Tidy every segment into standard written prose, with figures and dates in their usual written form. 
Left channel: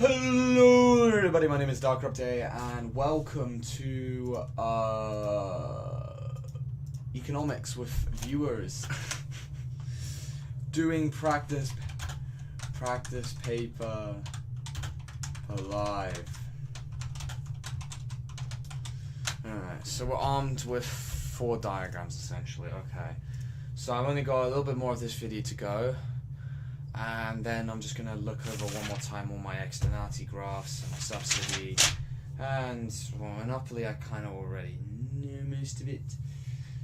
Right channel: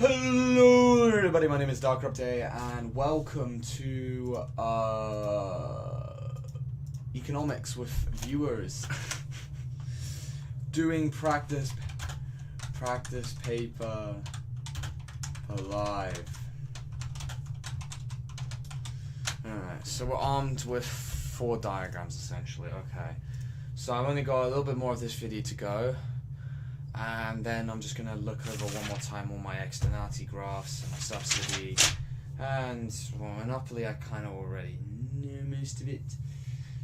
Hello everybody, my name is DarkRupDay and welcome to Economics with viewers. Doing practice paper alive. Alright, so we're armed with 4 diagrams essentially, okay. So I've only got a little bit more of this video to go. And then I'm just going to look over one more time all my externality graphs and my subsidy. And well, monopoly, I kind of already know most of it.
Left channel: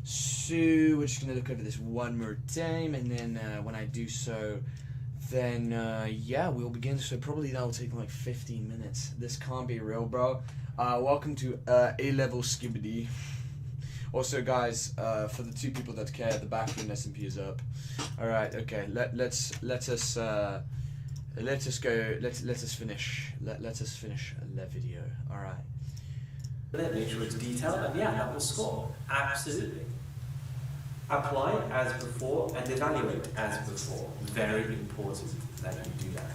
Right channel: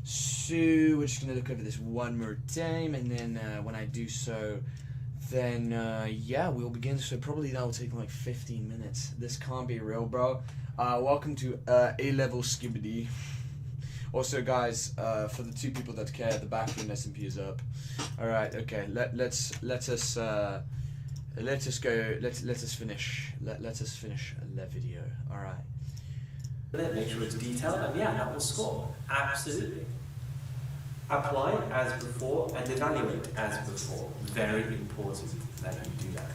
So we're just going to look over this one more time, and then when I do so, then yeah, we'll begin. So probably that will take like 15 minutes. This can't be real, bro. Welcome to A-level skibbity. Also, guys, for the 2 people that care, the backroom SMP is up. All right, okay. Let us finish the video. All right. Make sure it's detailed, and yeah, that will score. Absolutely. Apply as before and evaluate as before. Very important that you do that.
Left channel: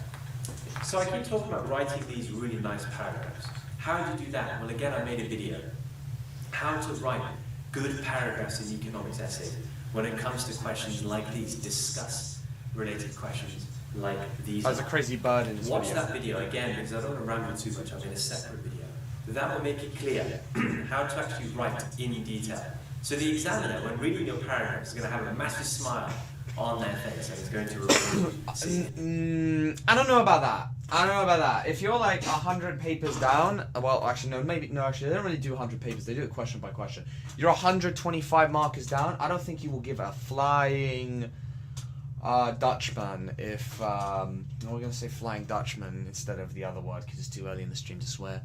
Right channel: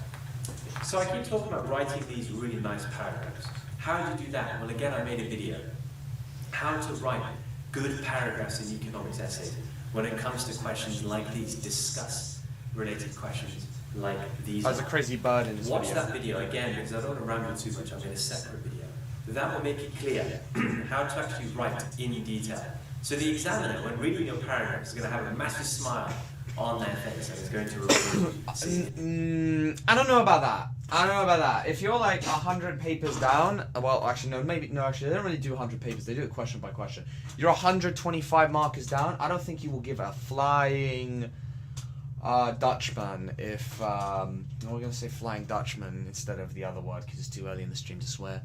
So I keep talking about writing these really nice paragraphs. How do you do that? Well, again, I made a video. How to write good paragraphs in economics essays when it comes to questions like these, discuss-related questions like these. There's a crazy bird in this Watch video. that video again, because I don't want to ramble too much. I'm in a separate video. That will make it clear how to actually write in detail. So the examiner, when reading your paragraph, is going to have a massive smile on their face and is going to reward you. I don't know about that. If you're like 100 papers down, well, actually, no, maybe, no, actually, they don't really do 100 papers, they do it question by question. You're 125 markers down, I don't think you will give a flying Dutchman if, we're going to say flying Dutchman instead of the other word, because it's too early in the stream to swear,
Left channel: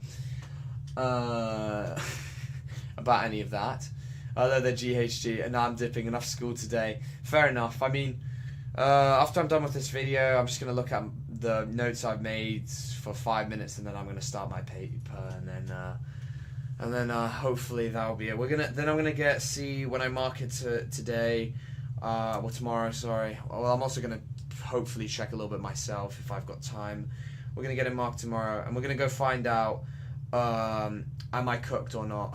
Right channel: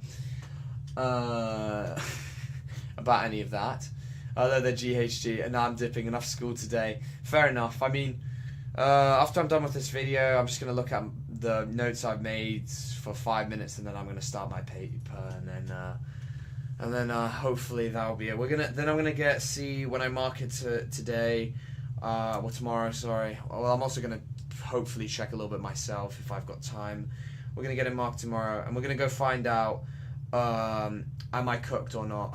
about any of that. Although they're GHG, and now I'm dipping enough school today. Fair enough. I mean, after I'm done with this video, I'm just going to look at the notes I've made for 5 minutes, and then I'm going to start my paper, and then hopefully that'll be it. Then I'm gonna see when I mark it today, or tomorrow. Sorry. Well, I'm also gonna hopefully check a little bit myself if I've got time. We're gonna get it marked tomorrow, and we're gonna go find out am I cooked or not.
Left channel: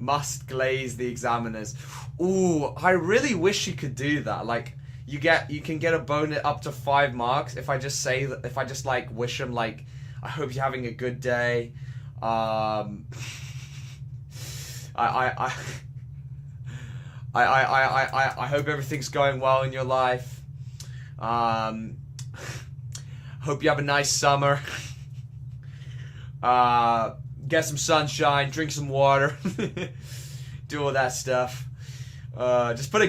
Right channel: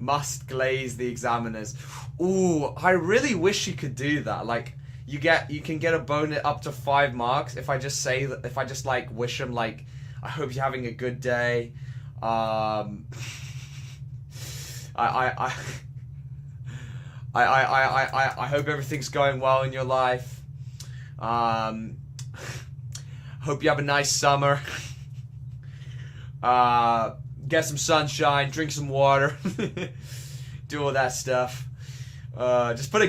Must glaze the examiners. Ooh, I really wish you could do that. Like, you can get a bonus up to 5 marks if I just say that, if I just like wish them like, I hope you're having a good day. I hope everything's going well in your life. Hope you have a nice summer. Get some sunshine, drink some water, do all that stuff. Just put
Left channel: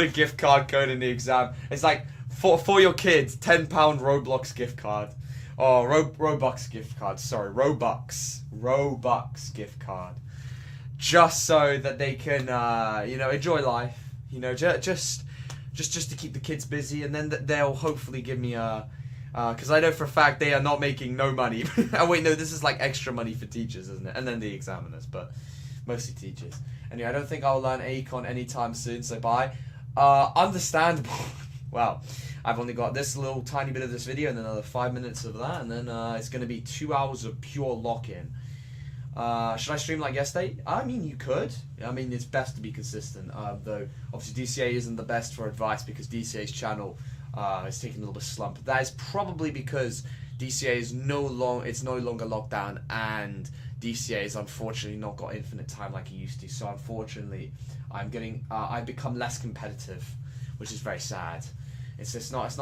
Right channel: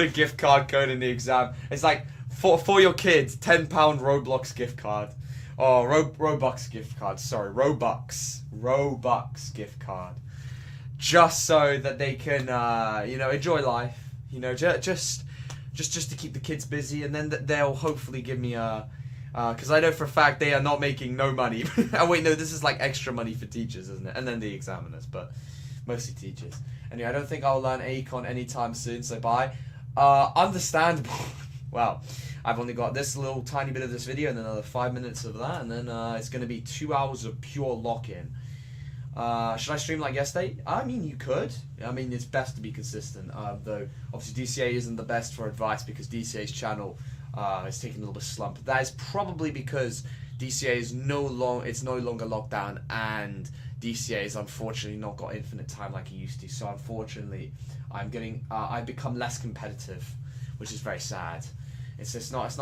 a gift card code in the exam. It's like for your kids, £10 Roblox gift card. Oh, Robux gift card. Sorry, Robux gift card. Just so that they can, enjoy life. Just to keep the kids busy, and then they'll hopefully give me a. Because I know for a fact they are not making no money. Oh wait, no, this is like extra money for teachers, isn't it? And then the examiners, but mostly teachers. Anyway, I don't think I'll learn Econ anytime soon, so bye. Understandable. Well, I've only got this little tiny bit of this video and another 5 minutes of that, and then it's going to be 2 hours of pure lock-in. Should I stream like yesterday? I mean, you could. I mean, it's best to be consistent, though obviously DCA isn't the best for advice because DCA's channel is taking a little bit of slump. That is probably because DCA is no longer locked down, and DCA has unfortunately not got infinite time like it used to. So unfortunately, I've become less competitive, which is very sad. It's not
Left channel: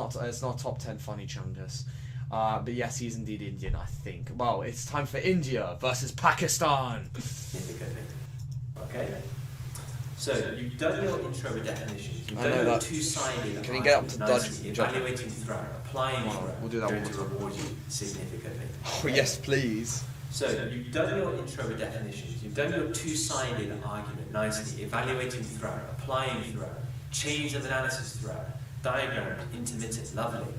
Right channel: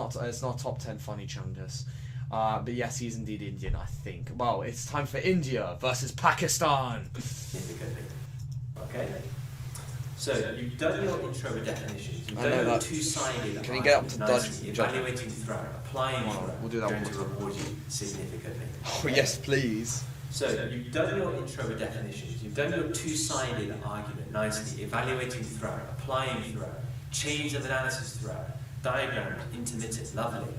top 10 funny challenges. But yes, he's indeed Indian, I think. Well, it's time for India versus Pakistan. Okay. So you've done your intro with definitions. You've done your two-sided argument nicely, evaluating throughout, applying throughout. We'll do that. Going to reward you significantly. Okay? Oh yes, please. So you've done your intro with definitions. You've done your two-sided argument nicely, evaluating throughout, applying throughout, chains of analysis throughout, diagrams, intermittent, lovely.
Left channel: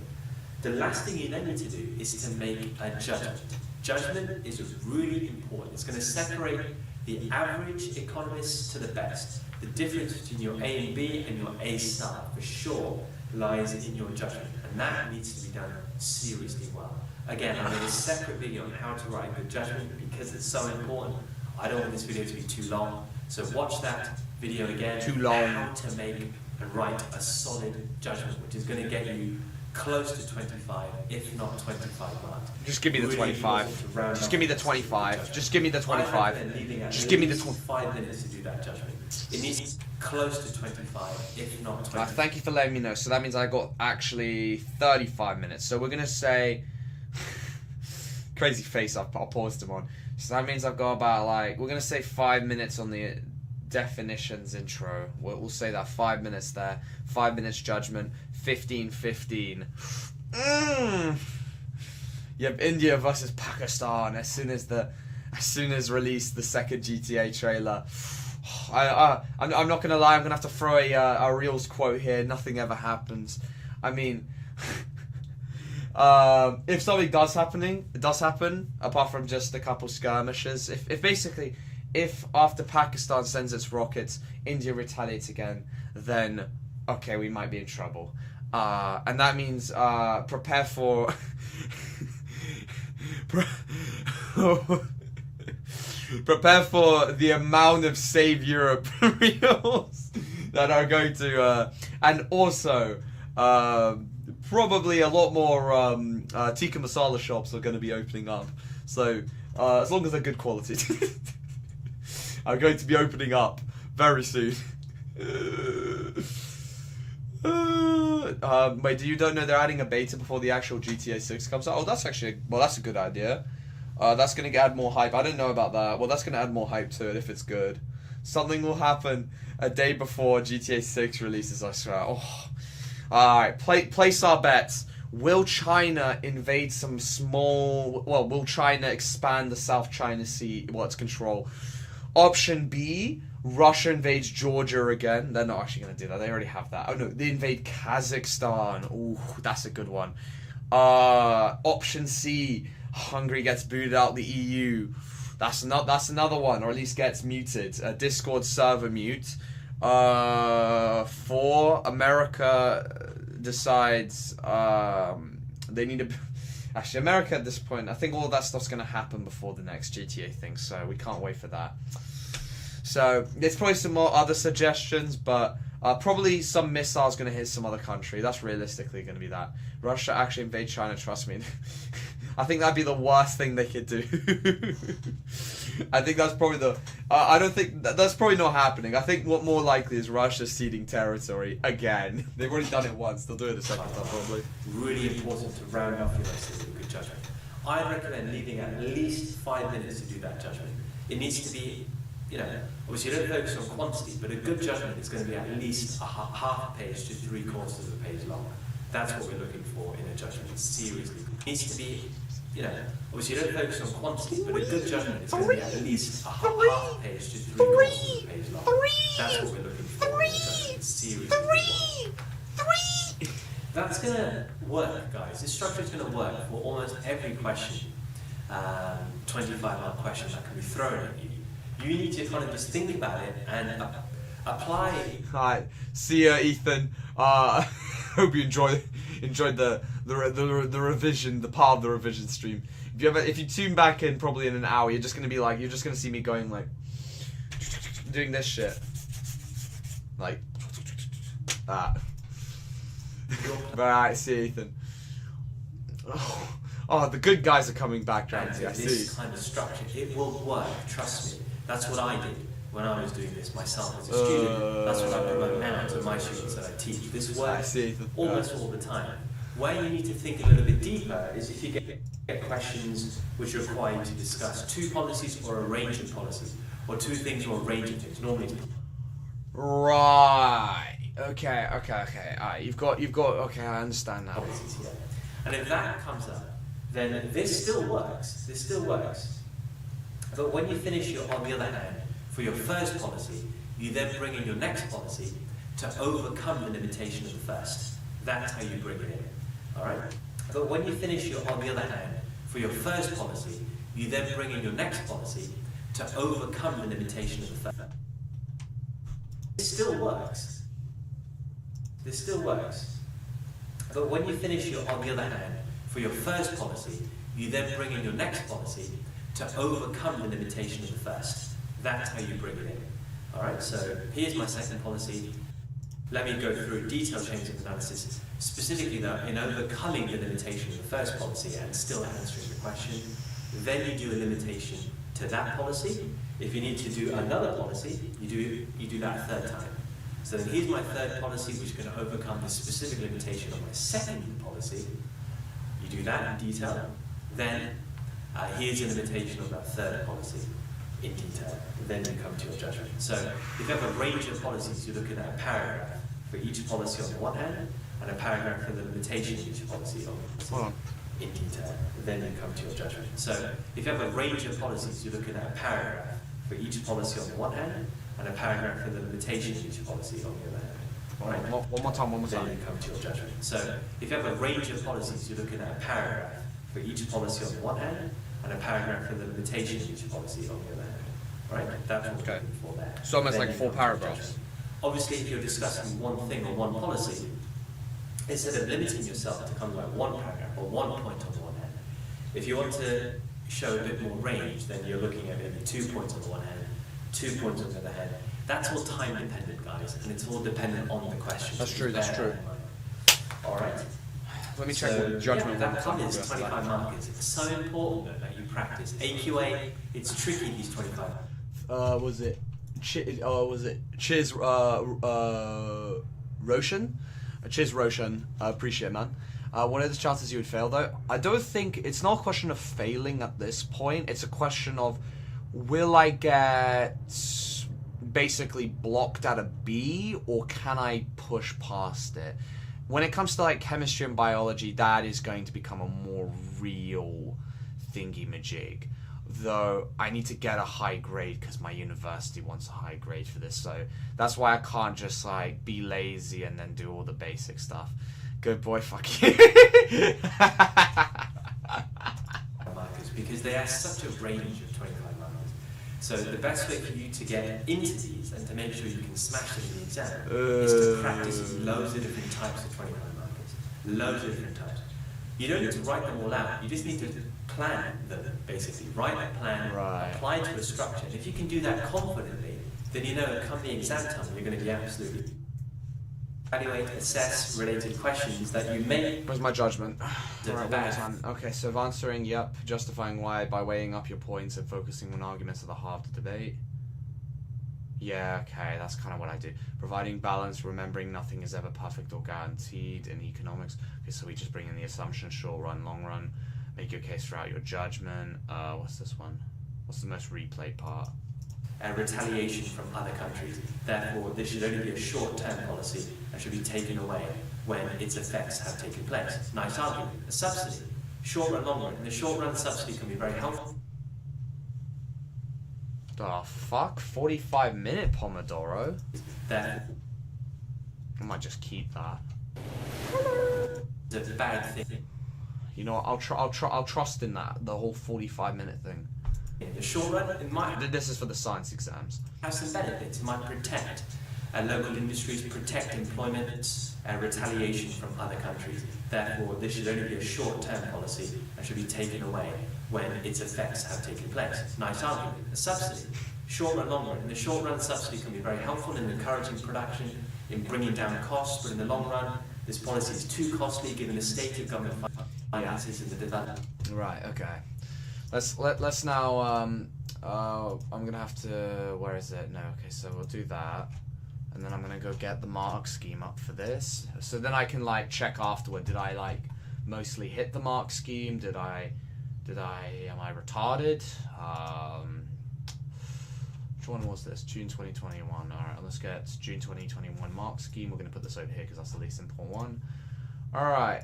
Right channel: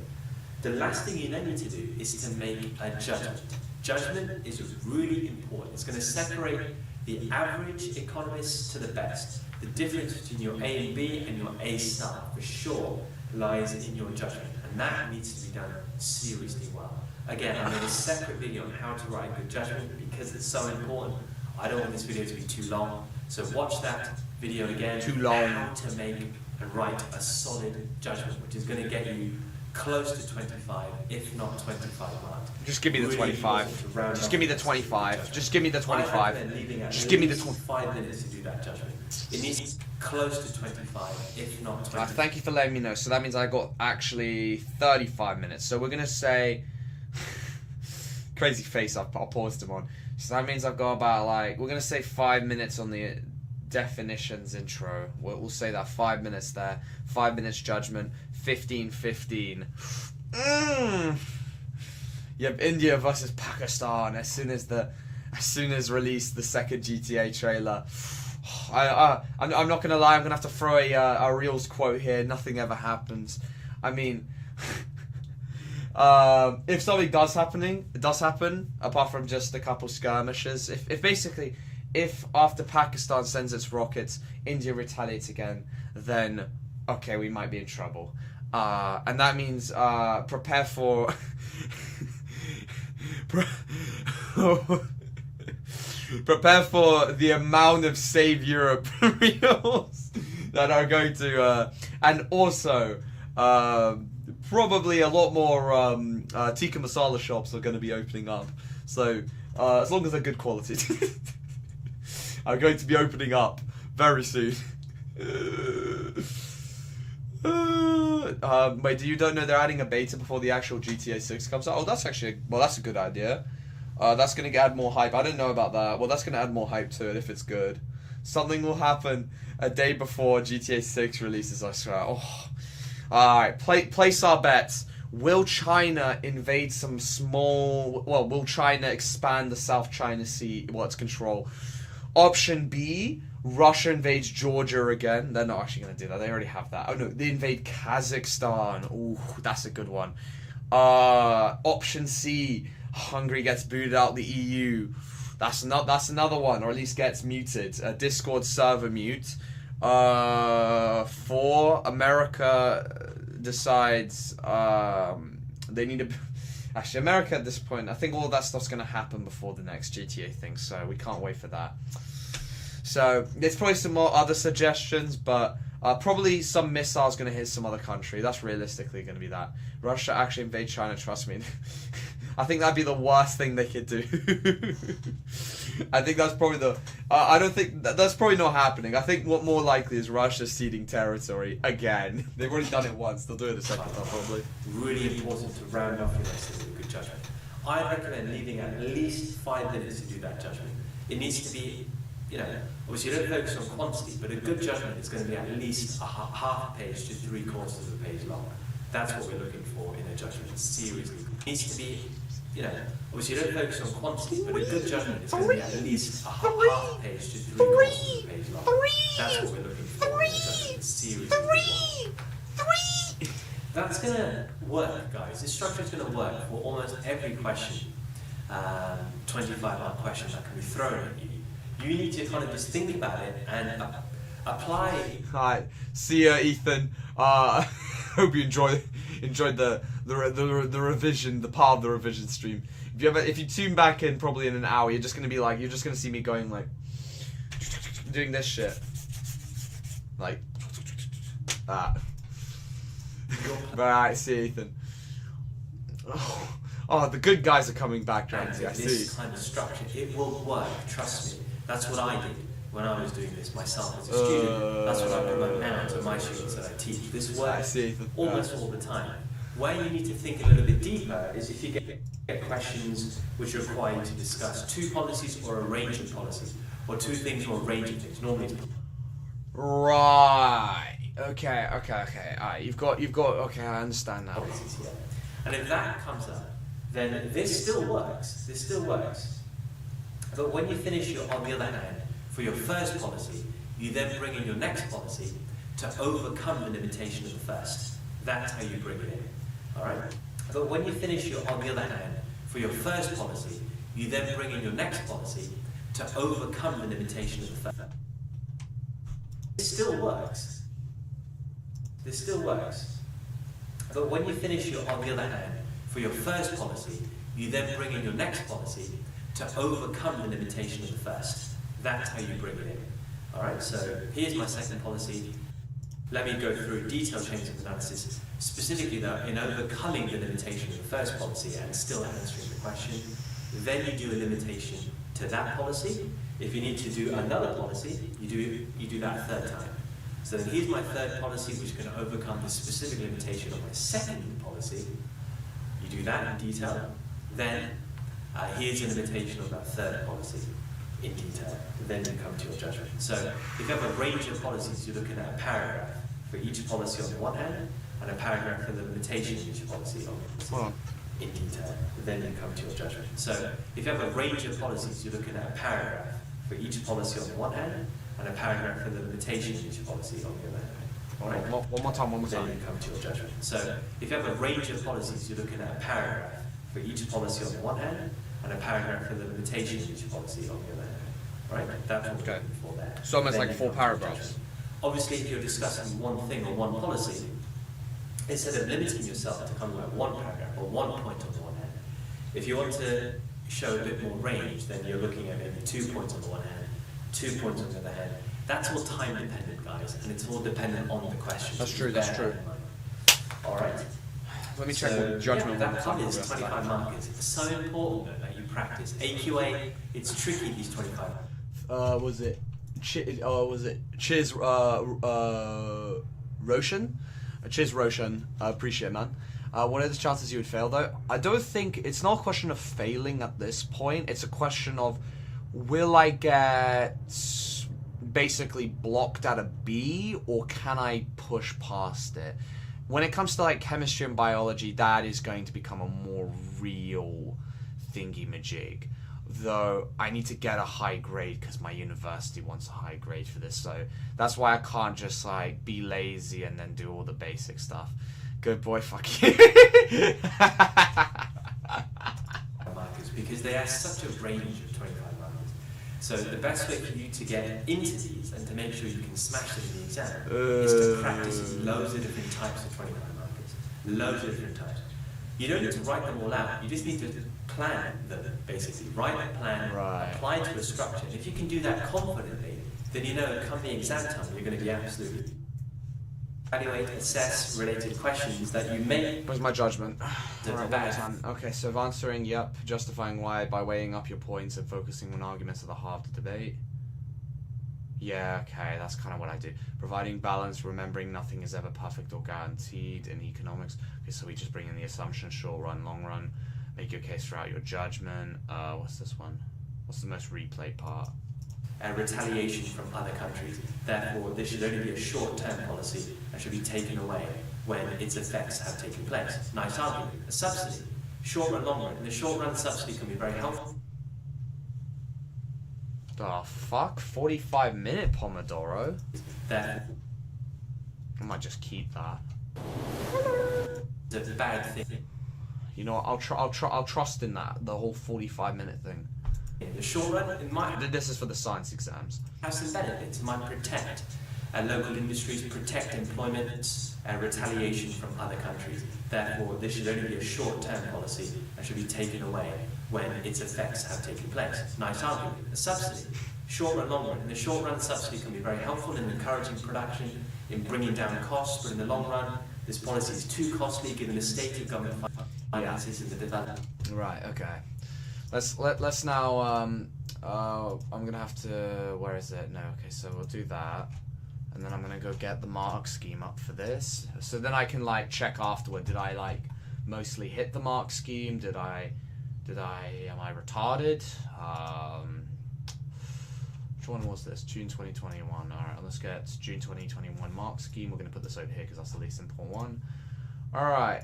The last thing you then need to do is to make a judgment. Judgment is really important. It's going to separate the average economist to the best. The difference between your A and B and your A star, for sure, lies in your judgment. And and that needs to be done seriously well. Again, I made a separate video on how to write a good judgment because it's so important. I don't want this video to be too long, so watch that video again. Too long. How to make and write a solid judgment, which is going to get you close to 25, if not 25 marks. Just give me the Really 25. Just give me the 25. Just give me the I 25. recommend leaving at Just give me the least 5 minutes to do that judgment. It needs close to 25, if not 20. Thank you for letting me know. So that means I got actually 35 minutes. So we're going to say... Crazy face I paused him on. So that means I've got about like... We're going to say 5 minutes on the definitions intro. We'll say that 5 minutes there. 5 minutes judgment. 15-15. You have India versus Pakistan as soon as released the second GTA trailer. I'm not gonna lie, I'm gonna have to throw a Reels quote here. Nothing ever happens. I mean, if something does happen, apart from just a couple skirmishes. If after Pakistan sends its rockets, India retaliates again, then okay, we might be in trouble. And that means prepare for prepare for the amount of Save Europe reels that are going to, and also probably a lot more tikka masala shops are going to be opening up. So as long as they're good quality, are going to be opening up very soon. Wait, you don't know they're adding a beta before the actual GTA 6 comes out? Oh, that's actually, well, that's a good idea. That's going to add more hype. I didn't know about that. Well, that's going to add more hype to it if it's good. Something will happen a day before GTA 6 releases, I swear. Oh. Alright, place our bets. Will China invade some small... Well, will China expand the South China Sea, its control? Option B, Russia invades Georgia again. They're not actually going to do that. They already have that. Oh no, they invade Kazakhstan. Ooh, that's a good one. Option C, Hungary gets booted out the EU. That's another one, or at least gets muted. Discord server mute. 4, America decides they need to... Actually, America at this point, I think all of that stuff's going to happen before the next GTA thing, so we can't wait for that. So, there's probably some more other suggestions, but probably some missiles going to hit some other country. That's realistically going to be that. Russia actually invade China, trust me. I think that'd be the worst thing they could do. I think that's probably the... I don't think... That's probably not happening. I think what more likely is Russia ceding territory again. They've already done it once. They'll do it a second time, probably. Really important to round off your essay with a good judgment. I'd recommend leaving at least 5 minutes to do that judgment. It needs to be, obviously you don't focus on quantity, but a good judgment is going to be at least half a page to 3/4 of a page long. That's what we're looking for in a judgment, seriously. It needs to be, obviously you don't focus on quantity, but a good judgment is going to be at least half a page to 3/4 of a page long. That's what we're looking for in a judgment, seriously good one. That's going to work, guys. This structure is going to work for almost every question, 25-mark question that can be thrown at you. You need to kind of just think about it and apply. Alright, see ya, Ethan. Hope you enjoyed the revision, the part of the revision stream. If you tune back in probably in an hour, you're just gonna see me going like doing this shit. Like that. Alright, see you, Ethan. Oh, the good guys are coming back. This kind of structure, it will work, trust me. That's what I did when I was doing this myself as a student. That's what I promote now to my students that I teach. This works almost all the time. Where you need to think a little bit deeper is if you get questions which require you to discuss 2 policies or a range of policies, or 2 things or a range of things. Normally it's... Right. Okay. Alright, you've got. Okay, I understand now. Policies here, and if that comes up, then this still works. But when you finish on the other hand, for your first policy, you then bring in your next policy to overcome the limitation of the first. That's how you bring it in. Alright? But when you finish on the other hand, for your first policy, you then bring in your next policy to overcome the limitation of the first. This still works. But when you finish your, on the other hand, for your first policy, you then bring in your next policy to overcome the limitation of the first. That's how you bring it in. All right, so here's my second policy. Let me go through detailed chains of analysis, specifically though in overcoming the limitation of the first policy and still answering the question. Then you do a limitation to that policy. If you need to do another policy, you do that a third time. So then here's my third policy, which is going to overcome the specific limitation of my second policy. You do that in detail. Then here's a limitation of that third policy in detail. Then you come to your judgment. So if you have a range of policies, you're looking at a paragraph for each policy on the one hand, and a paragraph for the limitation of each policy on the other in detail. Then you come to your judgment. So if you have a range of policies, you're looking at a paragraph for each policy on the one hand, and a paragraph for the limitation of each policy on the other hand. Right? One more time. Then you come to your judgment. So if you have a range of policies, you're looking at a paragraph for each policy on the one hand, and a paragraph for the limitation of each policy on the other hand. Right? That's what we're looking for there. So almost Then like you 4 come to your paragraphs. judgment. Obviously, if you're discussing one thing or one policy, instead of limiting yourself to kind of like one paragraph or one point on the one hand, if you want to show a bit more range, then you're looking at maybe 2 points on the one hand, 2 points on the other hand. That's all time dependent, guys, and it's all dependent on the question. That's so true, bear that's that true. in mind. All right. Let me check So the judgment. yeah, that covers 25 markers. It's so important though, that you practice. AQA, it's tricky, these 25. Was it Chiz Roshan? Chiz Roshan, I appreciate it, man. What are the chances you would fail though? I don't think, it's not a question of failing at this point, it's a question of, will I get basically blocked at a B, or can I push past it? When it comes to like chemistry and biology, that is going to become a more real thingy-majig. Though I need to get a high grade because my university wants a high grade for this, so that's why I can't just like be lazy and then do all the basic stuff. Good boy, fuck you. Markers, because they have such a range of 25 markers. So the best way for you to get into these and to make sure you can smash them in the exam is to practice loads of different types of 25 markers. Loads of different types. You don't need to write them all out. You just need to plan them, basically. Write a plan, apply to a structure. And if you can do that confidently, then you know come the exam time, you're going to be absolutely evaluate, assess related questions that you may. Where's my judgment? Bad. Okay, so of answering yep, justifying why by weighing up your points and focusing on arguments at the heart of the debate. Yeah, okay, that's kind of what I do. Providing balance, remembering nothing is ever perfect or guaranteed in economics. Okay, so we just bring in the assumption, short run, long run. Make your case throughout your judgment. What's this one? What's the most replayed part? Retaliation from other countries. Therefore, this should only be a short-term policy and should be taken away when its effects have taken place. Nice argument. A subsidy. Short run, long run. In the short run, subsidy can be very helpful. Oh, fuck. 45-minute Pomodoro? Therefore, I might just keep that. it's a bad thing. You know what, I'll trust in that, the whole 45-minute thing. In the short run, it might This is for the science exams. have some benefits. It might protect local industries, protect employment, retaliation from other countries. Therefore, this should only be a short-term policy and should be taken away when its effects have taken place. Nice argument. A subsidy. Short run, long run. In the short run, subsidy can be very helpful in encouraging production, in bringing down costs, but in the long run, this policy is too costly given the state of government finances and the development. Right, okay. Let's now, I'm gonna have to, where is it? No, okay, so we'll do that. And then I'm gonna go get the mark scheme up for this. So then I can like check afterward, did I like mostly hit the mark scheme? Am I retarded? Which one was this? June 2021. Alright, let's get June 2021 mark scheme. We're gonna put this over here because that's the least important one. Alright,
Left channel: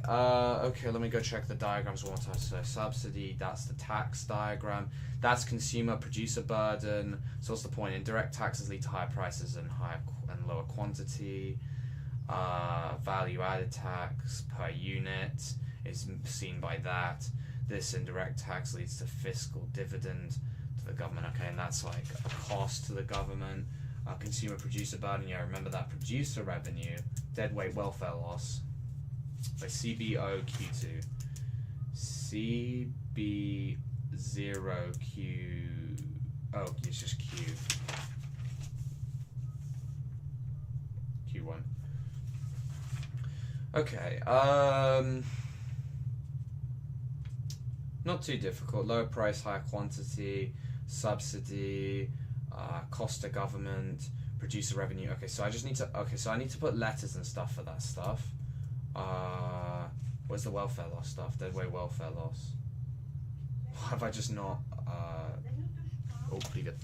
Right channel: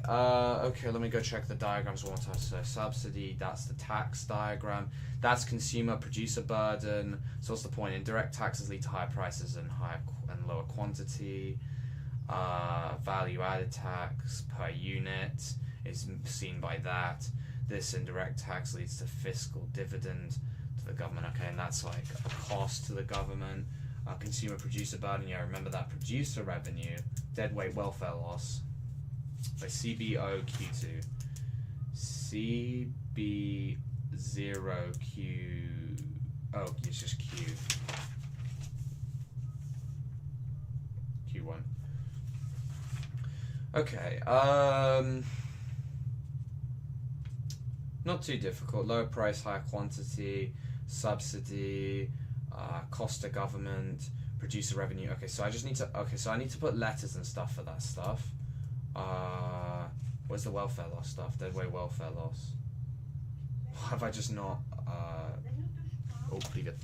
okay, let me go check the diagrams one more time. So subsidy, that's the tax diagram. That's consumer producer burden. So what's the point? Indirect taxes lead to higher prices and lower quantity. Value added tax per unit is seen by that. This indirect tax leads to fiscal dividend to the government. Okay, and that's like a cost to the government. Consumer producer burden, yeah, remember that producer revenue, deadweight welfare loss. Like CBOQ2. CB0Q. Oh, it's just Q. Q1. Okay, not too difficult. Low price, high quantity, subsidy, cost to government, producer revenue. Okay, so I just need to. Okay, so I need to put letters and stuff for that stuff. Where's the welfare loss stuff? Dead weight welfare loss. Have I just not? Oh, pretty good.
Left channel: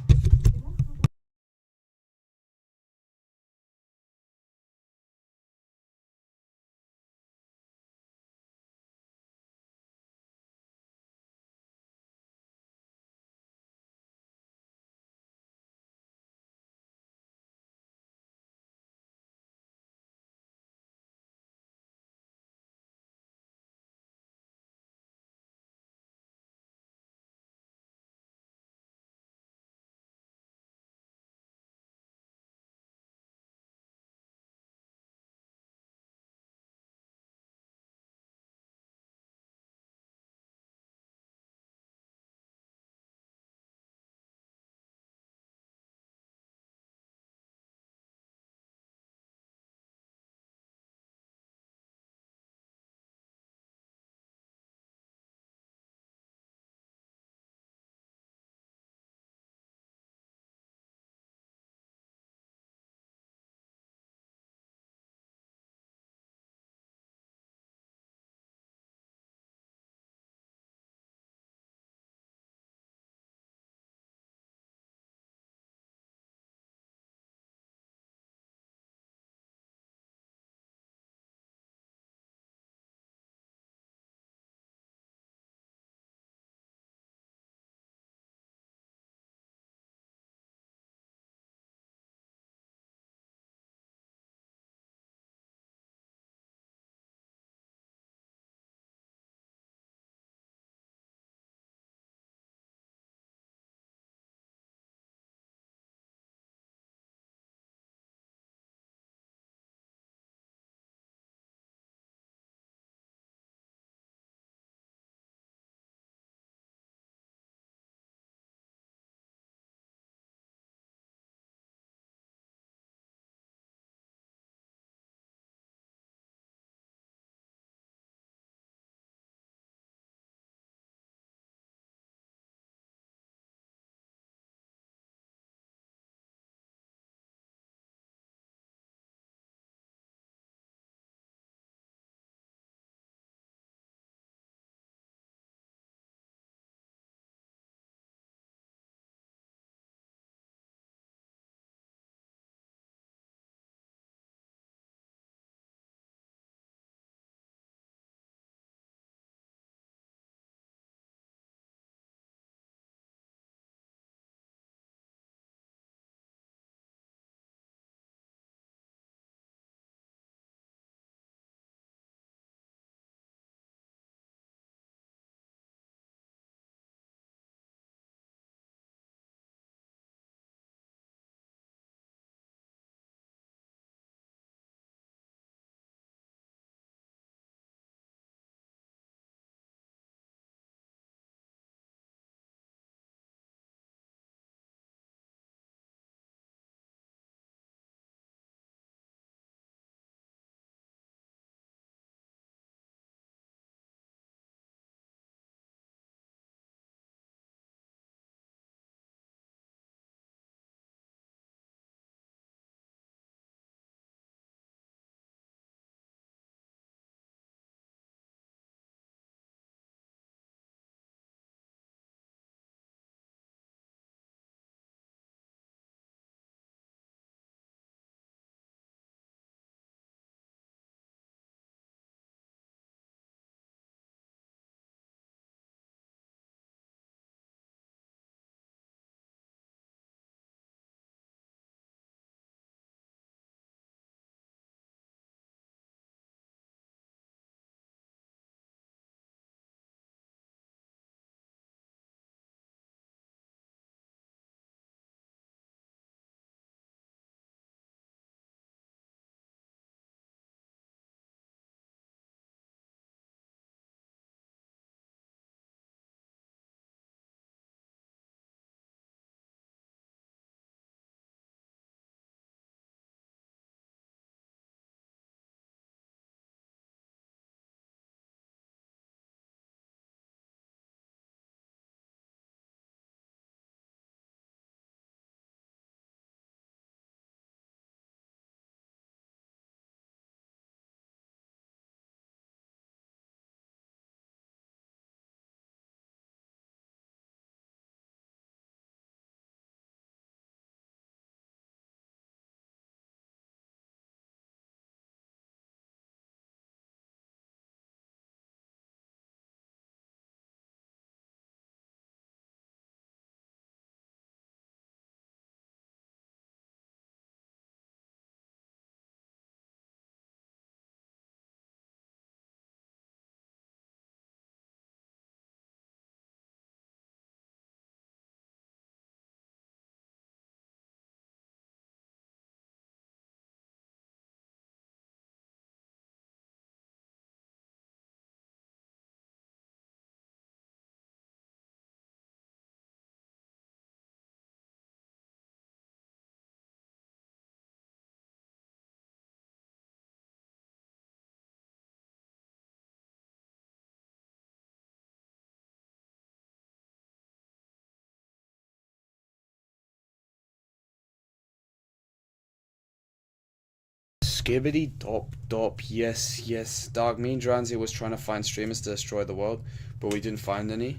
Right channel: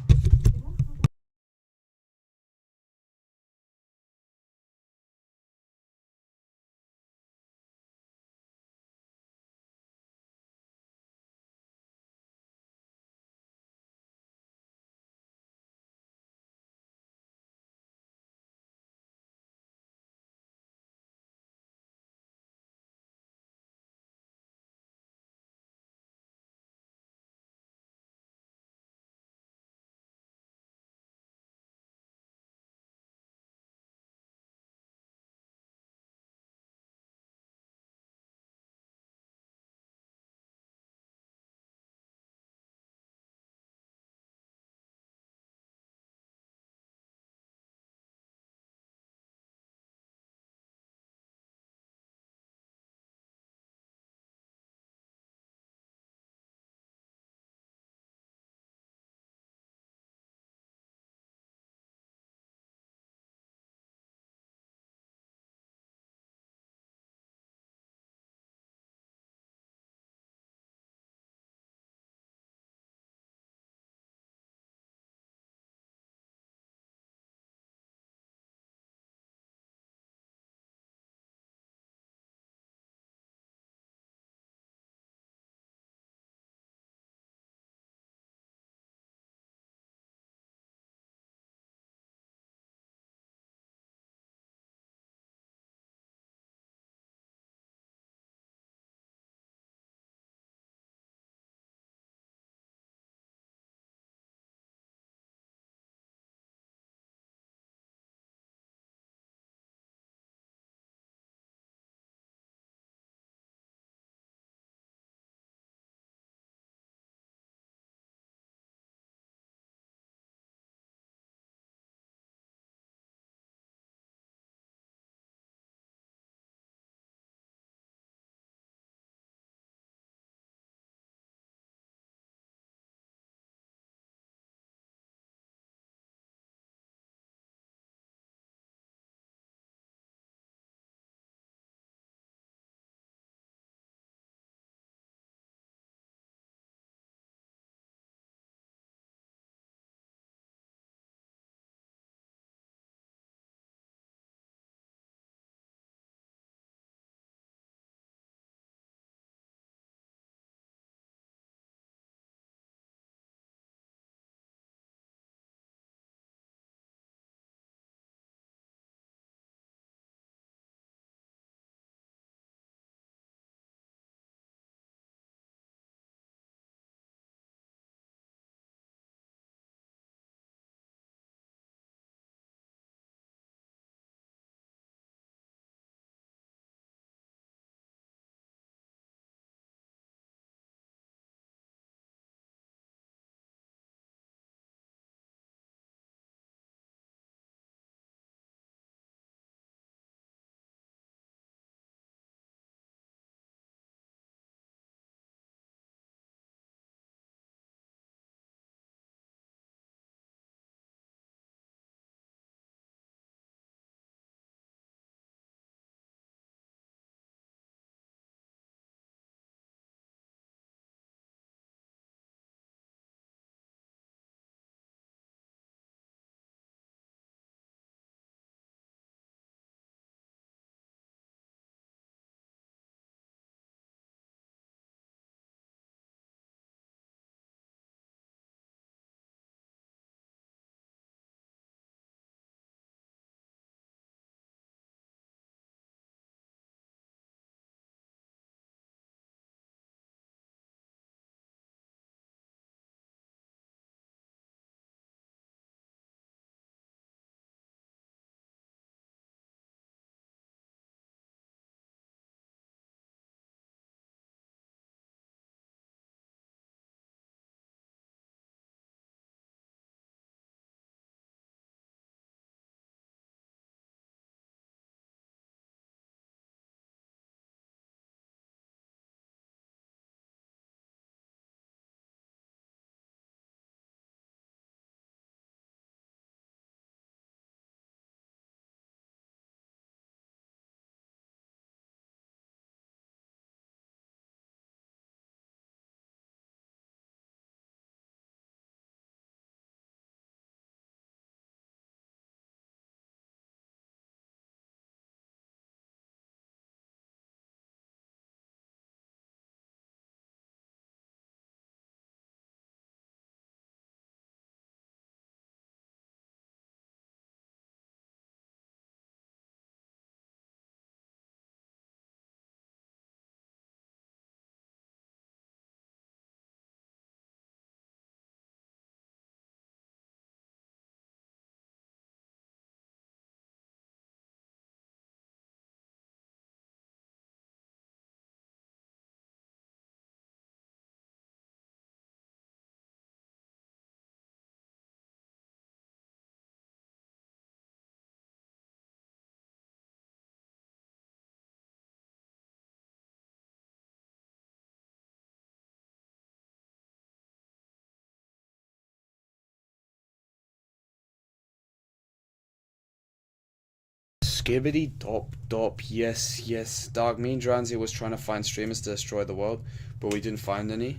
Skibbity dop dop, yes. Dark Mean Dranzy was trying to find streamers to destroy the world, but we didn't find any.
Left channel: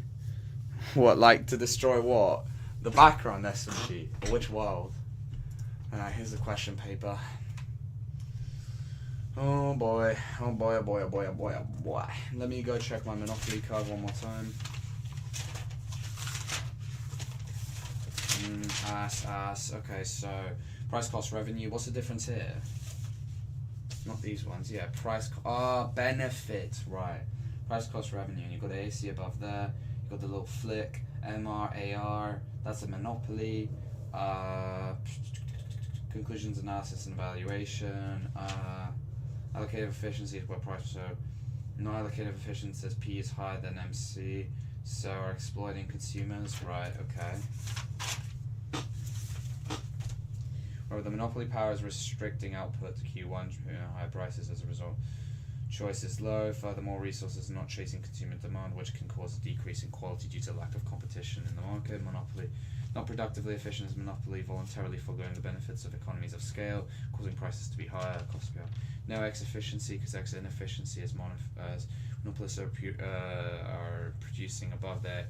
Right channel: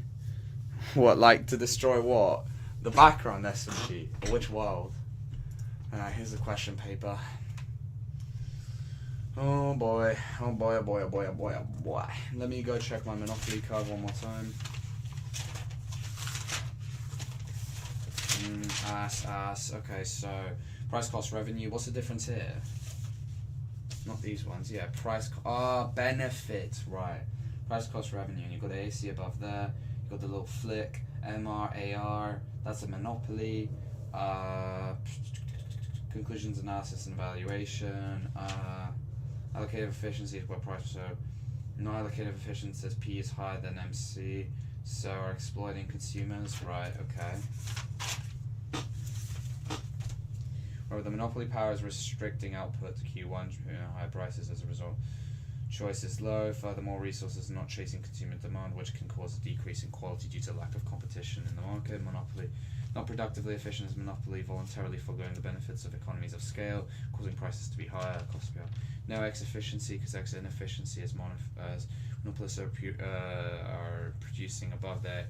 What, like to destroy what? The background SMG? Or which world? Here's the question paper. Oh boy. Let me go check my Monopoly card one more time. Ass. Okay, so price cost revenue. What's the difference here? Not these ones. Yeah, benefit. Right. Price cost revenue. And you've got the AC above there. You've got the little flick. MR, AR. That's a monopoly. Conclusions, analysis, and evaluation. Allocative efficiency is what price. So non-allocative efficiency says P is higher than MC. So are exploiting consumers. Right. Okay. Where the monopoly power is restricting output to Q1, high prices as a result. Choice is low. Furthermore, resources are not chasing consumer demand, which can cause a decrease in quality due to lack of competition in the market. Monopoly, not productively efficient as monopoly, voluntarily foregoing the benefits of economies of scale, causing prices to be higher, costs to be higher. No X efficiency, because X inefficiency as monopolists are producing above their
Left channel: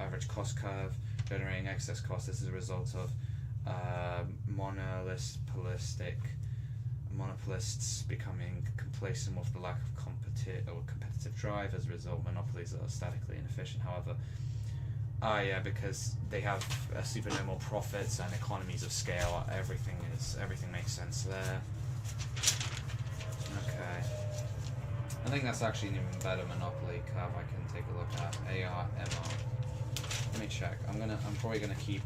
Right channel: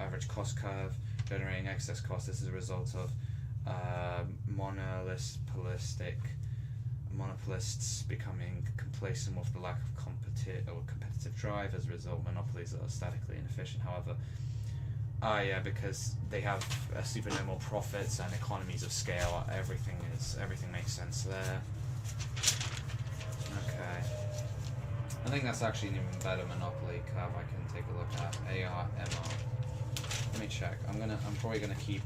average cost curve, generating excess cost. This is a result of monopolists becoming complacent with the lack of competitive drive. As a result, monopolies are statically inefficient. However, because they have supernormal profits and economies of scale, everything makes sense there. Okay, I think that's actually an even better monopoly curve. I can take a look at AR, MR. Let me check. I'm probably gonna keep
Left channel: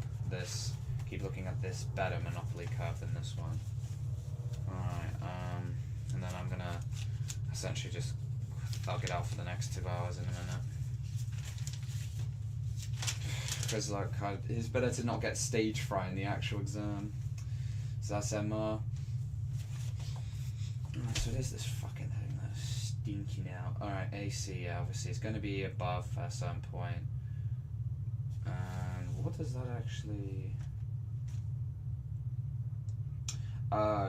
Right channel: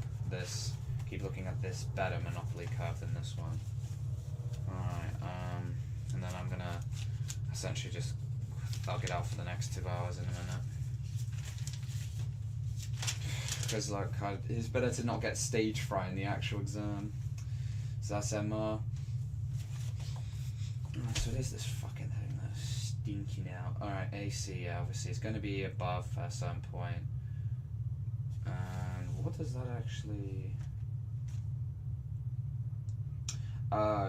looking at this better monopoly curve than this one. Alright, and then I'm gonna essentially just thug it out for the next 2 hours in a minute. Because it's better to not get stage fright in the actual exam. So that's MR. Alright, so there's this fucking thing that's stinking out. Alright, AC, yeah, obviously it's gonna be above at some point. And what does that actually...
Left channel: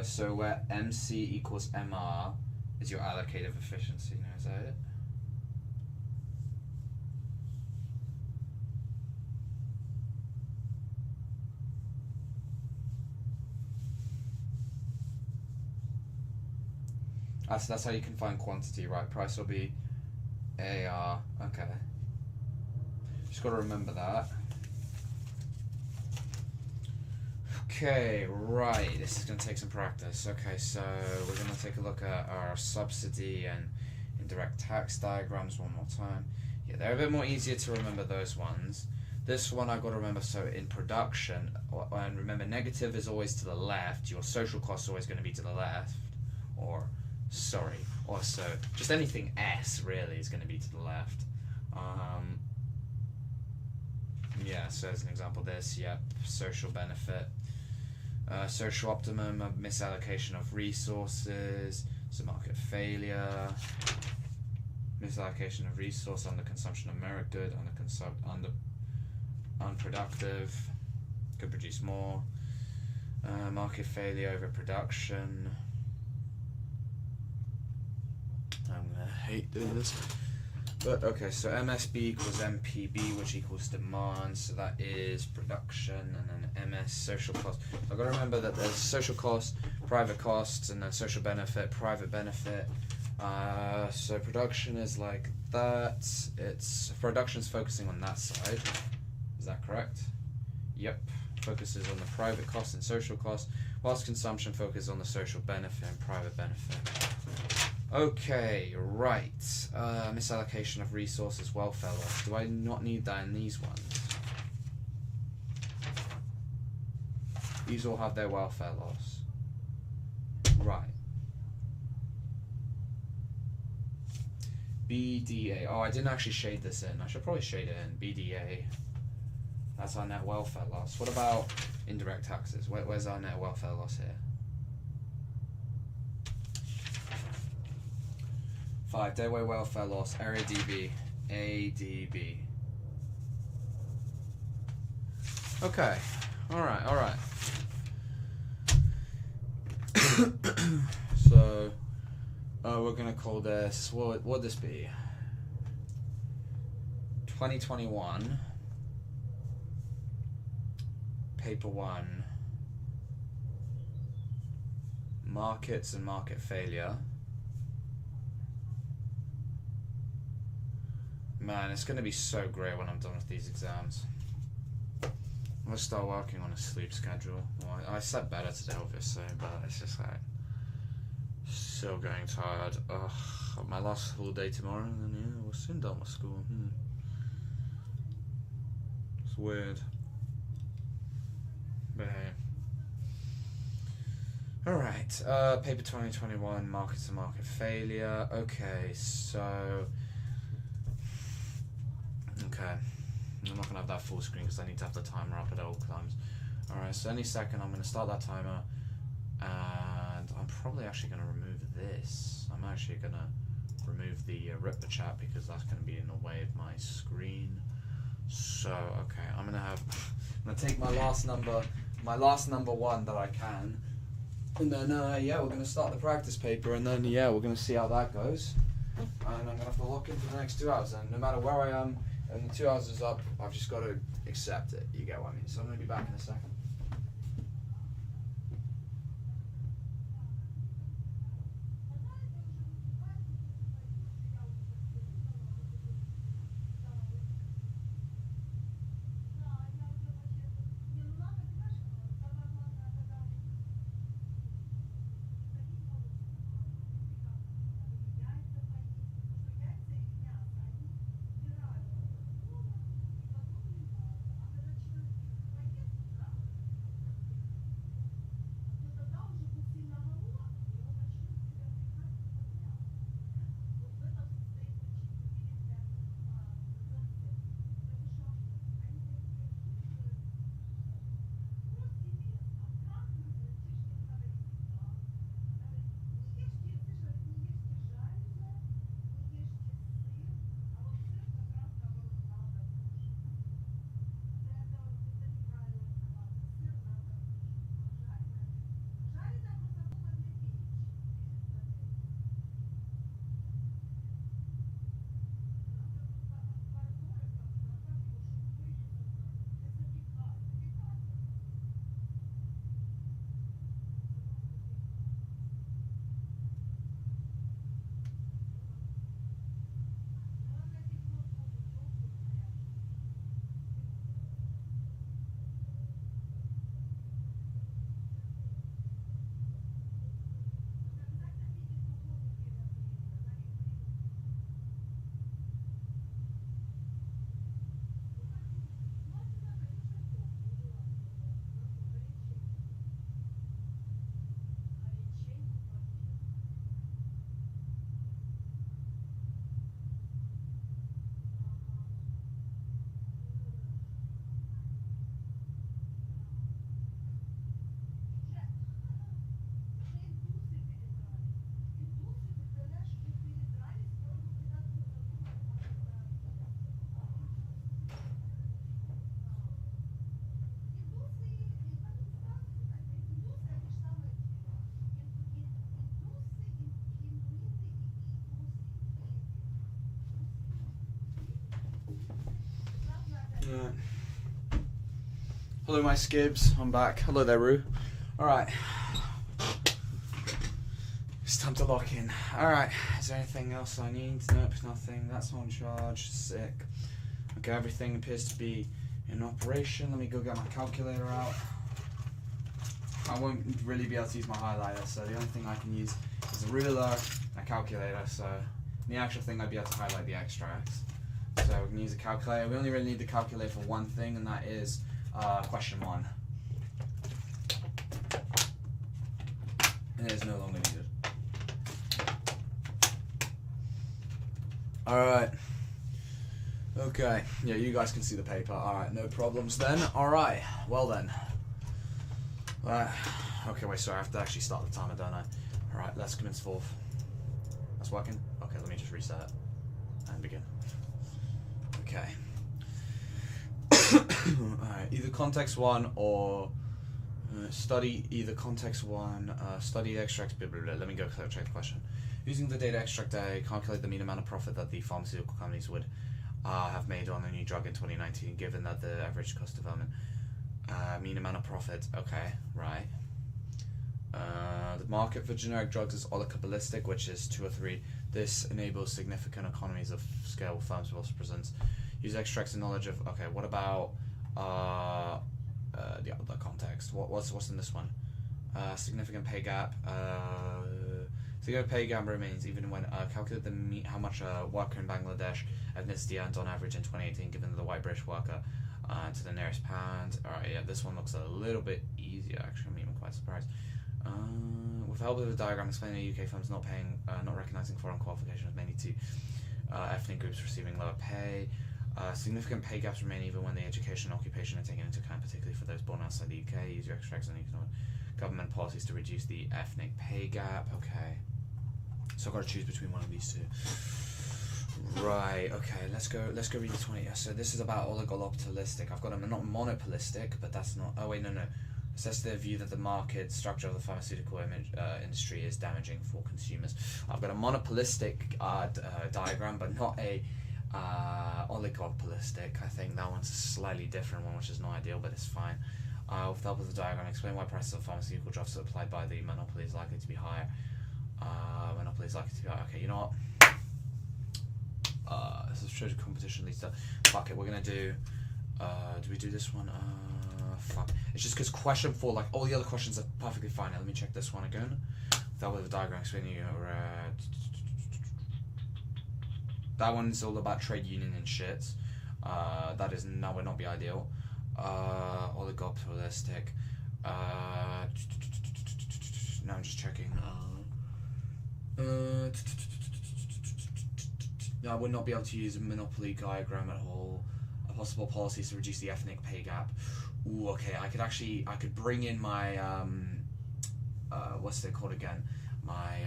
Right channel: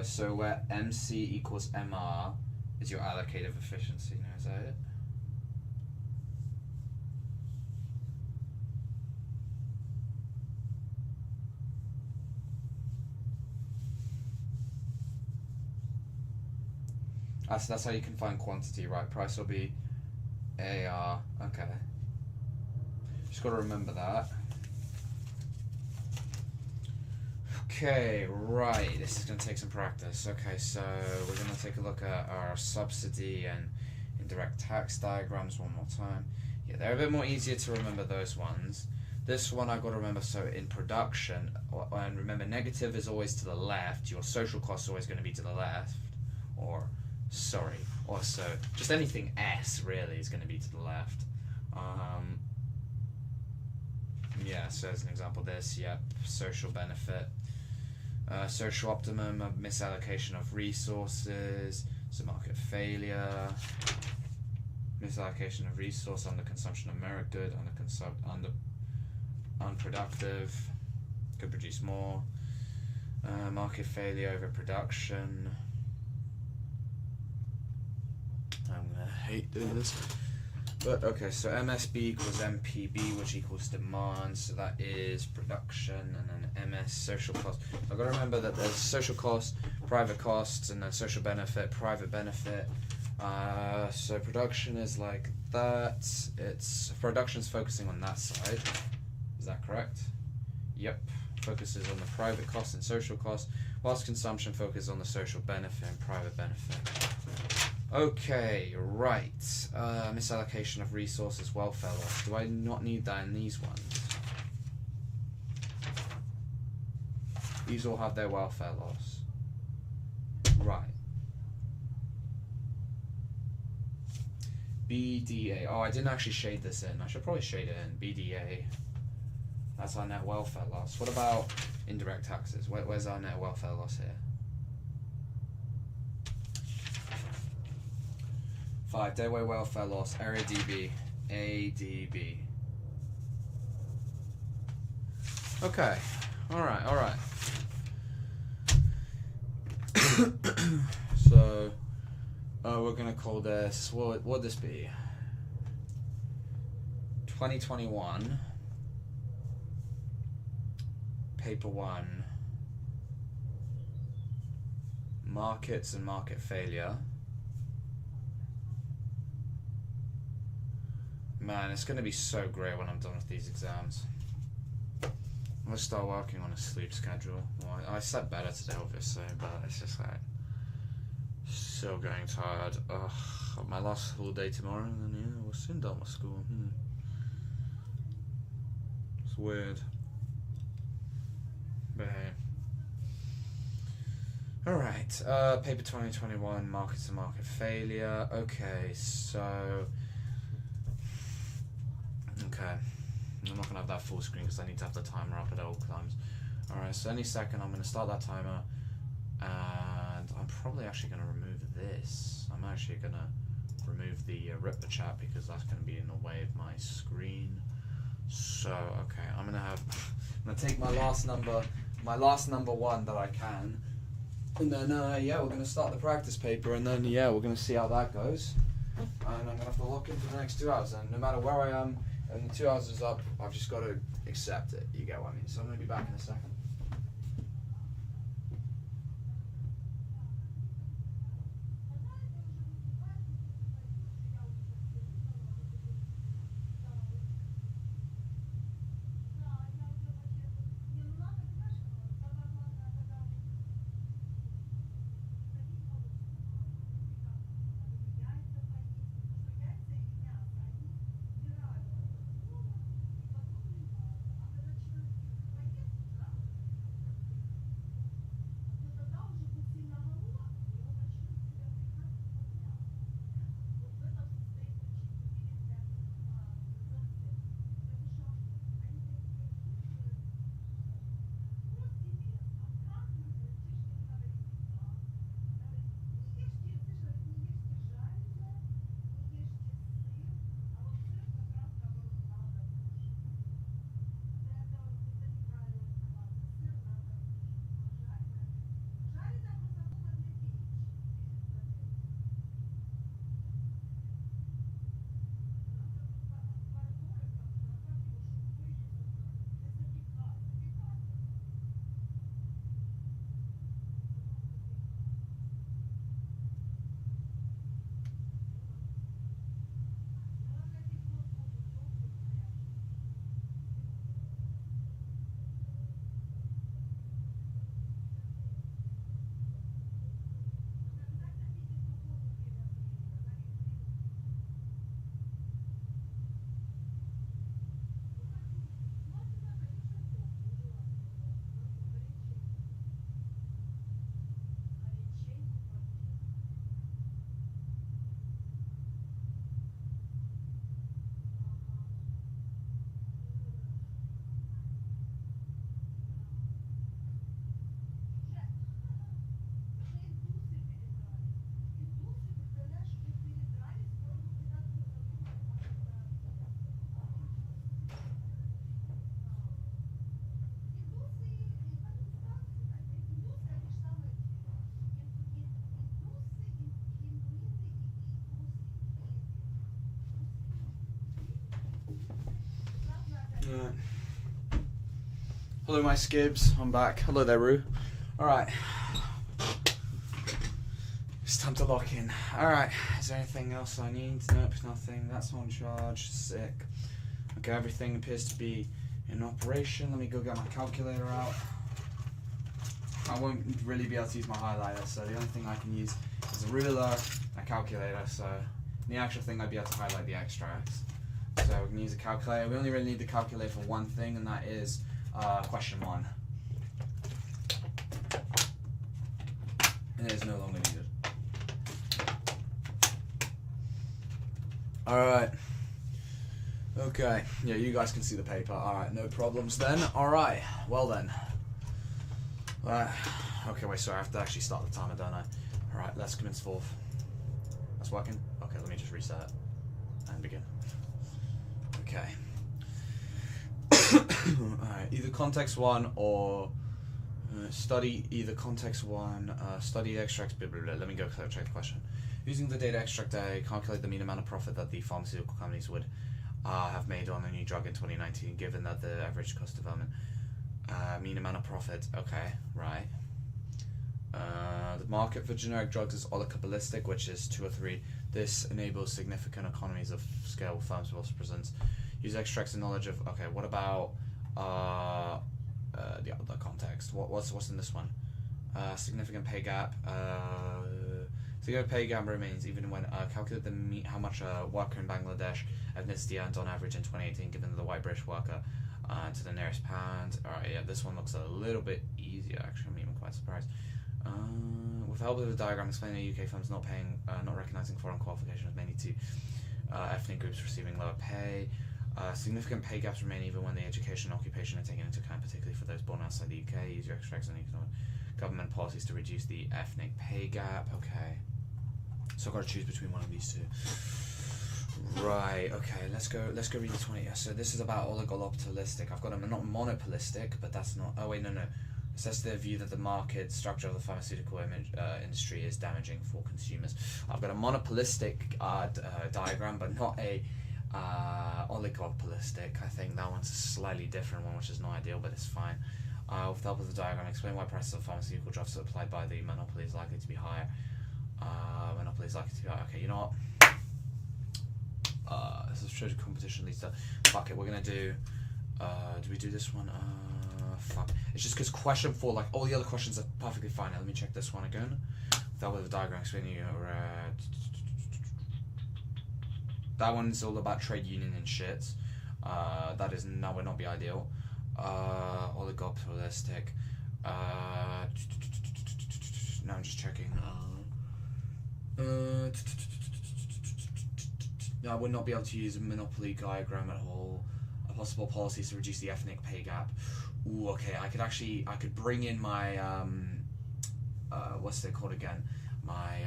so where MC equals MR is your allocative efficiency. Now, is that it? So that's how you can find quantity, right? Price will be AR. Okay. Just got to remember that. Okay, right, this is going to take some practice. Okay, so we're going to take a look at our subsidy and indirect tax diagrams one more time. Yeah, they're a bit more easier to remember, those ones. This one I've got to remember, so in production, and remember negative is always to the left, your social cost is always going to be to the left, or so, just anything S really is going to be to the left. Yeah, so as an example this, yeah, social benefit. Social optimum, misallocation of resources, so market failure, misallocation of resource, under consumption of merit good, under unproductive, could produce more, market failure, overproduction. I'm gonna hate this. But okay, so MSB equals MPB, which equals demand, so that is production, and then MS, social cost. I've got to remember that there's social cost, private costs, and then social benefit, private benefit. So production is like that. Production's focusing on that side. Is that correct? Yep. Focuses on the private cost and social cost, whilst consumption focuses on the social benefit and private benefit. Okay, right. Misallocation of resources, welfare loss. Do I not need that in these ones? These all have their welfare loss. Right. BDA. Oh, I didn't actually shade this in. I should probably shade it in. BDA. That's our net welfare loss. What about indirect taxes? Where's our net welfare loss here? 5. Day-away welfare loss. Area DB. ADB. Okay. Alright. we're gonna call this, what would this be? 2021, paper 1, markets and market failure. Man, it's gonna be so great when I'm done with these exams. I'm gonna start working on a sleep schedule. Well, I slept better today, obviously, but it's just like so getting tired. Ugh, my last full day tomorrow, and then yeah, we're soon done with school. It's weird, but hey. All right, paper 2021, markets and market failure. Okay, so I'm not gonna have that full screen because I need to have the timer up at all times. All right, so any second I'm gonna start that timer, and I'm probably actually gonna remove this. I'm actually gonna remove the Ritba chat because that's gonna be in the way of my screen. So okay, I'm gonna take my last number one that I can, and then yeah, we're gonna start the practice paper, and then yeah, we're gonna see how that goes. And I'm gonna have to lock in for the next 2 hours, and no matter where I am, and the 2 hours is up, I've just got to accept it. You get what I mean? So I'm gonna be back in a second. Hello my skibs, I'm back. Hello there Roo. Alright. It's time to lock in. Alright, is there anything else I need? Nope, nothing. That's on charge. Sick. Okay, everything appears to be in operation. Let me go get my calculator out. I won't really be able to use my highlighter, so the only thing I can use is a ruler, a calculator, so the actual thing I'd be able to highlight the extracts. So we can use a calculator. We only really need to calculate for one thing, and that is question 1. And it is no longer needed. Alright. Okay. Yeah, you guys can see the paper. Alright, no problems then. Alright. Well then. Okay, wait, sorry, I have to actually start the timer, don't I? Alright, let's commence forth. That's working? Okay, let me just reset and begin. Okay. Alright, either context 1 or study either context 1, study extracts, blah, blah, blah. Let me go check the question. Using the data extract day, calculate the mean amount of profit that the pharmaceutical companies would have made on a new drug in 2019, given that the average cost of development. Mean amount of profit. Okay, right. The market for generic drugs is oligopolistic, which is 2 or 3. This enables significant economies of scale. Firms will also present. Use extracts and knowledge of. Okay, what about the other context? What's in this one? Significant pay gap. Significant pay gap remains even when calculate how much a worker in Bangladesh ethnicity earned on average in 2018, given the white British worker to the nearest pound. Alright, yeah, this one looks a little bit easier. Actually, I'm even quite surprised. With help of the diagram explaining the UK firms not recognizing foreign qualifications, mainly to ethnic groups receiving lower pay. Significant pay gaps remain even when the education and occupation are taken into account, particularly for those born outside the UK. Use your extracts and economic government policies to reduce the ethnic pay gap. Okay, so I've got to choose between one of these two. Right. Okay. Let's go read the 20. So this is about oligopolistic. I've got a not monopolistic, but that's not. Oh wait, no. It says the view that the market structure of the pharmaceutical industry is damaging for consumers. I've got a monopolistic diagram, but not a oligopolistic. I think that one's a slightly different one, which is not ideal, but it's fine. With the help of the diagram, explain why prices of pharmaceutical drugs supplied by the monopoly is likely to be higher. Monopoly is likely to be higher. Okay, you know what? This is true to competition leads to. Fuck it, we're gonna do. Do we do this one? Fuck. It's just because question 4, like all the other questions are perfectly fine. Now, let me check this one again. That was the diagram explaining you. That one's all about trade union and shit. That would not be ideal. Oligopolistic. Now I'm just checking. I would not be able to use a monopoly diagram at all. Possible policies to reduce the ethnic pay gap. Ooh, okay. I could bring in my what's they called again? My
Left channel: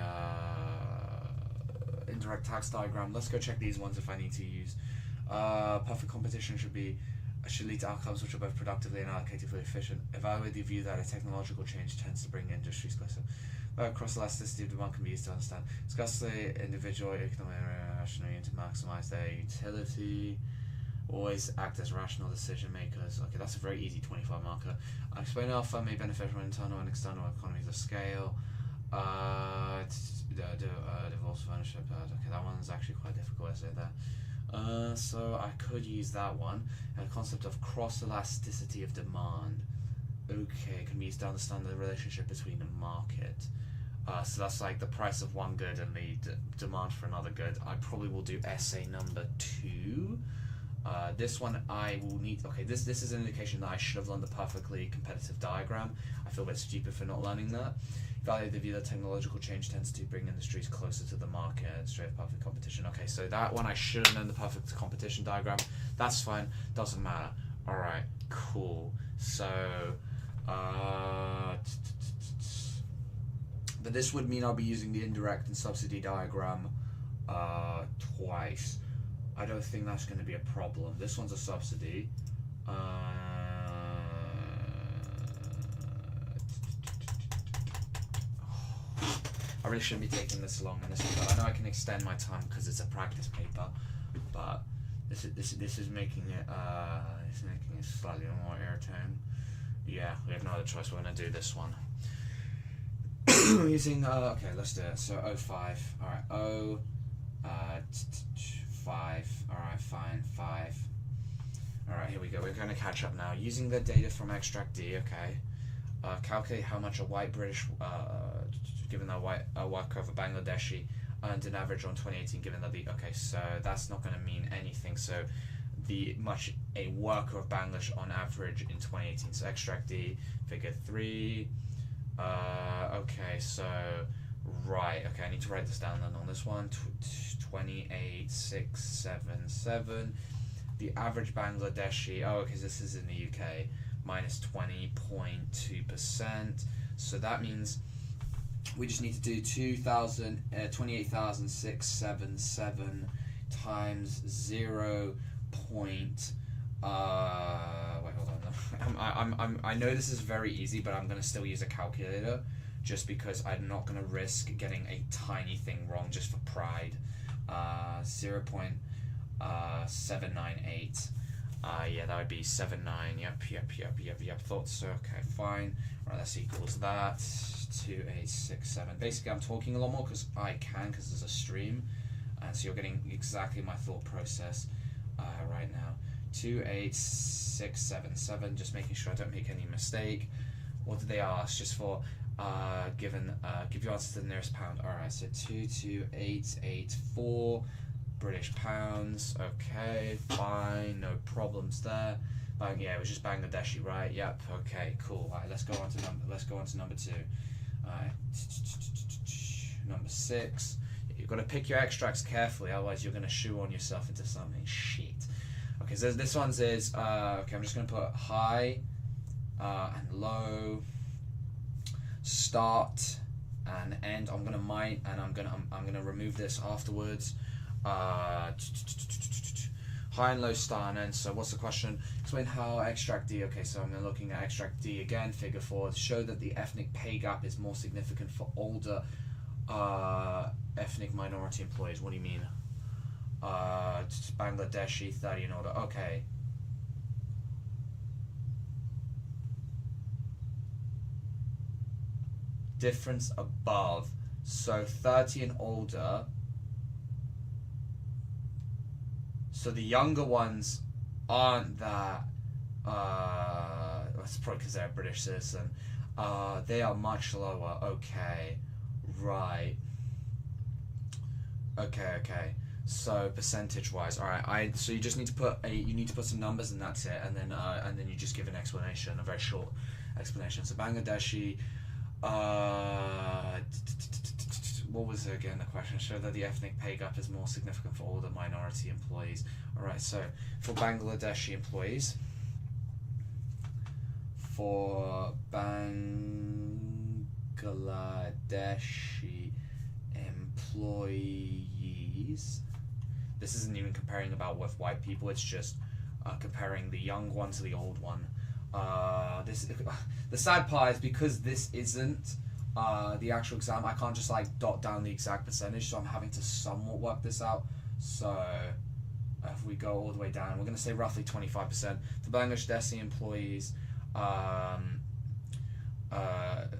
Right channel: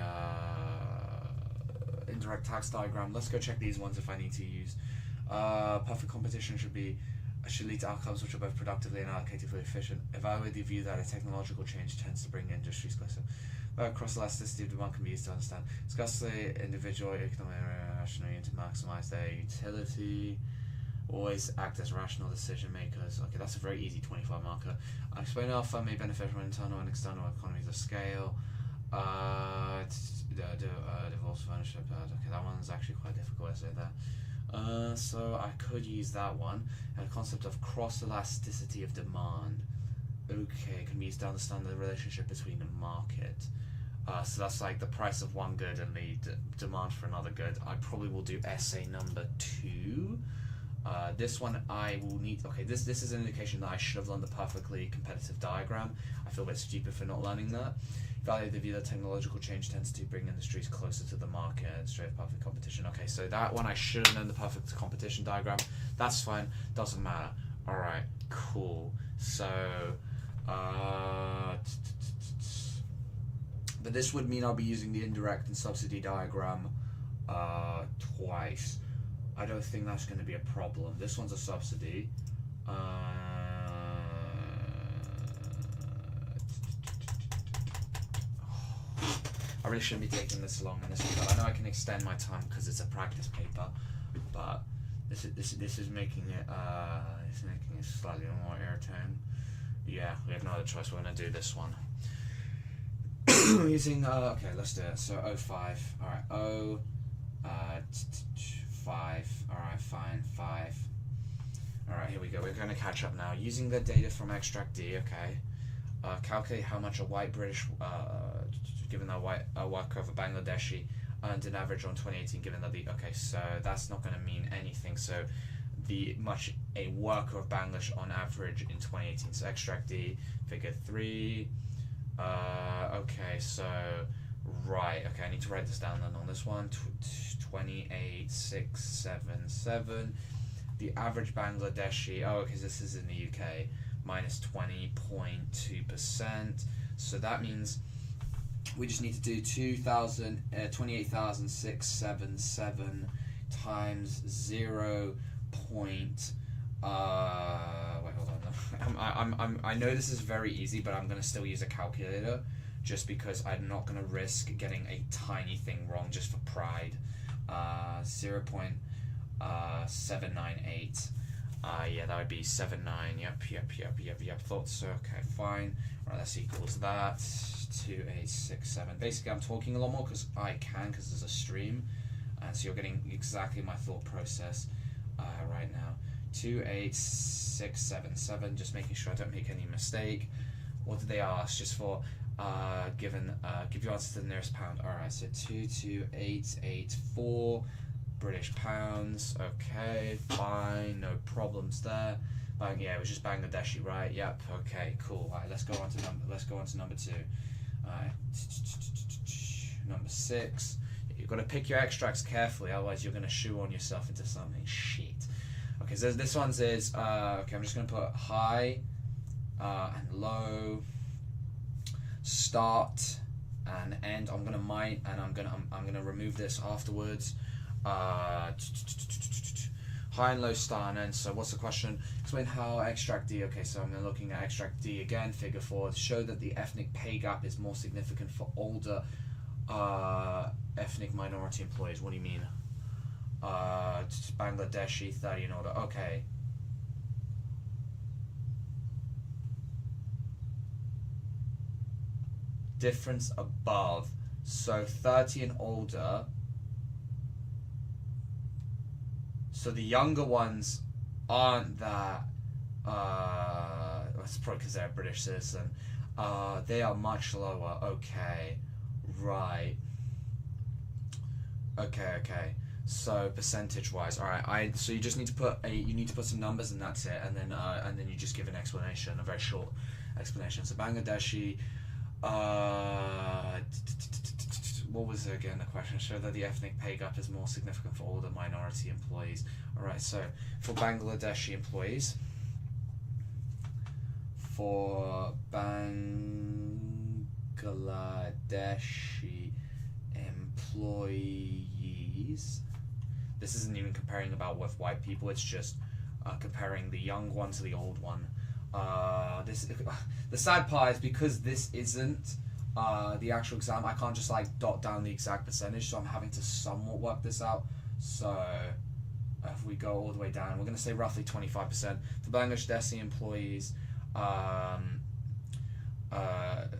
indirect tax diagram. Let's go check these ones if I need to use. Perfect competition should lead to outcomes which are both productively and allocatively efficient. Evaluate the view that a technological change tends to bring industries closer. Cross elasticity of demand can be used to understand. Discuss the individual economic rationality to maximize their utility. Always act as rational decision makers. Okay, that's a very easy 25 marker. Explain how firm may benefit from internal and external economies of scale. Divorce of ownership. Okay, that one's actually quite difficult to say that. So I could use that one. The concept of cross elasticity of demand. Okay, can be used to understand the relationship between the market. So that's like the price of one good and the demand for another good. I probably will do essay number 2. This one I will need. Okay, this is an indication that I should have learned the perfectly competitive diagram. I feel a bit stupid for not learning that. Value the view that technological change tends to bring industries closer to the market and straight perfect competition. Okay, so that one I should have known the perfect competition diagram. That's fine, doesn't matter. Alright, cool. So but this would mean I'll be using the indirect and subsidy diagram twice. I don't think that's going to be a problem. This one's a subsidy. I really shouldn't be taking this long on this one. I know I can extend my time because it's a practice paper, but this is making it slightly more irritating. Yeah, we have no other choice. We're going to do this one. Using okay, let's do it. So 05. All right, 5. Alright, fine, 5. Alright, here we go. We're going to catch up now. Using the data from extract D, okay. Calculate how much a white British, given that a worker of a Bangladeshi earned an average on 2018, given that okay, so that's not going to mean anything. So a worker of Bangladesh on average in 2018. So extract D, figure 3. Okay, so right, okay, I need to write this down then on this one. 28,677. The average Bangladeshi, because this is in the UK, minus 20.2%. So that means we just need to do 28,677 times 0. Wait, hold on. I know this is very easy, but I'm going to still use a calculator. Just because I'm not going to risk getting a tiny thing wrong, pride. 0.798. Yeah, that would be 79. Yep. Thought so. Okay, fine. Right, that's equals that. 2867. Basically, I'm talking a lot more because I can, because there's a stream. So you're getting exactly my thought process right now. 28677. Just making sure I don't make any mistake. What did they ask? Just for give your answer to the nearest pound. Alright, so 22884 British pounds. Okay, fine, no problems there. Yeah, it was just Bangladeshi, right? Yep. Okay, cool. Right, let's go on to number 2. Number 6. You've got to pick your extracts carefully, otherwise you're going to shoe on yourself into something shit. Okay, so this one's is okay. I'm just going to put high and low, start and end. I'm gonna I'm gonna remove this afterwards. High and low, start and end. So what's the question? Explain how extract D. Okay, so I'm looking at extract D again. Figure 4. Show that the ethnic pay gap is more significant for older ethnic minority employees. What do you mean? Bangladeshi 30 and older. Okay. Difference above. So 30 and older. So the younger ones aren't that. That's probably because they're a British citizen. They are much lower. Okay, right. Okay. So percentage-wise, all right. So you just need to put some numbers and that's it, and then you just give an explanation, a very short explanation. So Bangladeshi. What was it again? The question. Show that the ethnic pay gap is more significant for older minority employees. Alright, so for Bangladeshi employees, this isn't even comparing about with white people, it's just comparing the young one to the old one. The sad part is because this isn't the actual exam, I can't just like dot down the exact percentage, so I'm having to somewhat work this out. So if we go all the way down, we're going to say roughly 25%. For Bangladeshi employees,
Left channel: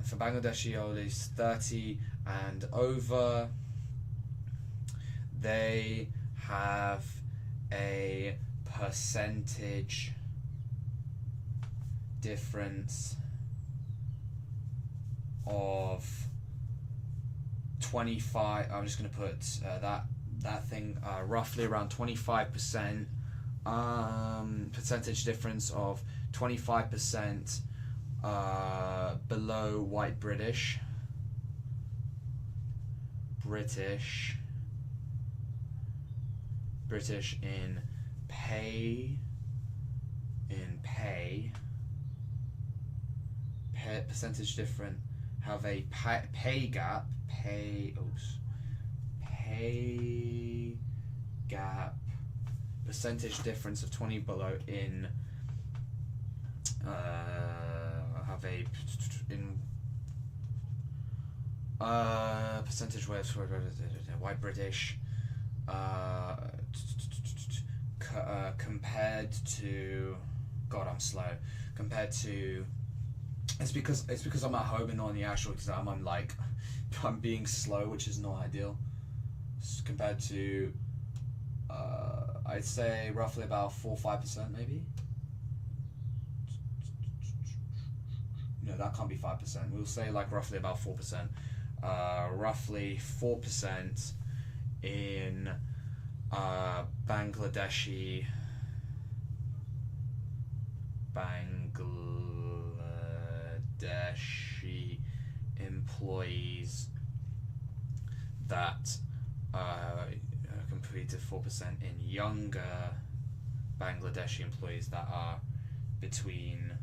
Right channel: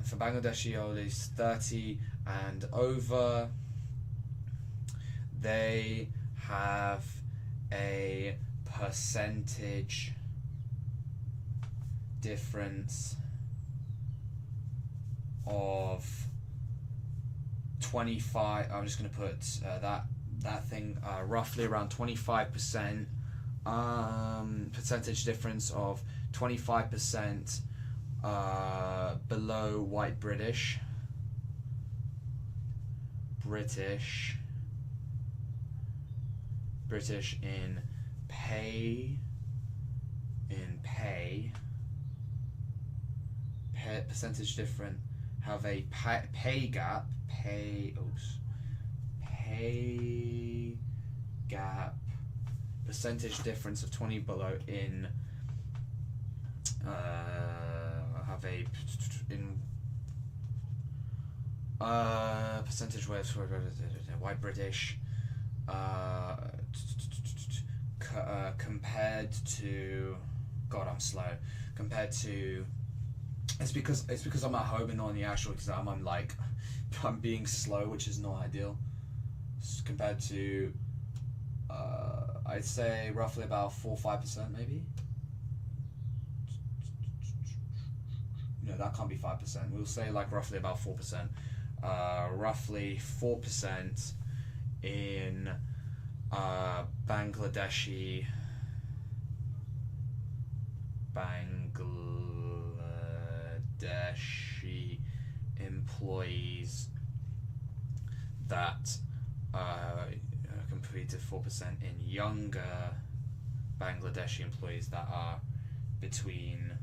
for Bangladeshi employees 30 and over, they have a percentage difference of 25. I'm just going to put that thing roughly around 25%. Percentage difference of 25% below white British in pay. Percentage different have a pay gap percentage difference of 20 below in have a percentage way for white British compared to it's because I'm at home and not on the actual exam. I'm being slow, which is not ideal. Compared to I'd say roughly about 4 or 5% maybe. No, that can't be 5%. We'll say like roughly about 4%. Roughly 4% in Bangladeshi employees that completed 4% in younger Bangladeshi employees that are between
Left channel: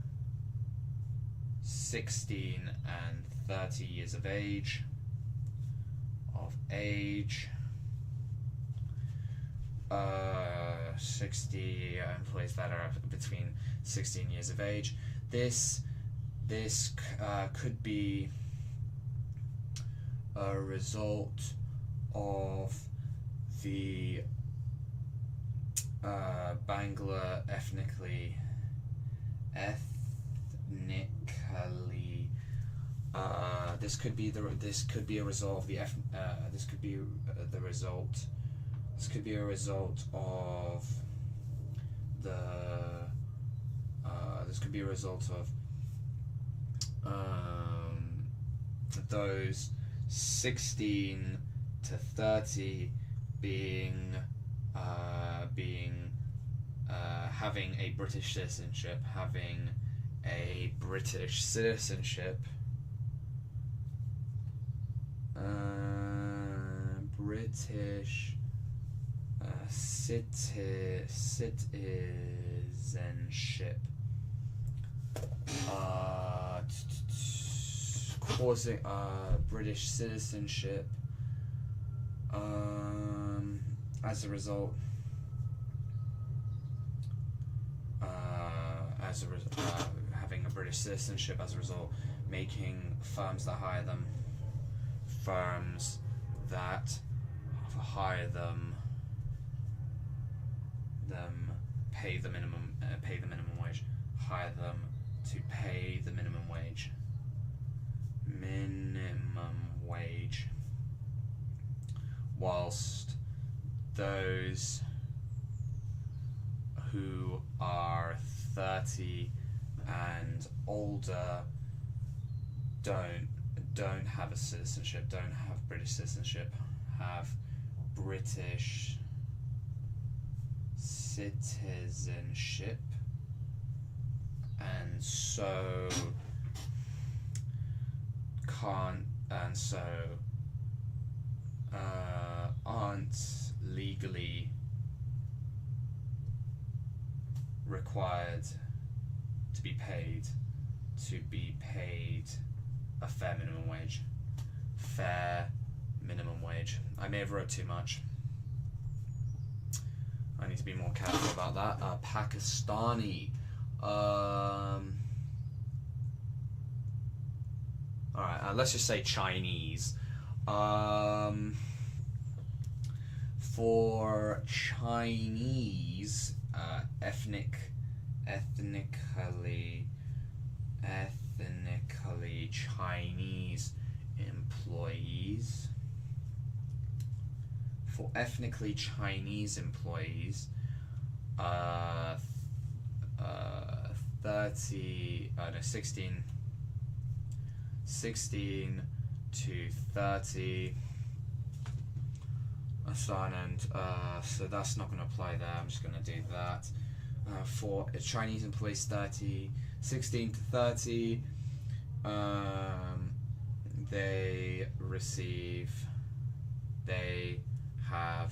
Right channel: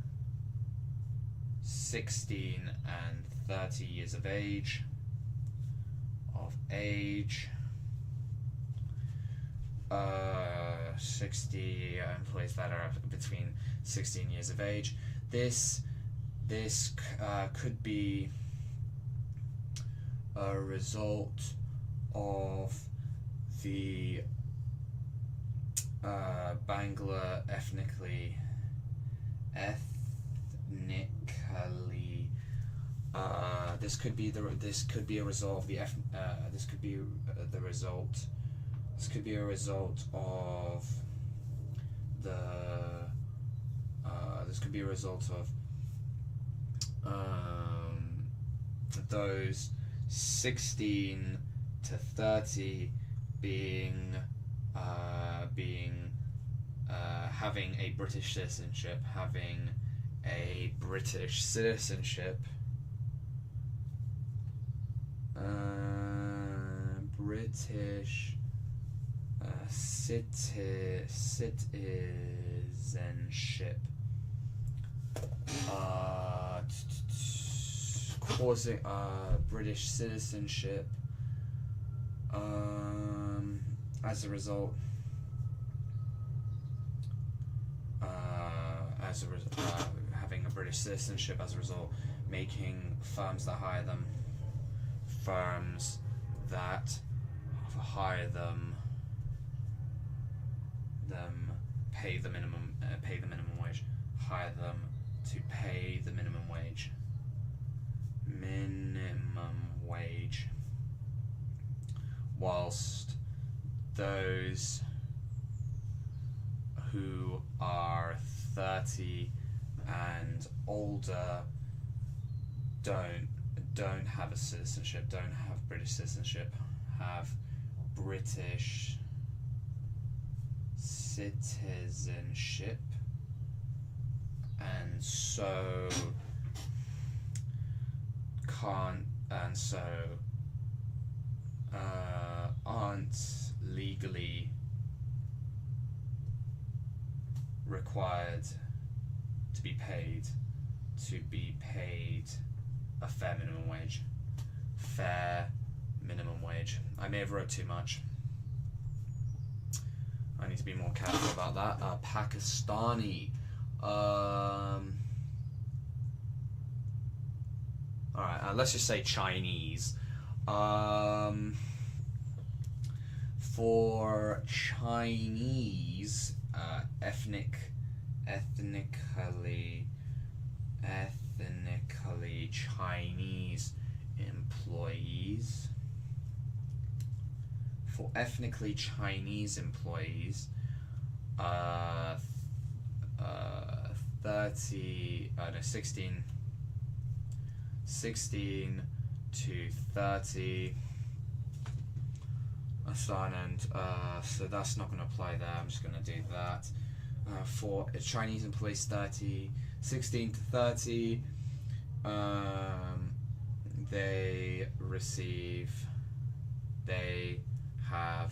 16 and 30 years of age. 60 employees that are between 16 years of age. This could be a result of the Bangla ethnically. This could be a result of the this could be the result. This could be a result of the. This could be a result of those 16 to 30 having a British citizenship, British citizenship. Causing British citizenship as a result. Having a British citizenship as a result, making firms that hire them pay the minimum wage. Hire them to pay the minimum wage. Whilst those who are 30 and older don't have a citizenship, don't have British citizenship, have British citizenship, and so aren't legally required to be paid a fair minimum wage. I may have wrote too much. I need to be more careful about that. Pakistani. Alright, let's just say Chinese. For Chinese, ethnically Chinese employees. For ethnically Chinese employees, 16 to 30 assignment, so that's not going to apply there. I'm just going to do that. For Chinese employees 16 to 30, they have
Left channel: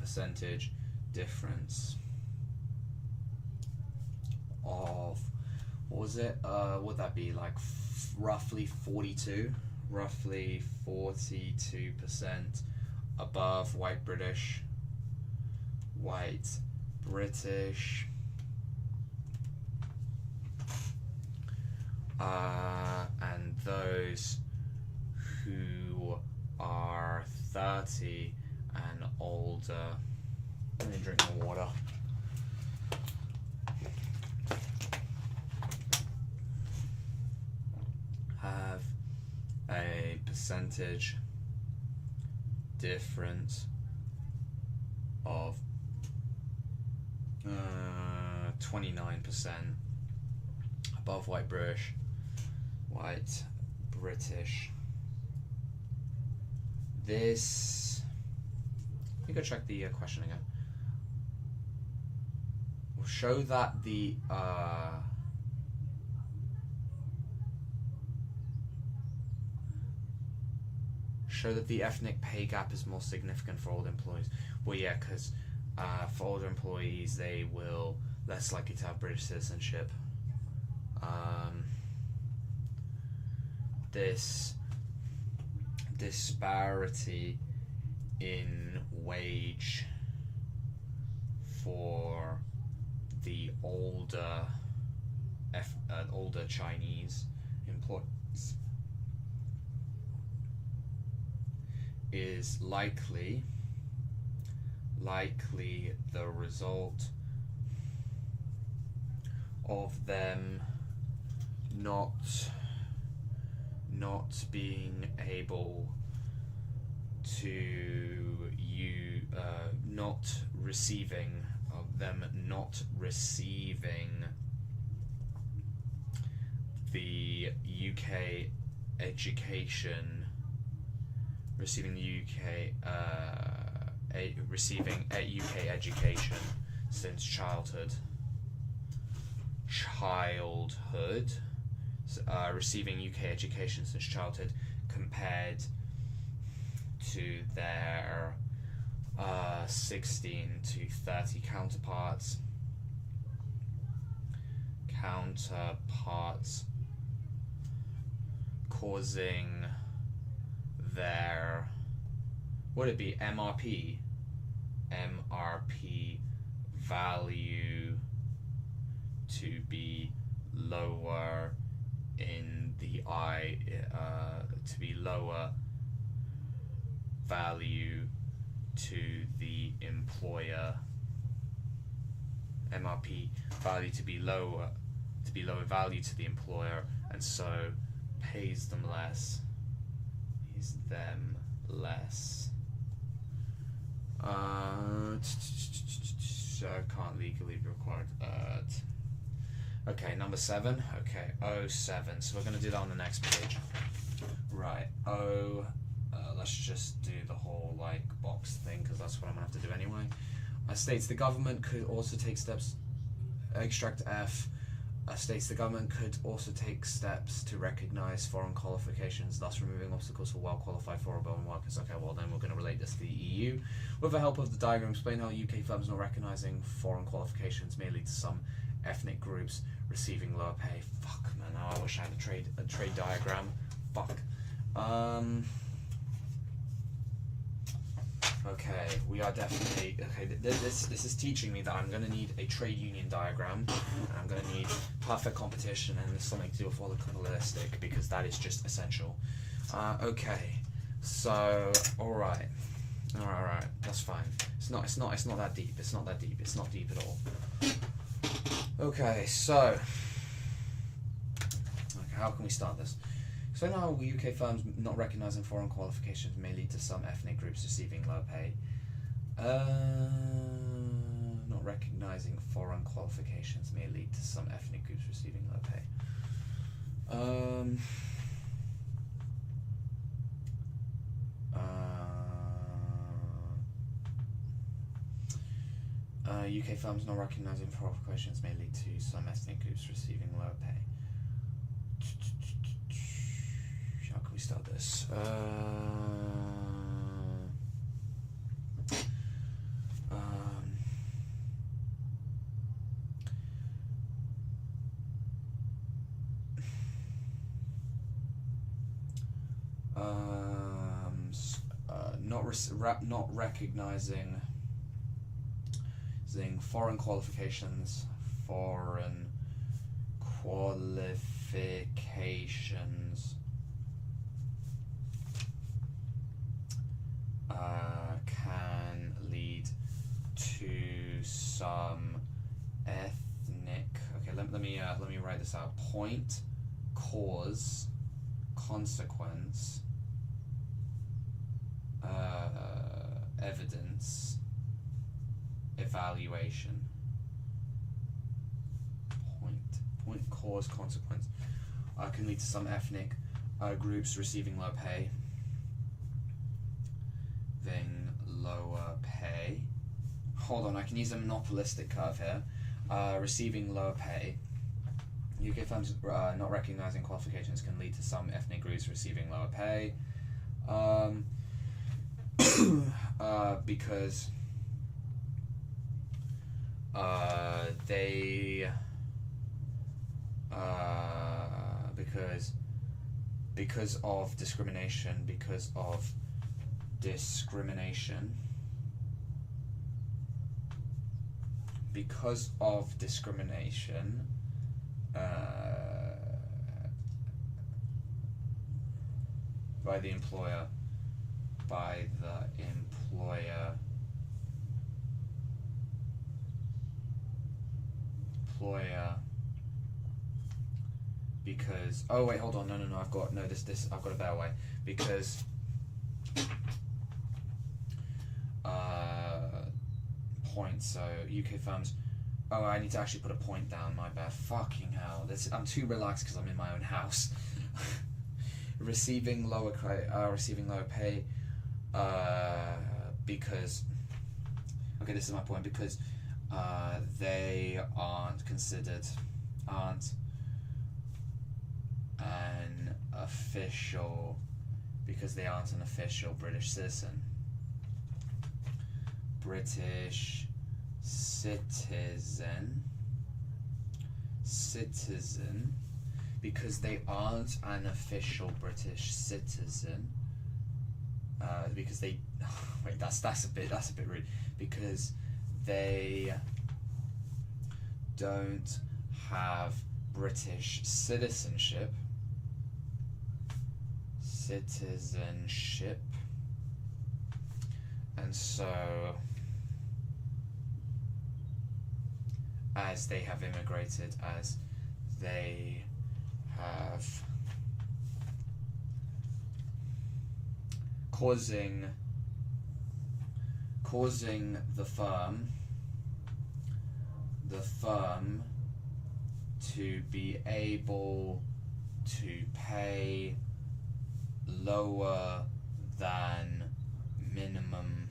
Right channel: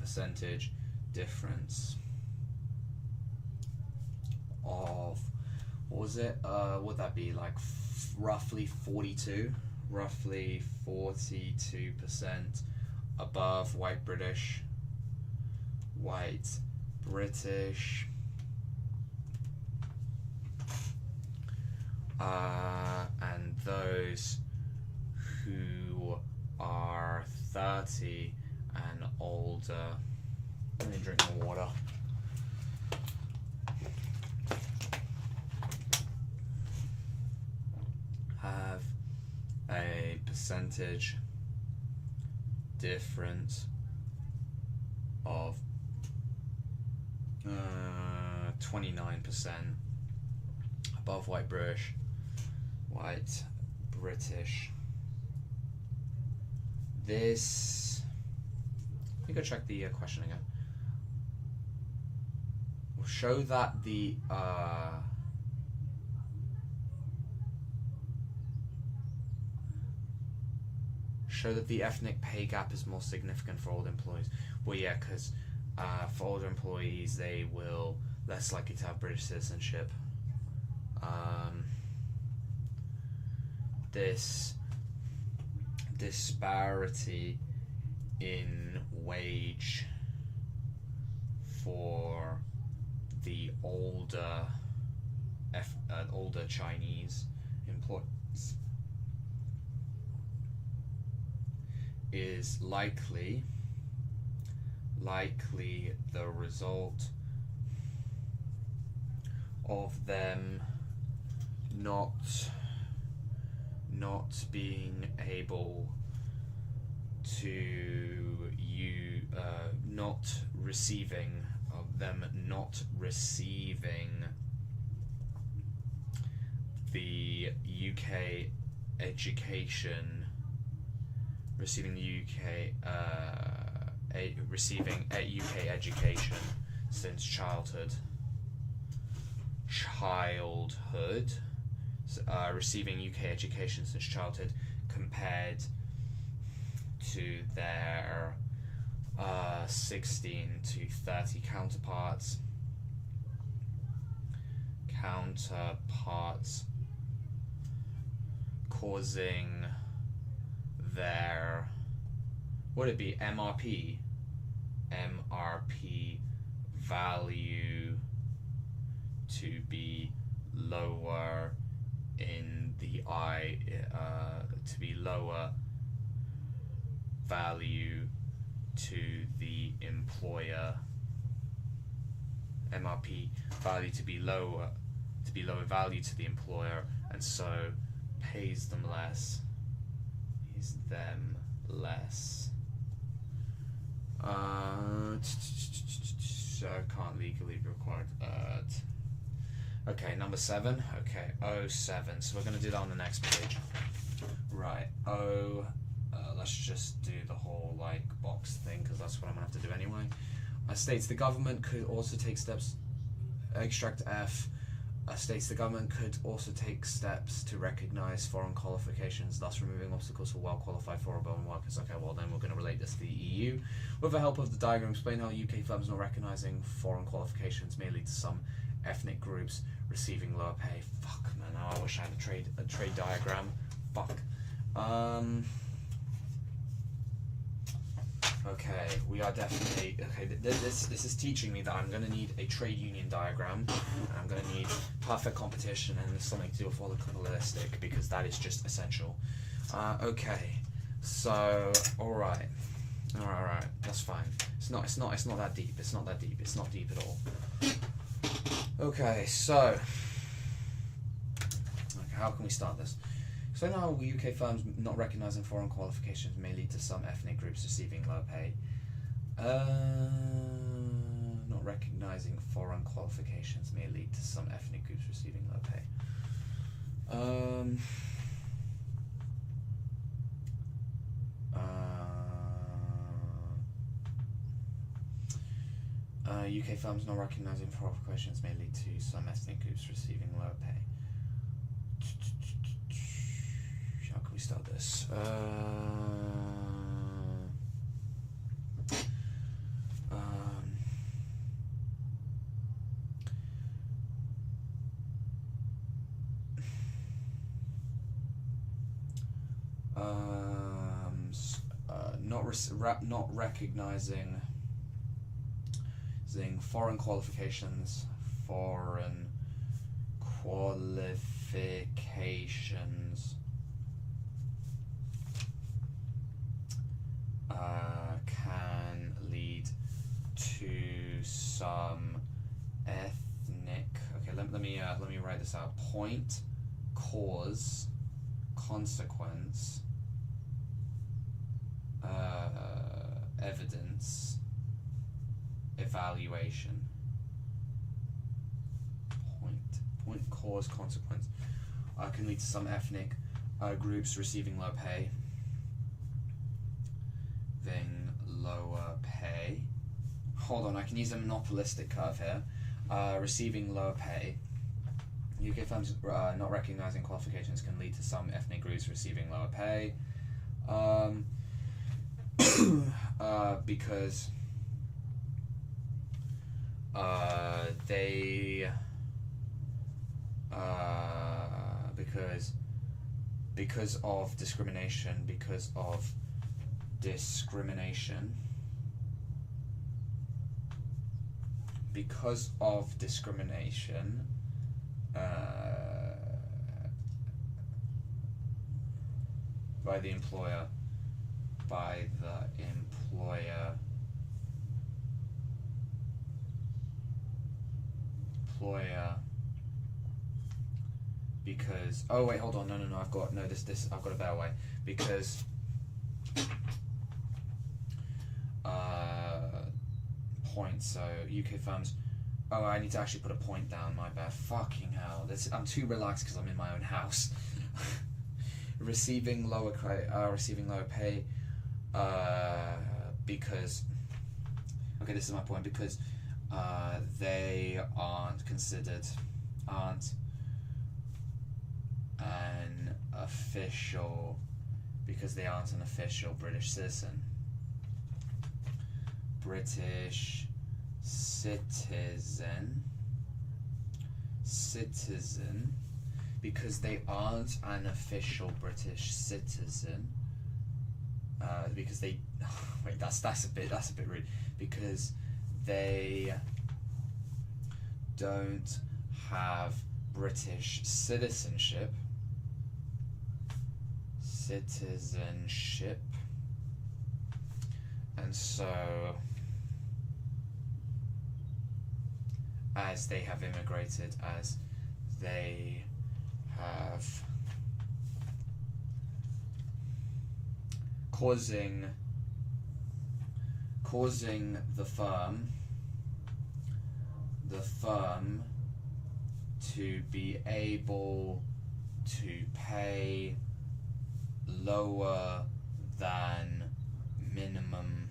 percentage difference of, what was it? Would that be like roughly 42% above white British, and those who are 30 and older. Let me drink more water. Have a percentage difference of 29% above white British. This, let me go check the question again. We'll show that the ethnic pay gap is more significant for older employees. Well, yeah, because for older employees, they will less likely to have British citizenship. This disparity in wage for the older Chinese employees is likely the result of them not being able to not receiving the UK education, receiving a UK education since childhood, receiving UK education since childhood compared to their 16 to 30 counterparts, causing their, would it be MRP value to be lower in the to be lower value to the employer, MRP value to be lower value to the employer, and so pays them less. So can't legally be required. Okay, number 7. Okay, 07. So we're going to do that on the next page. Right. Let's just do the whole box thing, because that's what I'm going to have to do anyway. States the government could also take steps. Extract F. States the government could also take steps to recognise foreign qualifications, thus removing obstacles for well-qualified foreign workers. Okay, well then we're going to relate this to the EU. With the help of the diagram, explain how UK firms not recognising foreign qualifications may lead to some ethnic groups receiving lower pay. Fuck, man, I wish I had a trade diagram. Fuck. Okay, we are definitely... Okay, this is teaching me that I'm going to need a trade union diagram. I'm going to need perfect competition and something to do with all the probabilistic, because that is just essential. Okay, so, alright, that's fine. It's not that deep, it's not deep at all. Okay, so, how can we start this? So now UK firms not recognising foreign qualifications may lead to some ethnic groups receiving low pay. Not recognising foreign qualifications may lead to some ethnic groups receiving low pay. UK firms not recognising foreign qualifications may lead to some ethnic groups receiving low pay. How can we start this? Not recognising foreign qualifications, can lead to some ethnic. Okay, let me write this out. Point, cause, consequence, evidence, evaluation. Point, cause, consequence can lead to some ethnic groups receiving low pay. Then lower pay. Hold on, I can use a monopolistic curve here. Receiving lower pay. UK firms not recognising qualifications can lead to some ethnic groups receiving lower pay. Because because of discrimination, by by the employer. Because oh wait, hold on, no, I've got I've got a better way. Because points. So UK firms. Oh, I need to actually put a point down. My bad. Fucking hell. I'm too relaxed because I'm in my own house. Receiving lower pay. Because okay, this is my point. Because they aren't an official. Because they aren't an official British citizen. Because they aren't an official British citizen. Because they wait, that's a bit rude. Because they don't have British citizenship. And so as they have immigrated, as they have causing the firm to be able to pay lower than minimum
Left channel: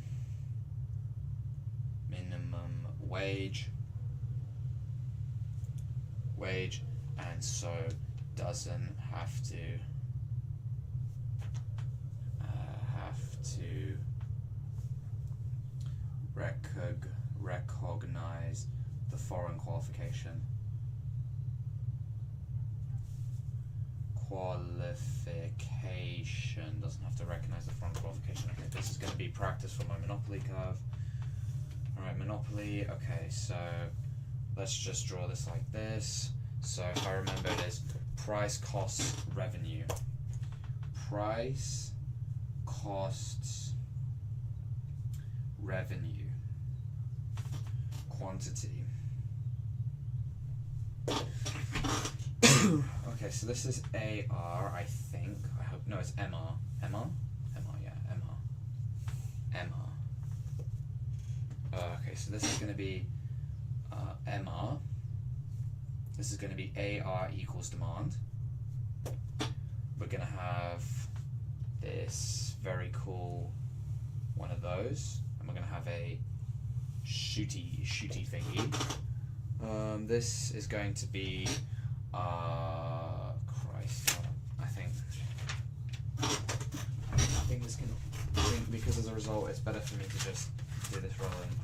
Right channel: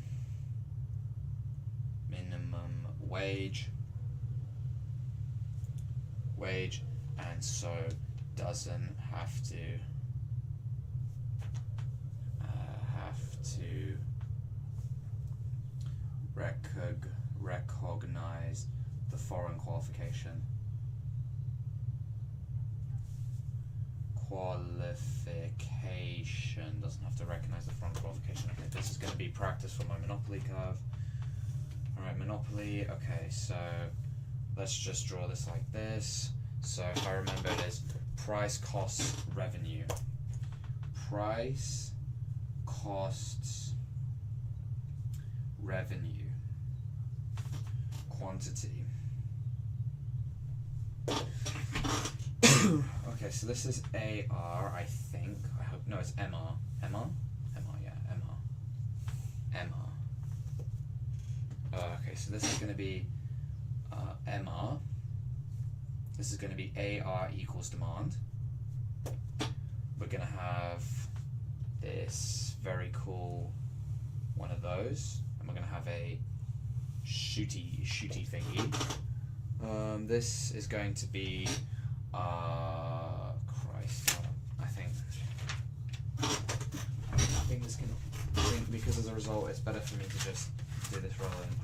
wage, and so doesn't have to recognize the foreign qualification. Doesn't have to recognize the foreign qualification. Okay, this is going to be practice for my Monopoly curve. Alright, Monopoly. Okay, so let's just draw this like this. So if I remember, it is price, costs, revenue. Price, costs, revenue. Quantity. Okay, so this is AR, I think. I hope, no, it's MR. MR? MR, yeah, MR. MR. Okay, so this is going to be MR. This is going to be AR equals demand. We're going to have this very cool one of those. And we're going to have a shooty thingy. This is going to be Christ, I think this can, because as a result it's better for me to just do this rather than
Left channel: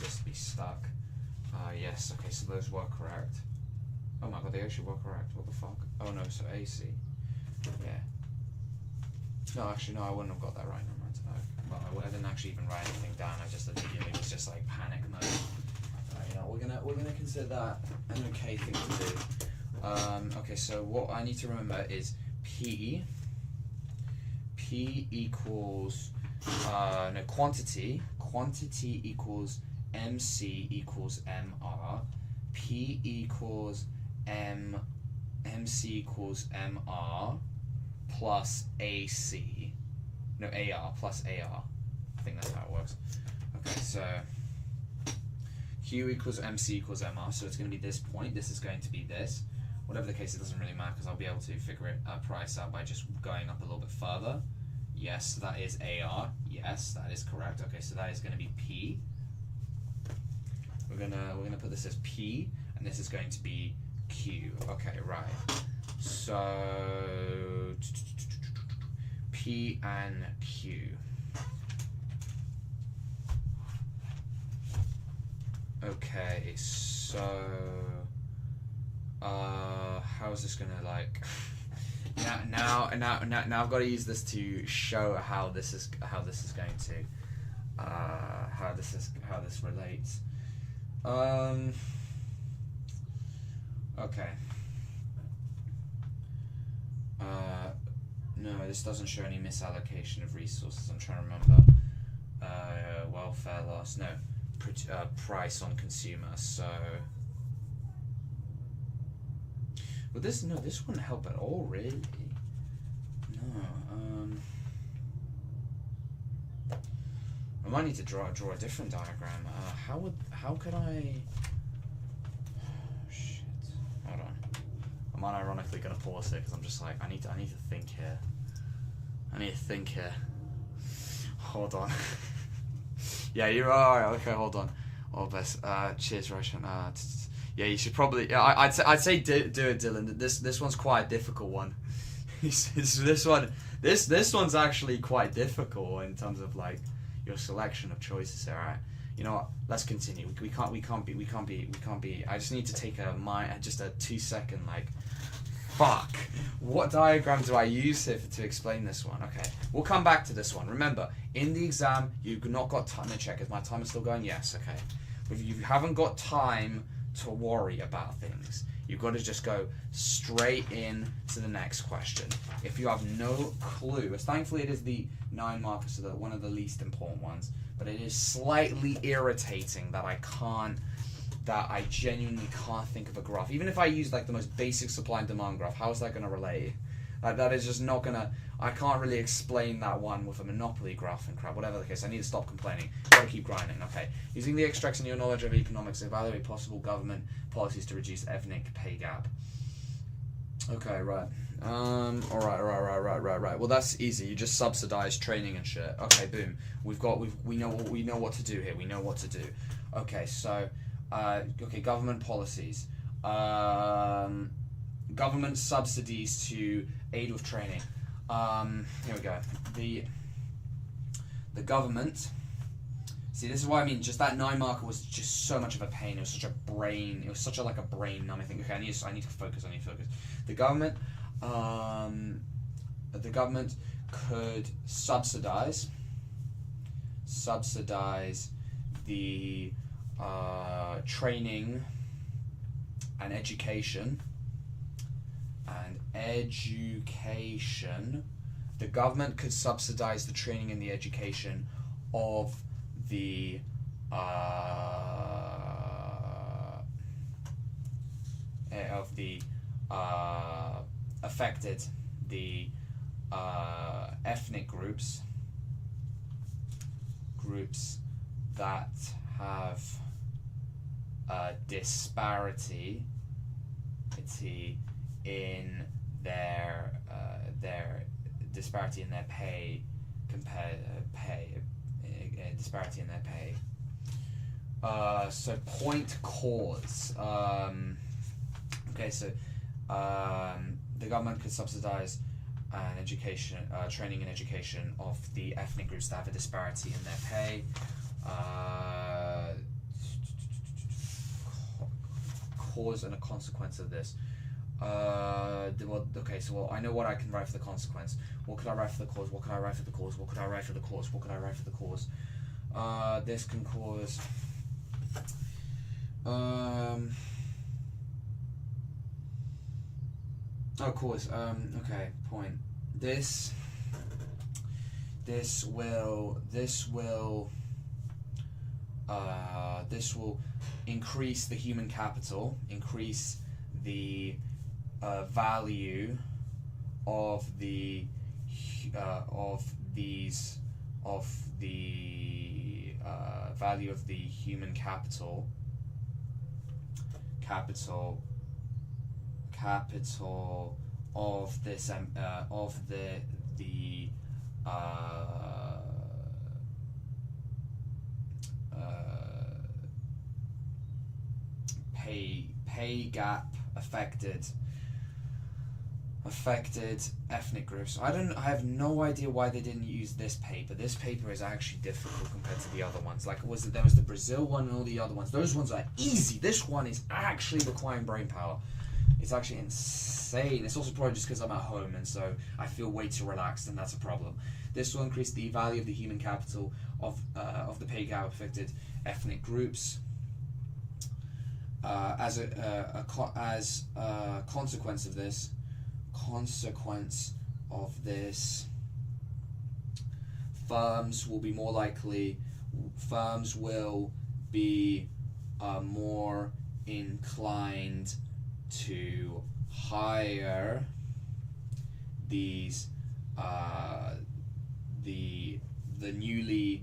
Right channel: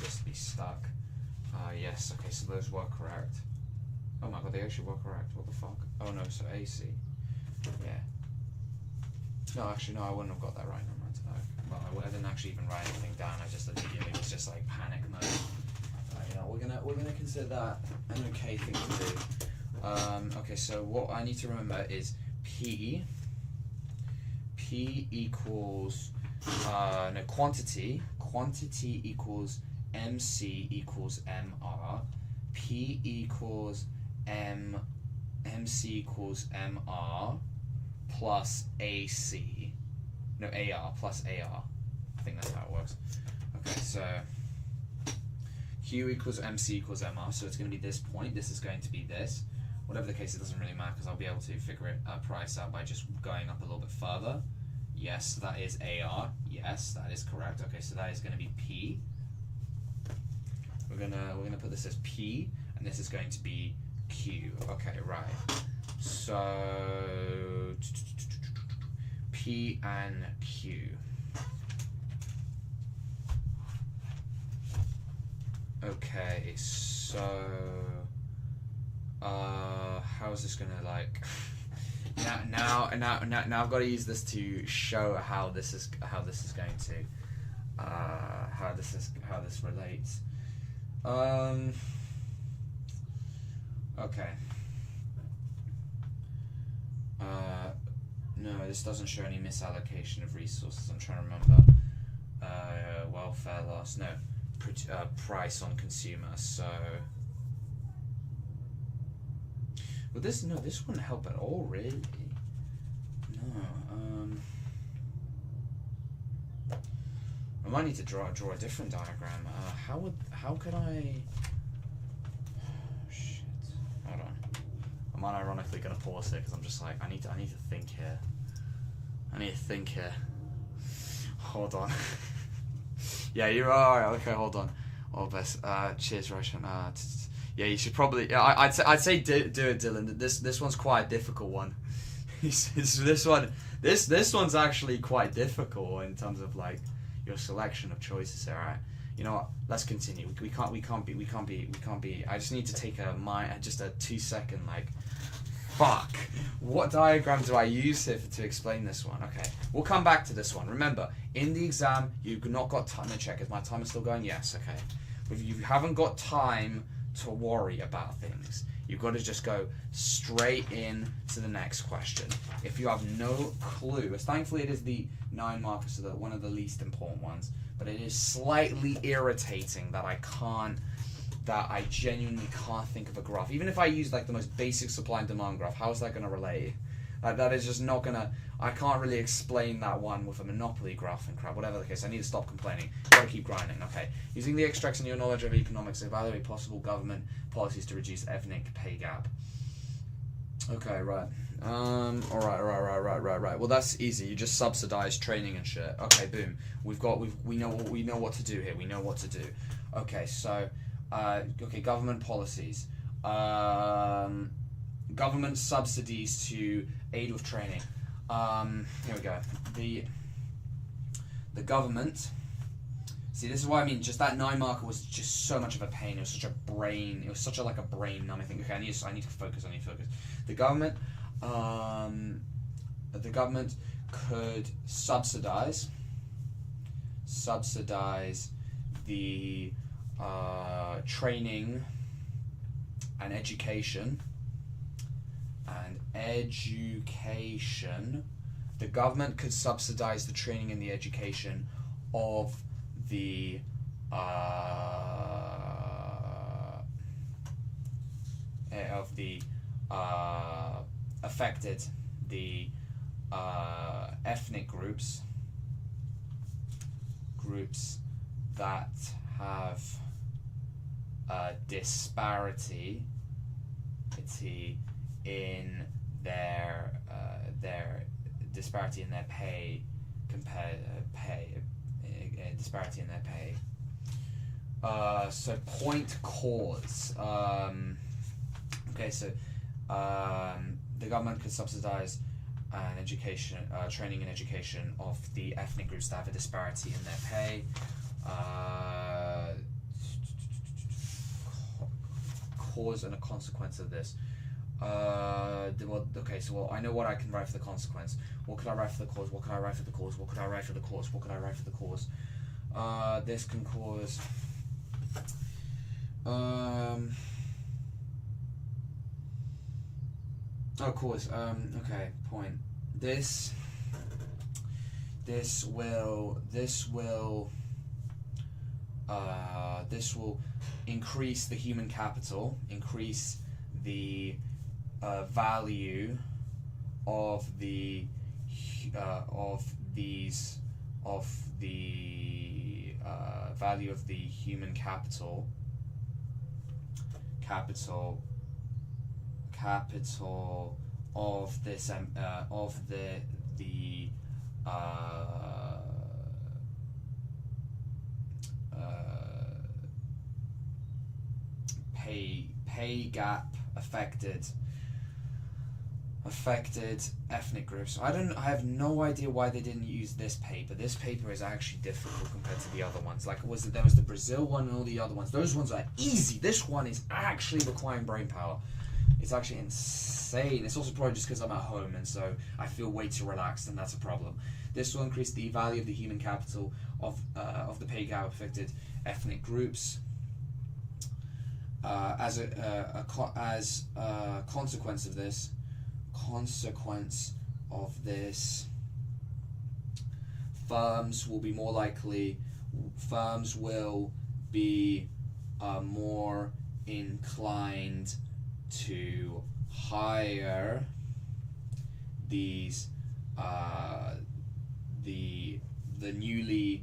just be stuck. Yes, okay, so those were correct. Oh my god, they actually were correct. What the fuck? Oh no, so AC. Yeah. No, actually, no, I wouldn't have got that right. No, well, I didn't actually even write anything down. I just immediately was just like panic mode. You know, we're gonna consider that an okay thing to do. Okay, so what I need to remember is P equals quantity equals MC equals MR. P equals MC equals MR plus AC. No, AR plus AR. I think that's how it works. Okay, so Q equals MC equals MR, so it's going to be this point. This is going to be this. Whatever the case, it doesn't really matter because I'll be able to figure it price out by just going up a little bit further. Yes, that is AR. Yes, that is correct. Okay, so that is going to be P. We're gonna put this as P, and this is going to be Q. Okay, right. So P and Q. Okay, so how's this gonna like? Now I've got to use this to show how this is going to how this relates. Okay. No, this doesn't show any misallocation of resources. I'm trying to remember. Welfare loss. No. Price on consumer. So. Well, this wouldn't help at all, really. No. I might need to draw a different diagram. How could I? Shit. Hold on. I'm unironically gonna pause it because I'm just like I need to think here. I need to think here. Hold on. Yeah, you're alright. Okay, hold on. All best. Cheers, Roshan. Yeah, you should probably. I'd say do it, Dylan. This one's quite a difficult one. This one's actually quite difficult in terms of like your selection of choices. All right. You know what? Let's continue. We can't be. I just need to take just a 2-second like. Fuck. What diagram do I use here to explain this one? Okay, we'll come back to this one. Remember, in the exam, you've not got time to check. Is my timer still going? Yes. Okay. If you haven't got time to worry about things, you've got to just go straight in to the next question. If you have no clue, thankfully it is the 9 markers, so one of the least important ones, but it is slightly irritating that I genuinely can't think of a graph. Even if I use like the most basic supply and demand graph, how is that going to relate? Like that is just not going to, I can't really explain that one with a monopoly graph and crap, whatever the case. I need to stop complaining. Gotta keep grinding. Okay. Using the extracts in your knowledge of economics, evaluate possible government policies to reduce ethnic pay gap. Okay, right. Right. Well, that's easy. You just subsidize training and shit. Okay, boom. We know what to do here. We know what to do. Okay, so government policies. Government subsidies to aid with training. Here we go. The government. See, this is what I mean. Just that 9 marker was just so much of a pain. It was such a brain. It was such a brain numbing thing. Okay, I need to focus. The government. The government could subsidize the training and education. The government could subsidize the training and the education of the affected, the ethnic groups that have disparity in their disparity in their pay disparity in their pay. So point cause. Okay, so the government could subsidize training and education of the ethnic groups that have a disparity in their pay. Cause and a consequence of this. So I know what I can write for the consequence. What could I write for the cause? What could I write for the cause? What could I write for the cause? What could I write for the cause? This can cause. Cause. Okay. Point. This will increase the human capital, increase the value of the value of the human capital of this of the pay gap affected ethnic groups. I have no idea why they didn't use this paper. This paper is actually difficult compared to the other ones. Like there was the Brazil one and all the other ones. Those ones are easy. This one is actually requiring brain power. It's actually insane. It's also probably just because I'm at home and so I feel way too relaxed, and that's a problem. This will increase the value of the human capital of the pay gap affected ethnic groups. As a consequence of this, of this. Firms will be more likely. Firms will be more inclined to hire these the newly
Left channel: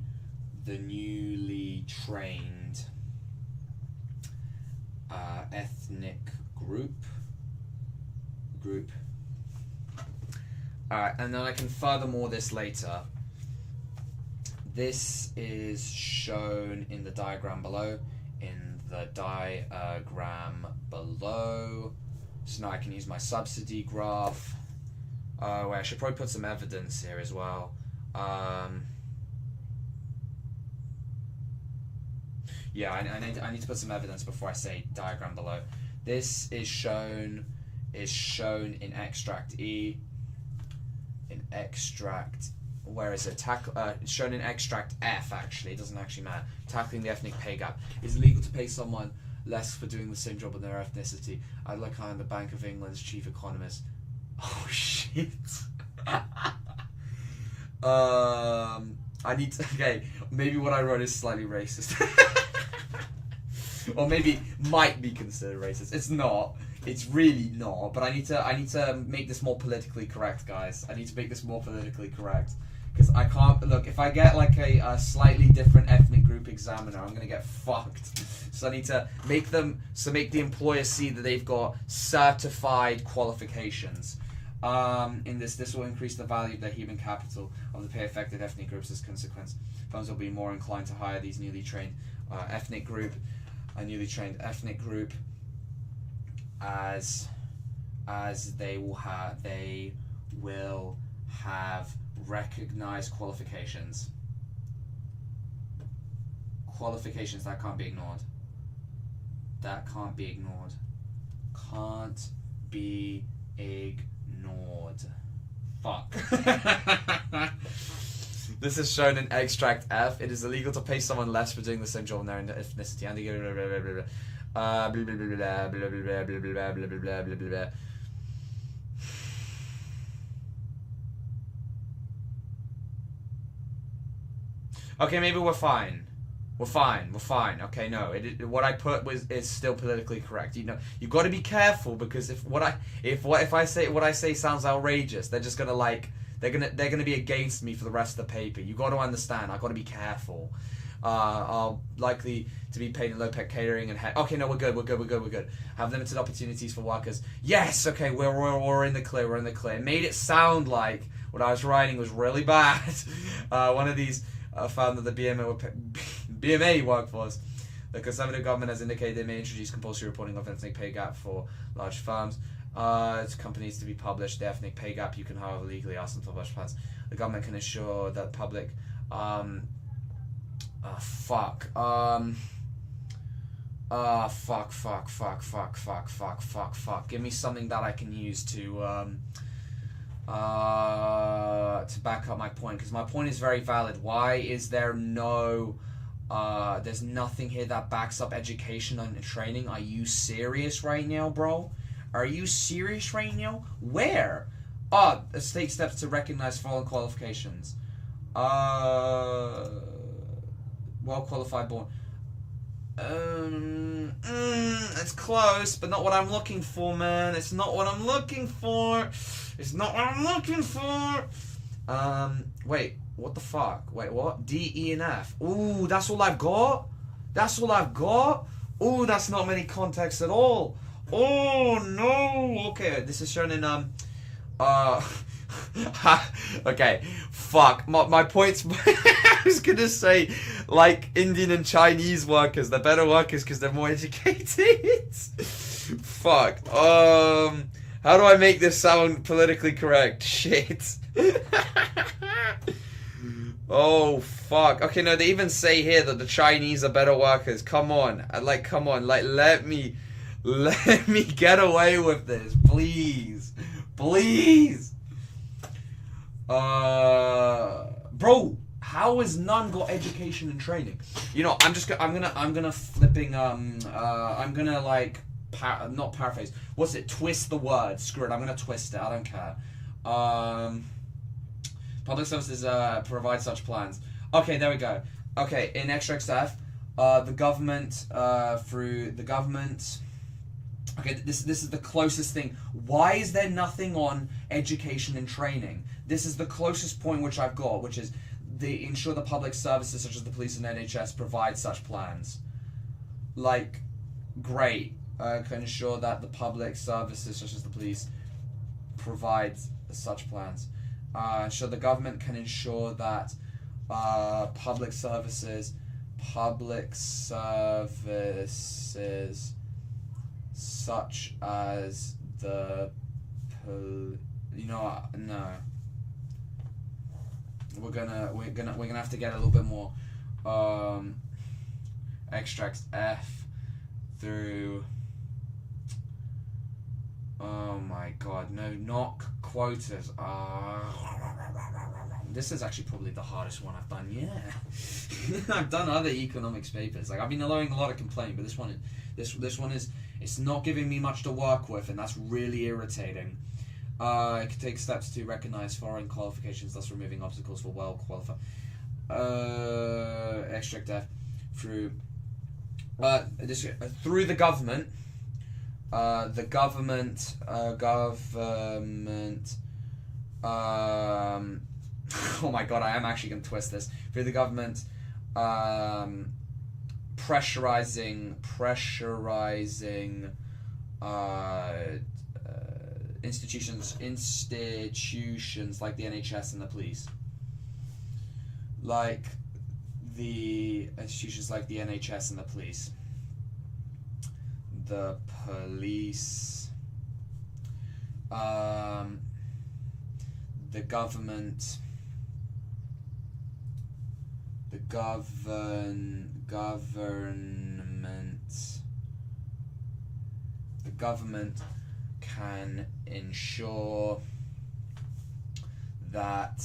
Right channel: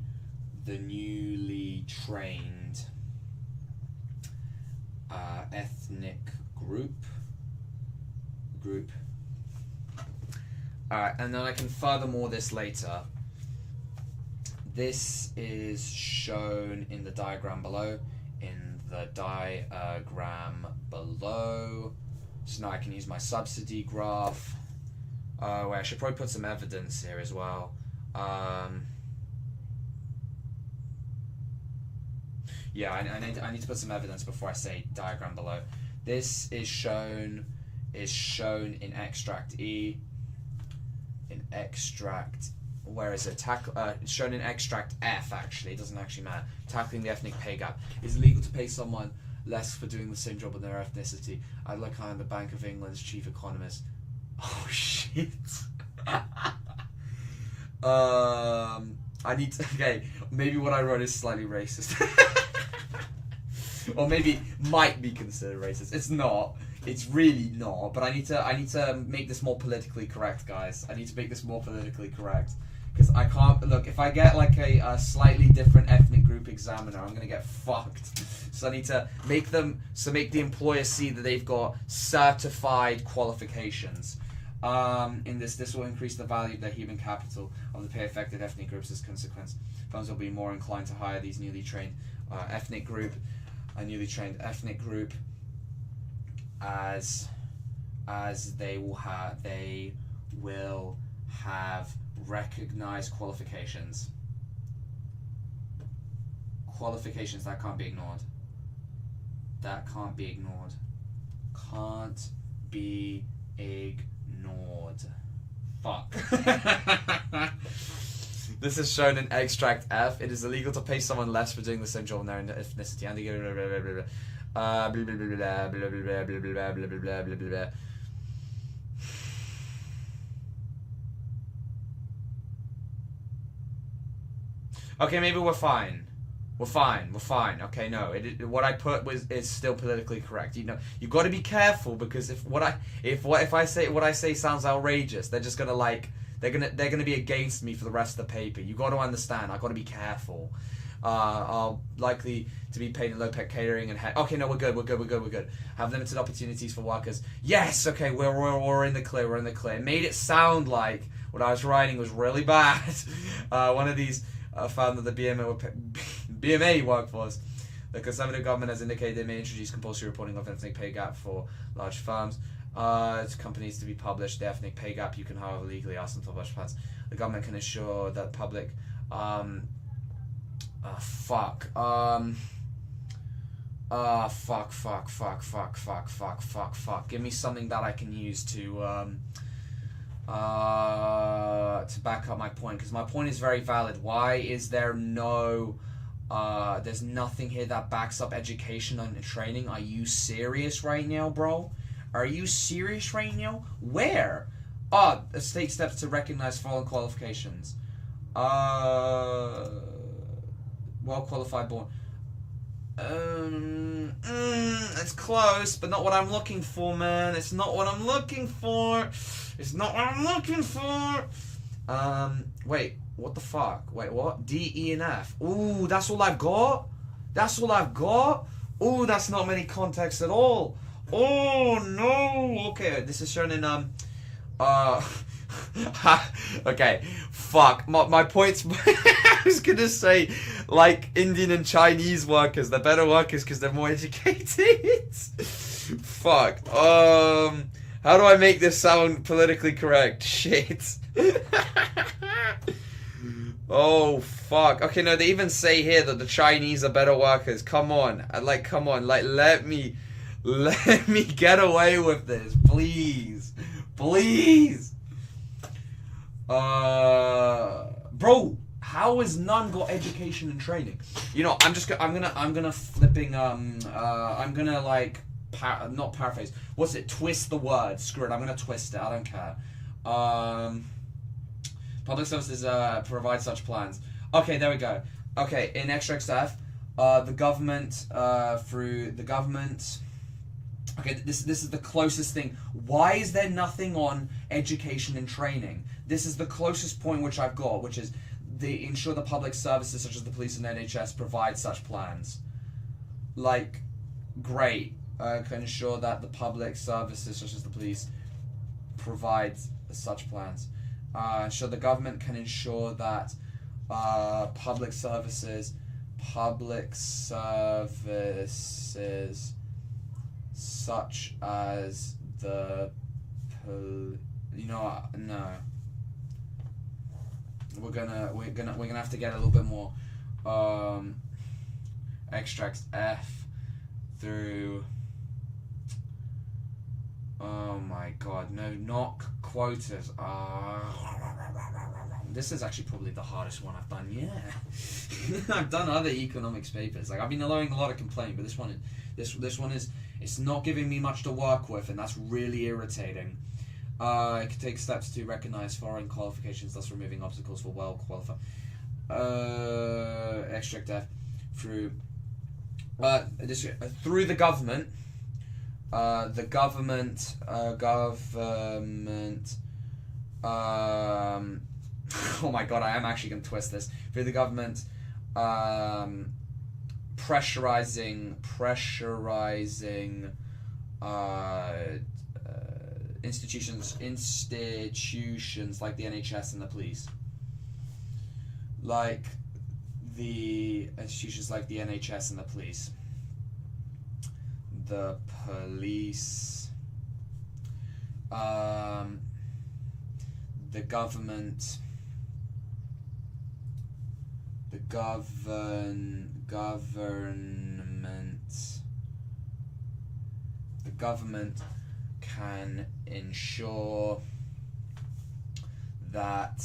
trained ethnic group. Alright, and then I can furthermore this later. This is shown in the diagram below. So now I can use my subsidy graph. Wait, I should probably put some evidence here as well. Yeah, I need to put some evidence before I say diagram below. This is shown in extract E. In extract, where is it? It's shown in extract F. Actually, it doesn't actually matter. Tackling the ethnic pay gap. Is it legal to pay someone less for doing the same job in their ethnicity? I'd like I'm the Bank of England's chief economist. Oh shit. I need to. Okay, maybe what I wrote is slightly racist. Or maybe might be considered racist. It's not. It's really not. But I need to make this more politically correct, guys. I need to make this more politically correct because I can't look. If I get like a slightly different ethnic group examiner, I'm gonna get fucked. So I need to make the employer see that they've got certified qualifications. In this will increase the value of the human capital of the pay affected ethnic groups as a consequence. Firms will be more inclined to hire these newly trained ethnic group as they will have recognized qualifications that can't be ignored. Can't be ignored. Fuck. This is shown in extract F. It is illegal to pay someone less for doing the same job in their ethnicity. Okay, maybe we're fine. We're fine. Okay, no. What I put is still politically correct. You know, you've got to be careful because if I say sounds outrageous, they're just gonna they're gonna be against me for the rest of the paper. You got to understand. I've got to be careful. Are likely to be paid in low-paid catering and okay, no, we're good. Have limited opportunities for workers. Yes, okay, we're in the clear. It made it sound like what I was writing was really bad. One of these found that the BMA workforce. The Conservative government has indicated they may introduce compulsory reporting of ethnic pay gap for large firms. To companies to be published the ethnic pay gap. You can, however, legally ask them to publish plans. The government can ensure that public. Fuck. Give me something that I can use to back up my point, because my point is very valid. Why is there no there's nothing here that backs up education and training? Are you serious right now, bro? Are you serious right now? Where? A state steps to recognize following qualifications. Well qualified born. It's close, but not what I'm looking for, man. It's not what I'm looking for. Wait, what the fuck? Wait, what? D, E, and F. Ooh, that's all I've got? Ooh, that's not many contexts at all. Oh, no. Okay, this is shown in, okay, fuck. My point's... I was gonna say, like, Indian and Chinese workers, they're better workers because they're more educated. Fuck. How do I make this sound politically correct? Shit. Oh, fuck. Okay, no, they even say here that the Chinese are better workers. Come on. Let me get away with this, please. Bro, how has none got education and training? You know, I'm gonna like not paraphrase. What's it? Twist the word. Screw it. I'm gonna twist it. I don't care. Public services provide such plans. Okay, there we go. Okay, in extract F, the government, through the government... Okay, this is the closest thing. Why is there nothing on education and training? This is the closest point which I've got, which is they ensure the public services such as the police and NHS provide such plans. Like, great. Can ensure that the public services such as the police provide such plans. Ensure the government can ensure that public services such as the you know what? No. We're gonna have to get a little bit more extracts F through. Oh my god, no, not quotas. This is actually probably the hardest one I've done. Yeah, I've done other economics papers. Like I've been allowing a lot of complaint, but this one is it's not giving me much to work with, and that's really irritating. It can take steps to recognize foreign qualifications, thus removing obstacles for well qualified. Extract F through through the government. The government. Oh my god, I am actually going to twist this. Through the government, pressurizing institutions like the NHS and the police. Like the institutions like the NHS and the police. The police. The government. The government can ensure that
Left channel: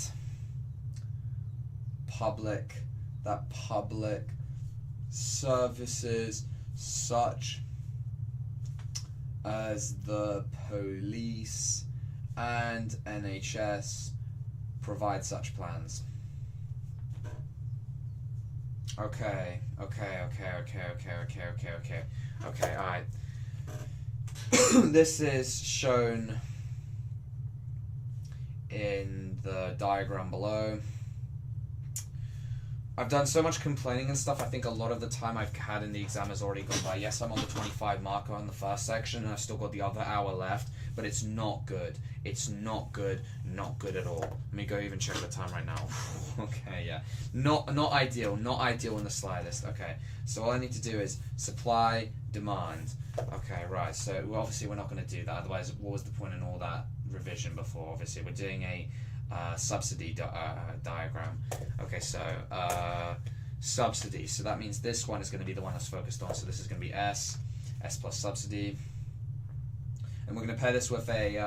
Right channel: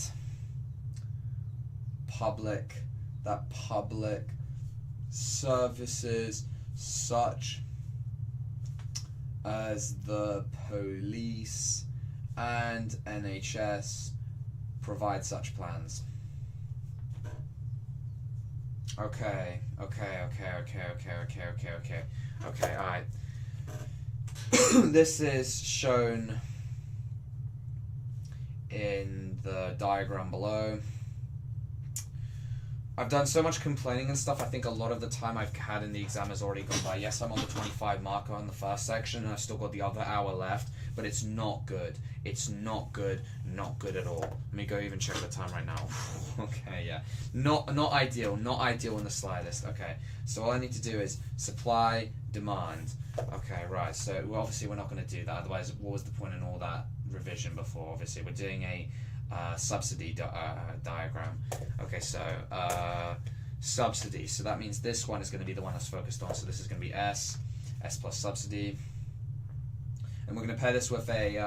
public services such as the police and NHS provide such plans. Okay, alright. This is shown in the diagram below. I've done so much complaining and stuff, I think a lot of the time I've had in the exam has already gone by. Yes, I'm on the 25 marker on the first section, and I've still got the other hour left, but it's not good. It's not good at all. Let me go even check the time right now. Okay, yeah. Not ideal in the slightest. Okay, so all I need to do is supply, demand. Okay, right, so obviously we're not going to do that, otherwise what was the point in all that revision before? Obviously we're doing a subsidy diagram. Okay, so subsidy, so that means this one is going to be the one that's focused on, so this is going to be S plus subsidy, and we're going to pair this with a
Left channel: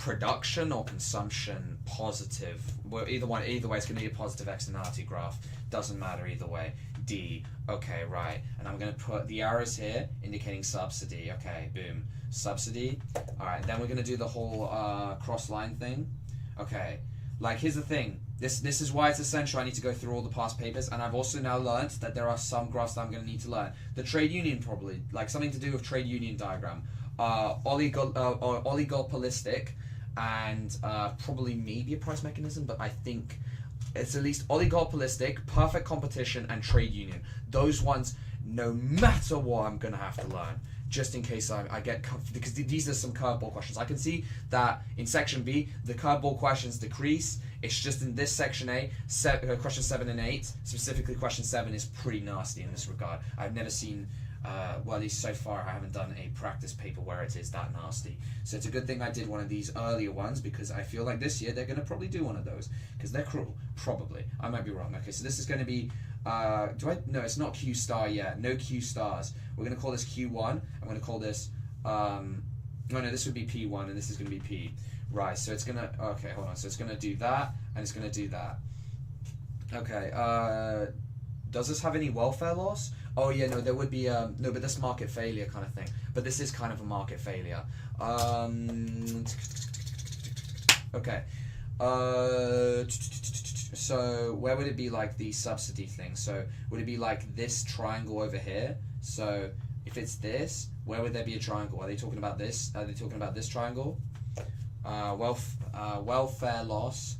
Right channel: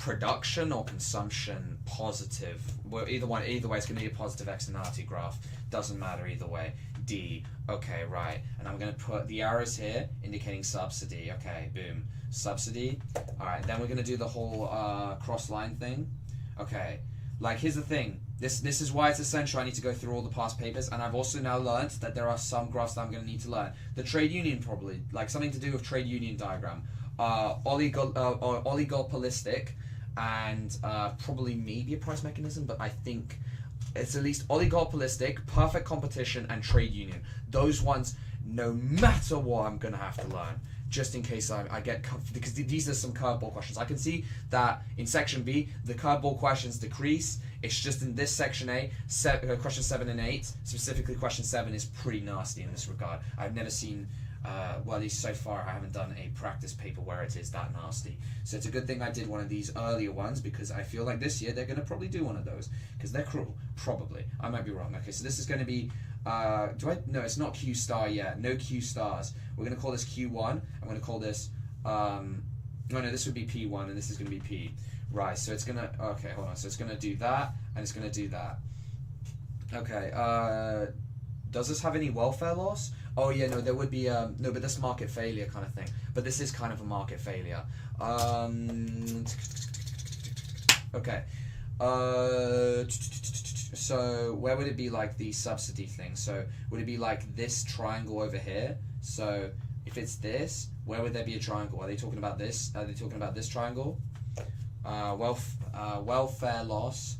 production or consumption positive. Well, either way it's going to be a positive externality graph, doesn't matter either way. D, okay, right, and I'm going to put the arrows here indicating subsidy. Okay, boom, subsidy. Alright, then we're going to do the whole cross line thing. Okay, like here's the thing, this is why it's essential I need to go through all the past papers, and I've also now learned that there are some graphs that I'm going to need to learn. The trade union probably, like something to do with trade union diagram, oligopolistic, and probably maybe a price mechanism, but I think it's at least oligopolistic, perfect competition, and trade union. Those ones, no matter what, I'm going to have to learn, just in case I get because these are some curveball questions. I can see that in section B, the curveball questions decrease. It's just in this section A, question 7 and 8, specifically question 7 is pretty nasty in this regard. I've never seen, well, at least so far, I haven't done a practice paper where it is that nasty. So it's a good thing I did one of these earlier ones, because I feel like this year they're going to probably do one of those, because they're cruel. Probably. I might be wrong. Okay, so this is going to be, no, it's not Q star yet. No Q stars. We're going to call this Q1. I'm going to call this, no, this would be P1, and this is going to be P. Right, so it's going to, okay, hold on. So it's going to do that, and it's going to do that. Okay, Does this have any welfare loss? Oh yeah, no, there would be no, but that's market failure kind of thing. But this is kind of a market failure. Okay. So where would it be like the subsidy thing? So would it be like this triangle over here? So if it's this, where would there be a triangle? Are they talking about this? Are they talking about this triangle? Welfare loss.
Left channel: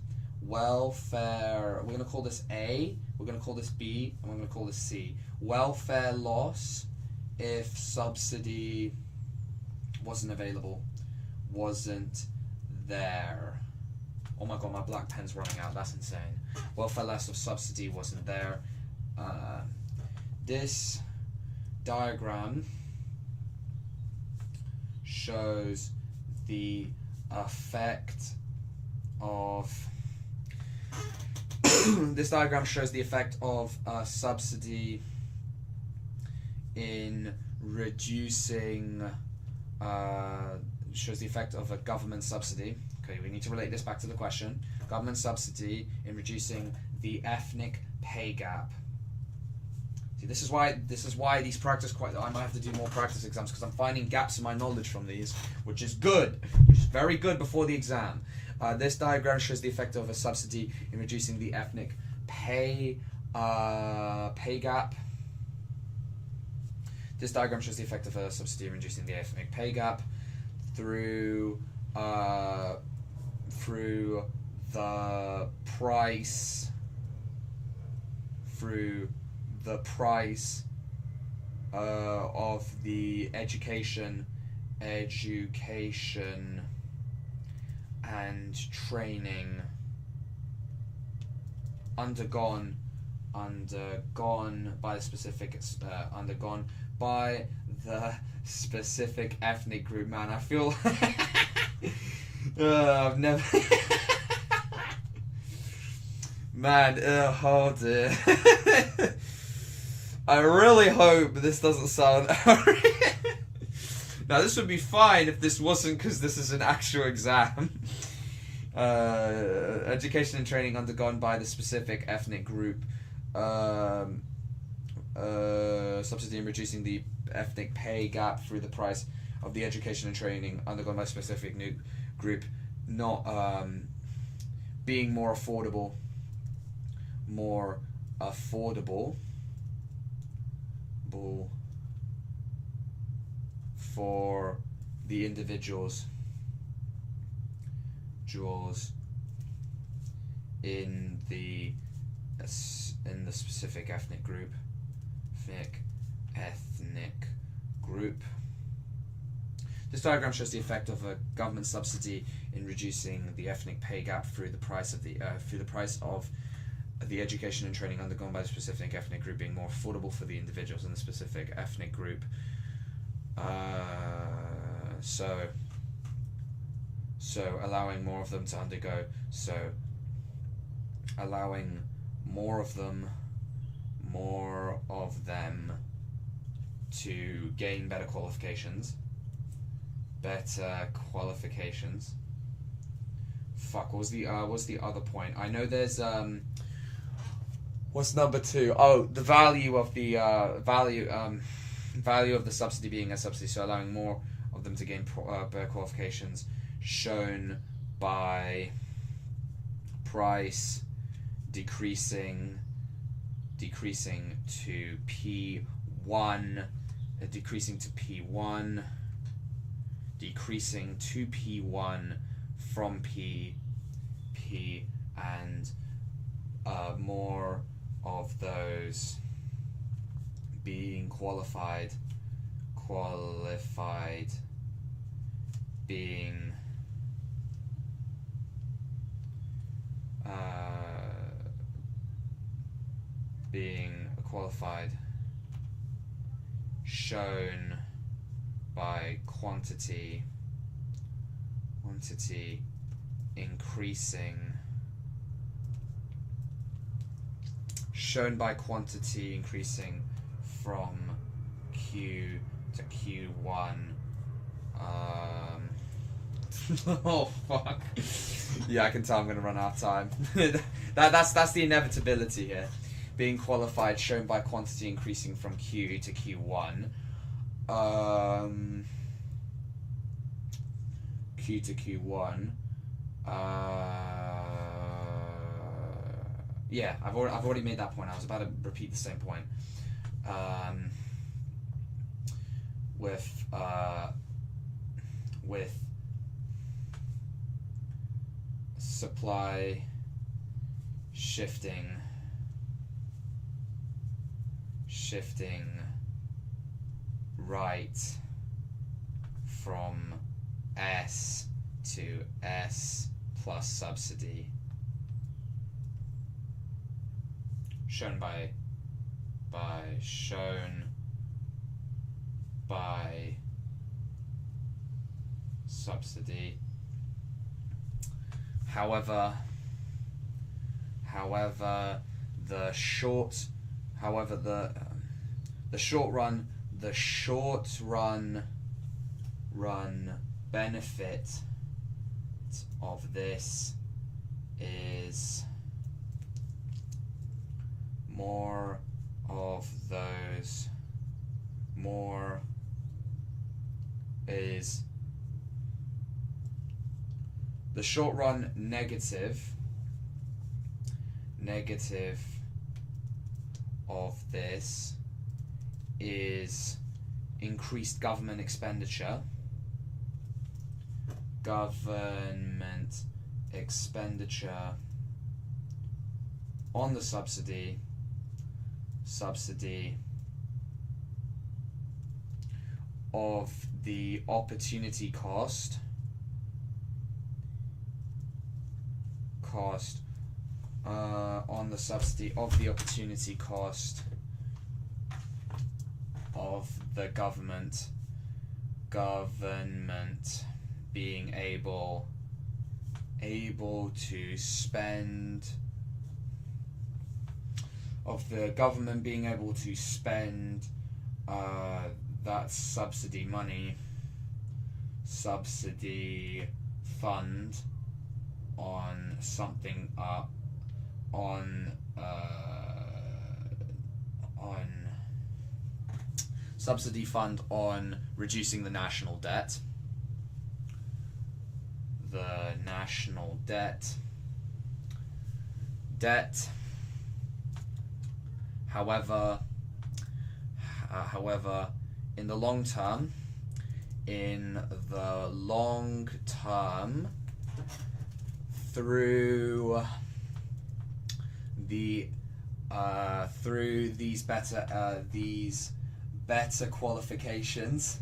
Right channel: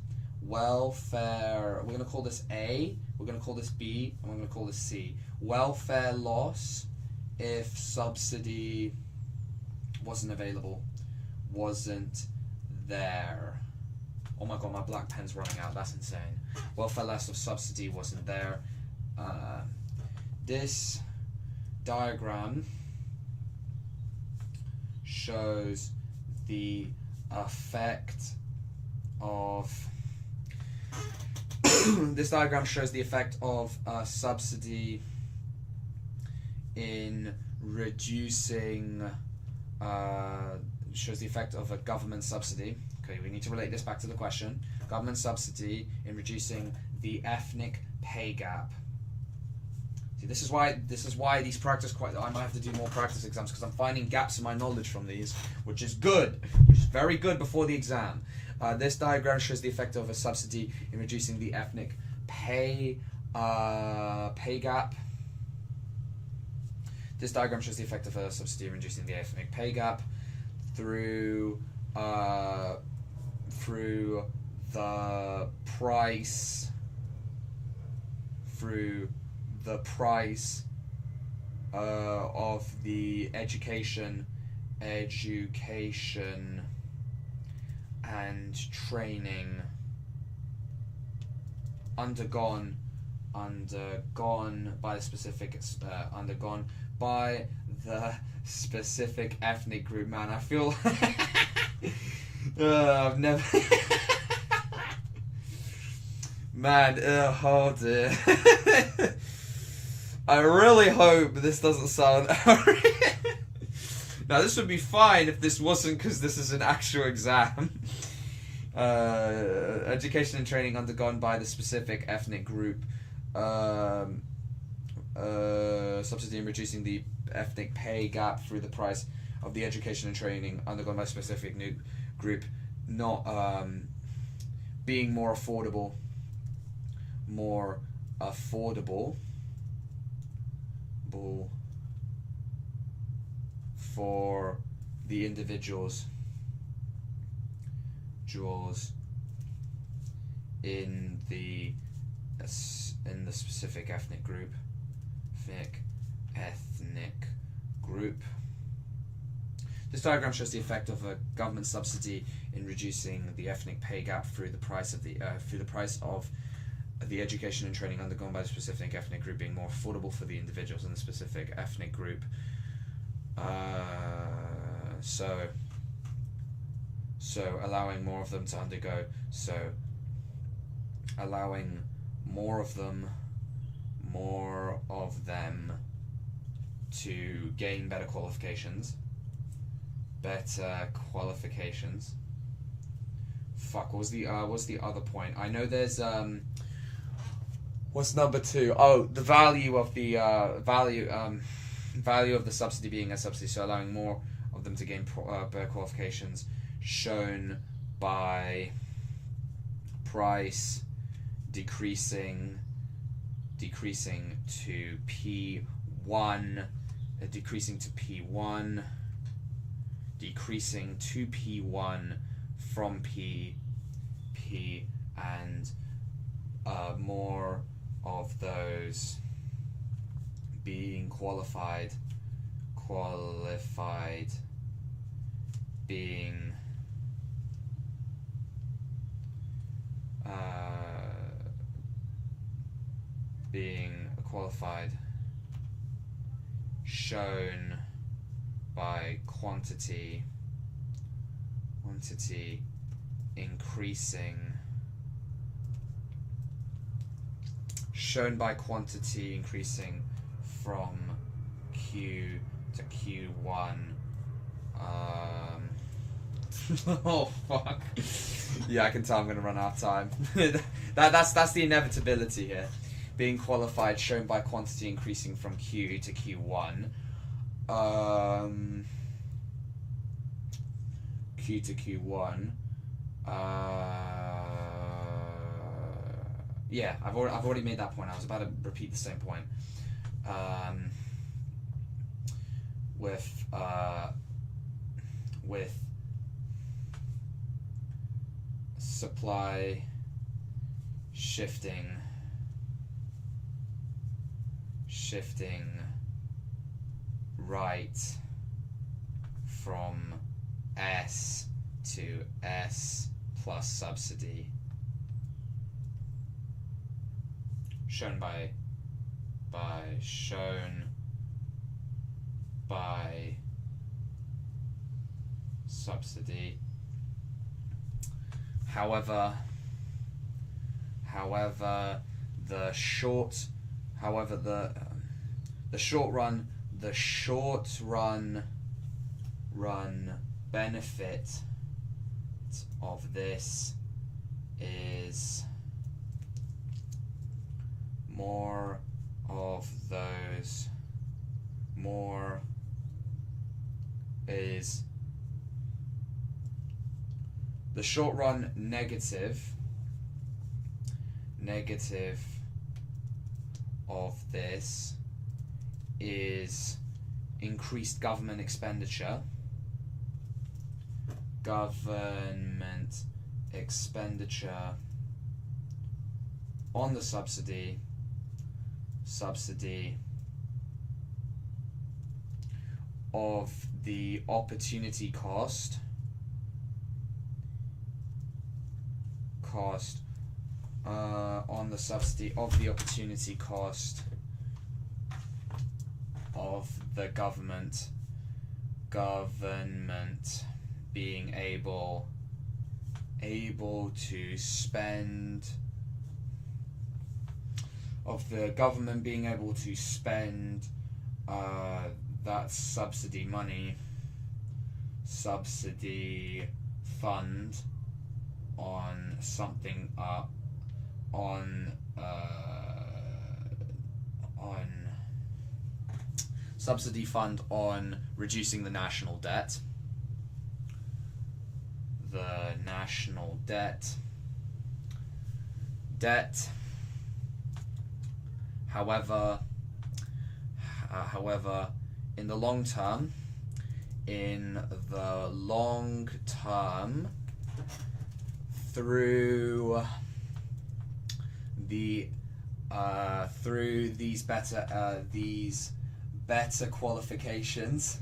Welfare. We're gonna call this A. We're gonna call this B, and we're gonna call this C. Welfare loss if subsidy wasn't available, wasn't there. Oh my god, my black pen's running out. That's insane. Welfare loss if subsidy wasn't there. This diagram shows the effect of this diagram shows the effect of subsidy in reducing shows the effect of a government subsidy. Okay, we need to relate this back to the question. Government subsidy in reducing the ethnic pay gap. See, this is why these practice I might have to do more practice exams, because I'm finding gaps in my knowledge from these, which is good, which is very good before the exam. This diagram shows the effect of a subsidy in reducing the ethnic pay gap. This diagram shows the effect of a subsidy in reducing the ethnic pay gap through the price of the education and training undergone by the specific ethnic group. Man, I feel I've never man, oh dear. I really hope this doesn't sound now this would be fine if this wasn't, because this is an actual exam. Education and training undergone by the specific ethnic group. Subsidy in reducing the ethnic pay gap through the price of the education and training undergone by a specific group, not being more affordable for the individuals in the specific ethnic group. This diagram shows the effect of a government subsidy in reducing the ethnic pay gap through the price of the education and training undergone by a specific ethnic group being more affordable for the individuals in the specific ethnic group. So allowing more of them to undergo. So allowing more of them to gain better qualifications. Fuck, what was the other point? I know there's what's number 2? Oh, the value of the value of the subsidy being a subsidy, so allowing more of them to gain better qualifications, shown by price decreasing to P1, decreasing to P1 from P, and more of those being qualified being qualified, shown by quantity increasing, from Q to Q1. Oh fuck. Yeah, I can tell I'm gonna run out of time. That's the inevitability here. being qualified shown by quantity increasing from Q to Q1. Q to Q1. Yeah, I've already made that point. I was about to repeat the same point. With supply shifting right from S to S plus subsidy, shown by subsidy. However, the short run benefit of this is the short run negative of this is increased government expenditure on the subsidy of the opportunity cost on the subsidy of the opportunity cost of the government being able to spend that subsidy fund on something subsidy fund on reducing the national debt. The national debt. However, in the long term, through these better qualifications,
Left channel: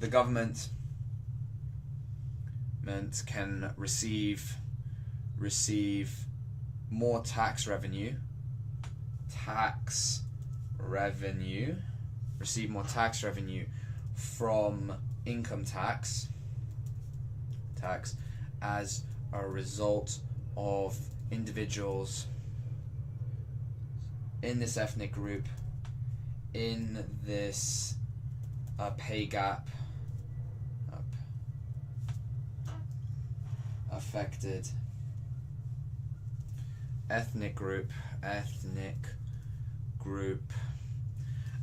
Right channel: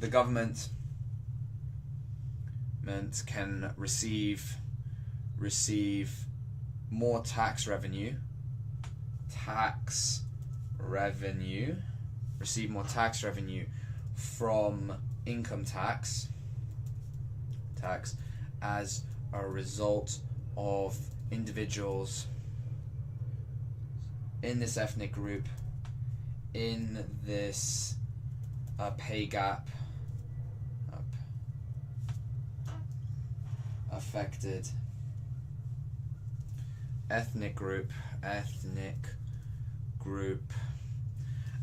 the government can receive more tax revenue, from income tax as a result of individuals in this ethnic group in this pay gap affected ethnic group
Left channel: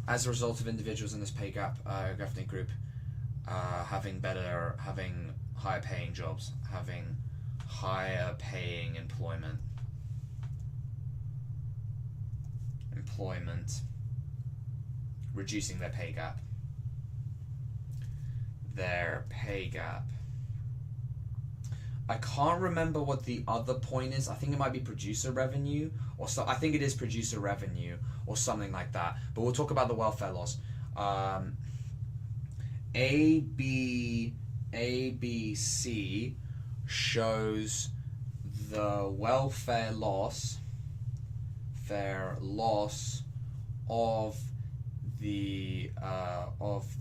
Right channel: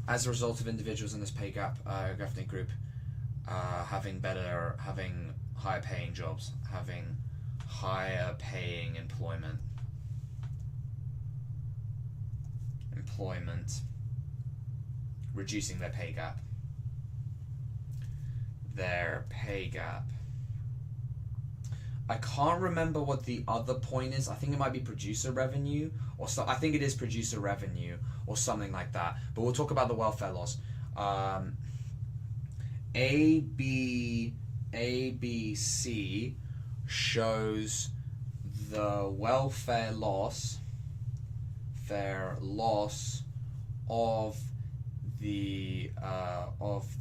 as a result of individuals in this pay gap ethnic group having higher paying jobs, having higher paying employment, reducing their pay gap. I can't remember what the other point is. I think it might be producer revenue, or so. I think it is producer revenue or something like that. But we'll talk about the welfare loss. ABC shows the welfare loss of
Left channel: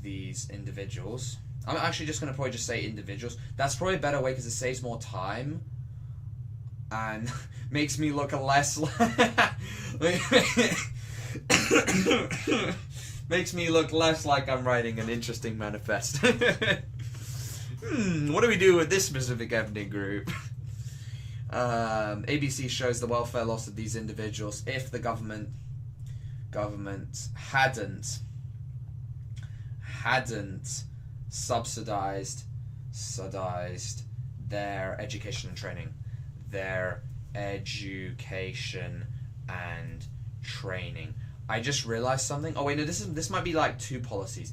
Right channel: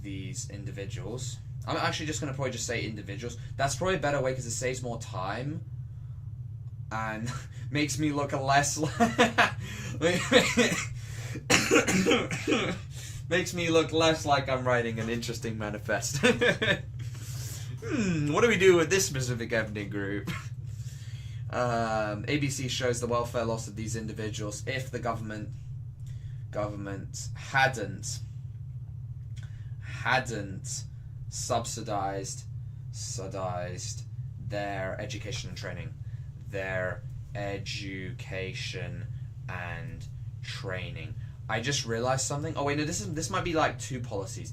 these individuals. I'm actually just going to probably just say individuals. That's probably a better way because it saves more time and makes me look less makes me look less like I'm writing an interesting manifest. what do we do with this specific ethnic group? ABC shows the welfare loss of these individuals if the government hadn't subsidized their education and training. I just realized something. Oh wait, no, this might be like 2 policies.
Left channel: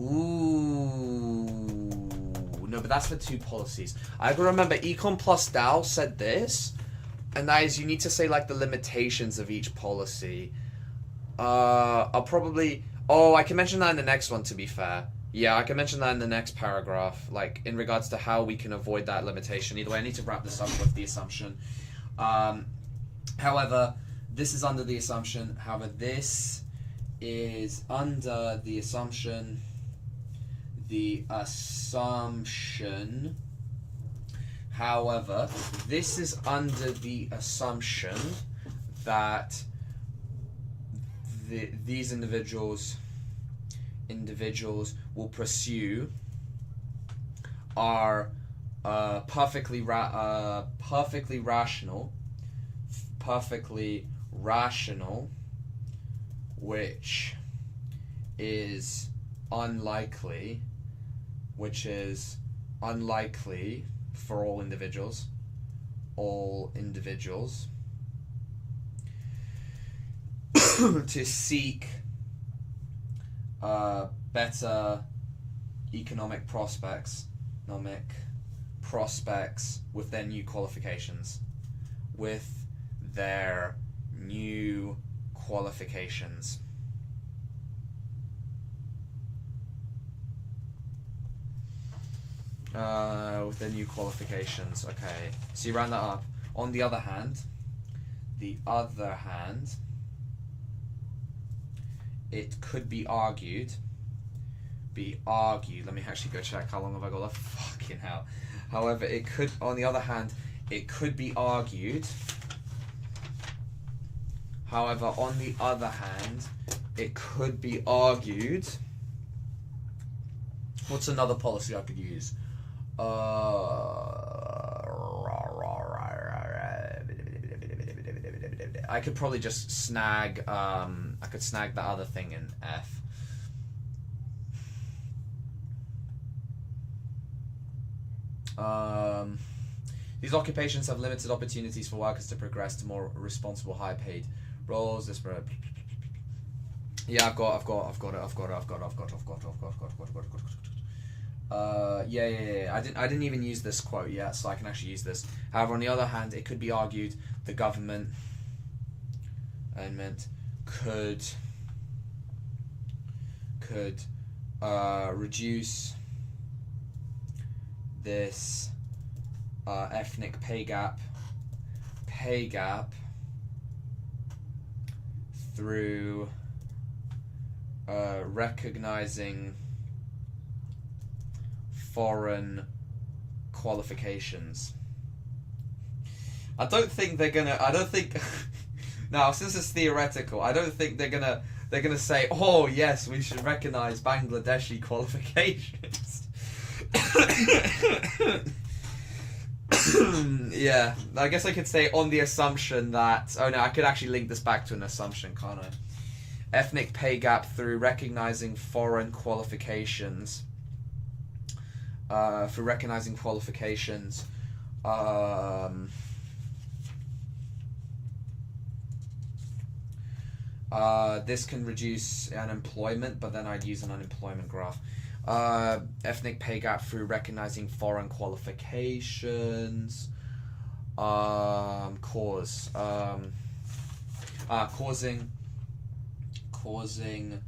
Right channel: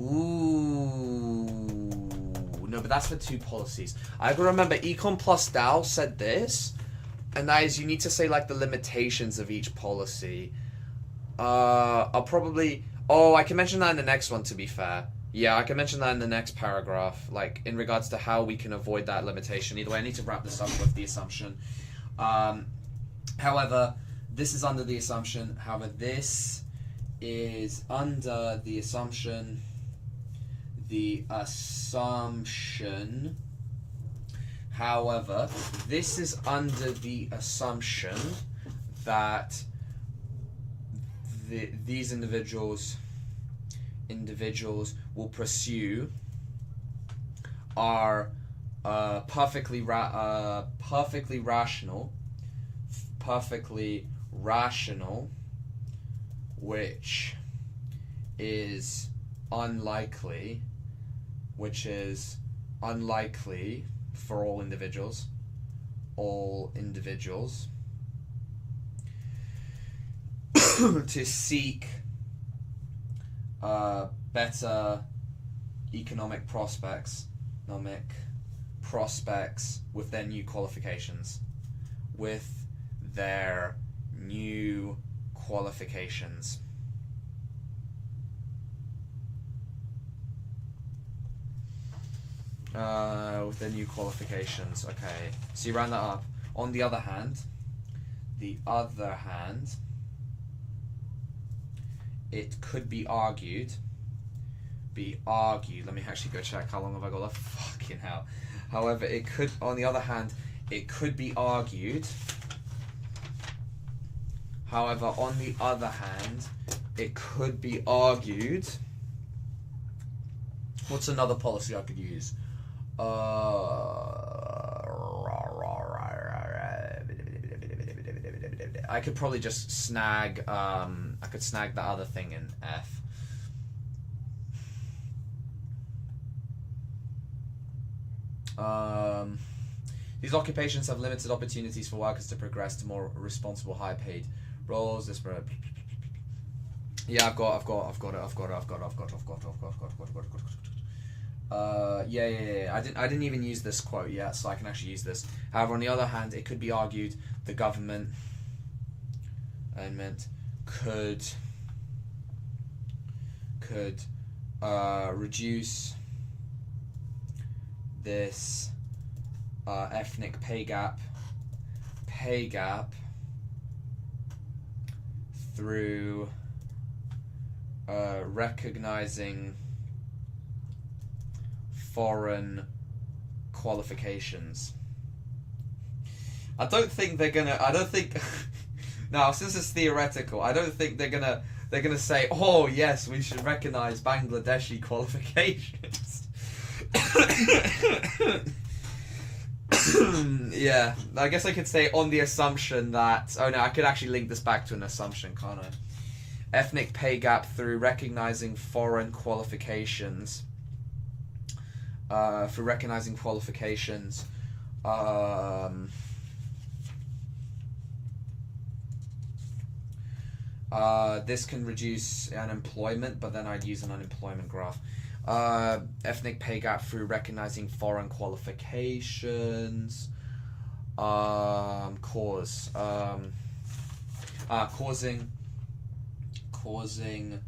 Ooh, no, but that's for 2 policies. I can remember Econ plus DAO said this, and that is you need to say like the limitations of each policy. I'll probably. Oh, I can mention that in the next one. To be fair, yeah, I can mention that in the next paragraph, like in regards to how we can avoid that limitation. Either way, I need to wrap this up with the assumption. However, this is under the assumption. However, this is under the assumption. However, this is under the assumption that these individuals will pursue are perfectly rational, which is unlikely for all individuals to seek better economic prospects with their new qualifications. Okay, so you round that up. On the other hand, it could be argued. Let me actually go check how long have I got left. Fucking hell. However, it could be argued. What's another policy I could use? I could probably just snag. I could snag the other thing in F. These occupations have limited opportunities for workers to progress to more responsible, high-paid roles. Yeah, I've got it. I didn't even use this quote yet, so I can actually use this. However, on the other hand, it could be argued the government could reduce this ethnic pay gap through recognizing foreign qualifications. I don't think now, since it's theoretical, I don't think they're gonna say, oh yes, we should recognize Bangladeshi qualifications. Yeah, I guess I could say on the assumption that, oh no, I could actually link this back to an assumption, can't I? Ethnic pay gap through recognizing foreign qualifications. This can reduce unemployment, but then I'd use an unemployment graph. Ethnic pay gap through recognizing foreign qualifications. Causing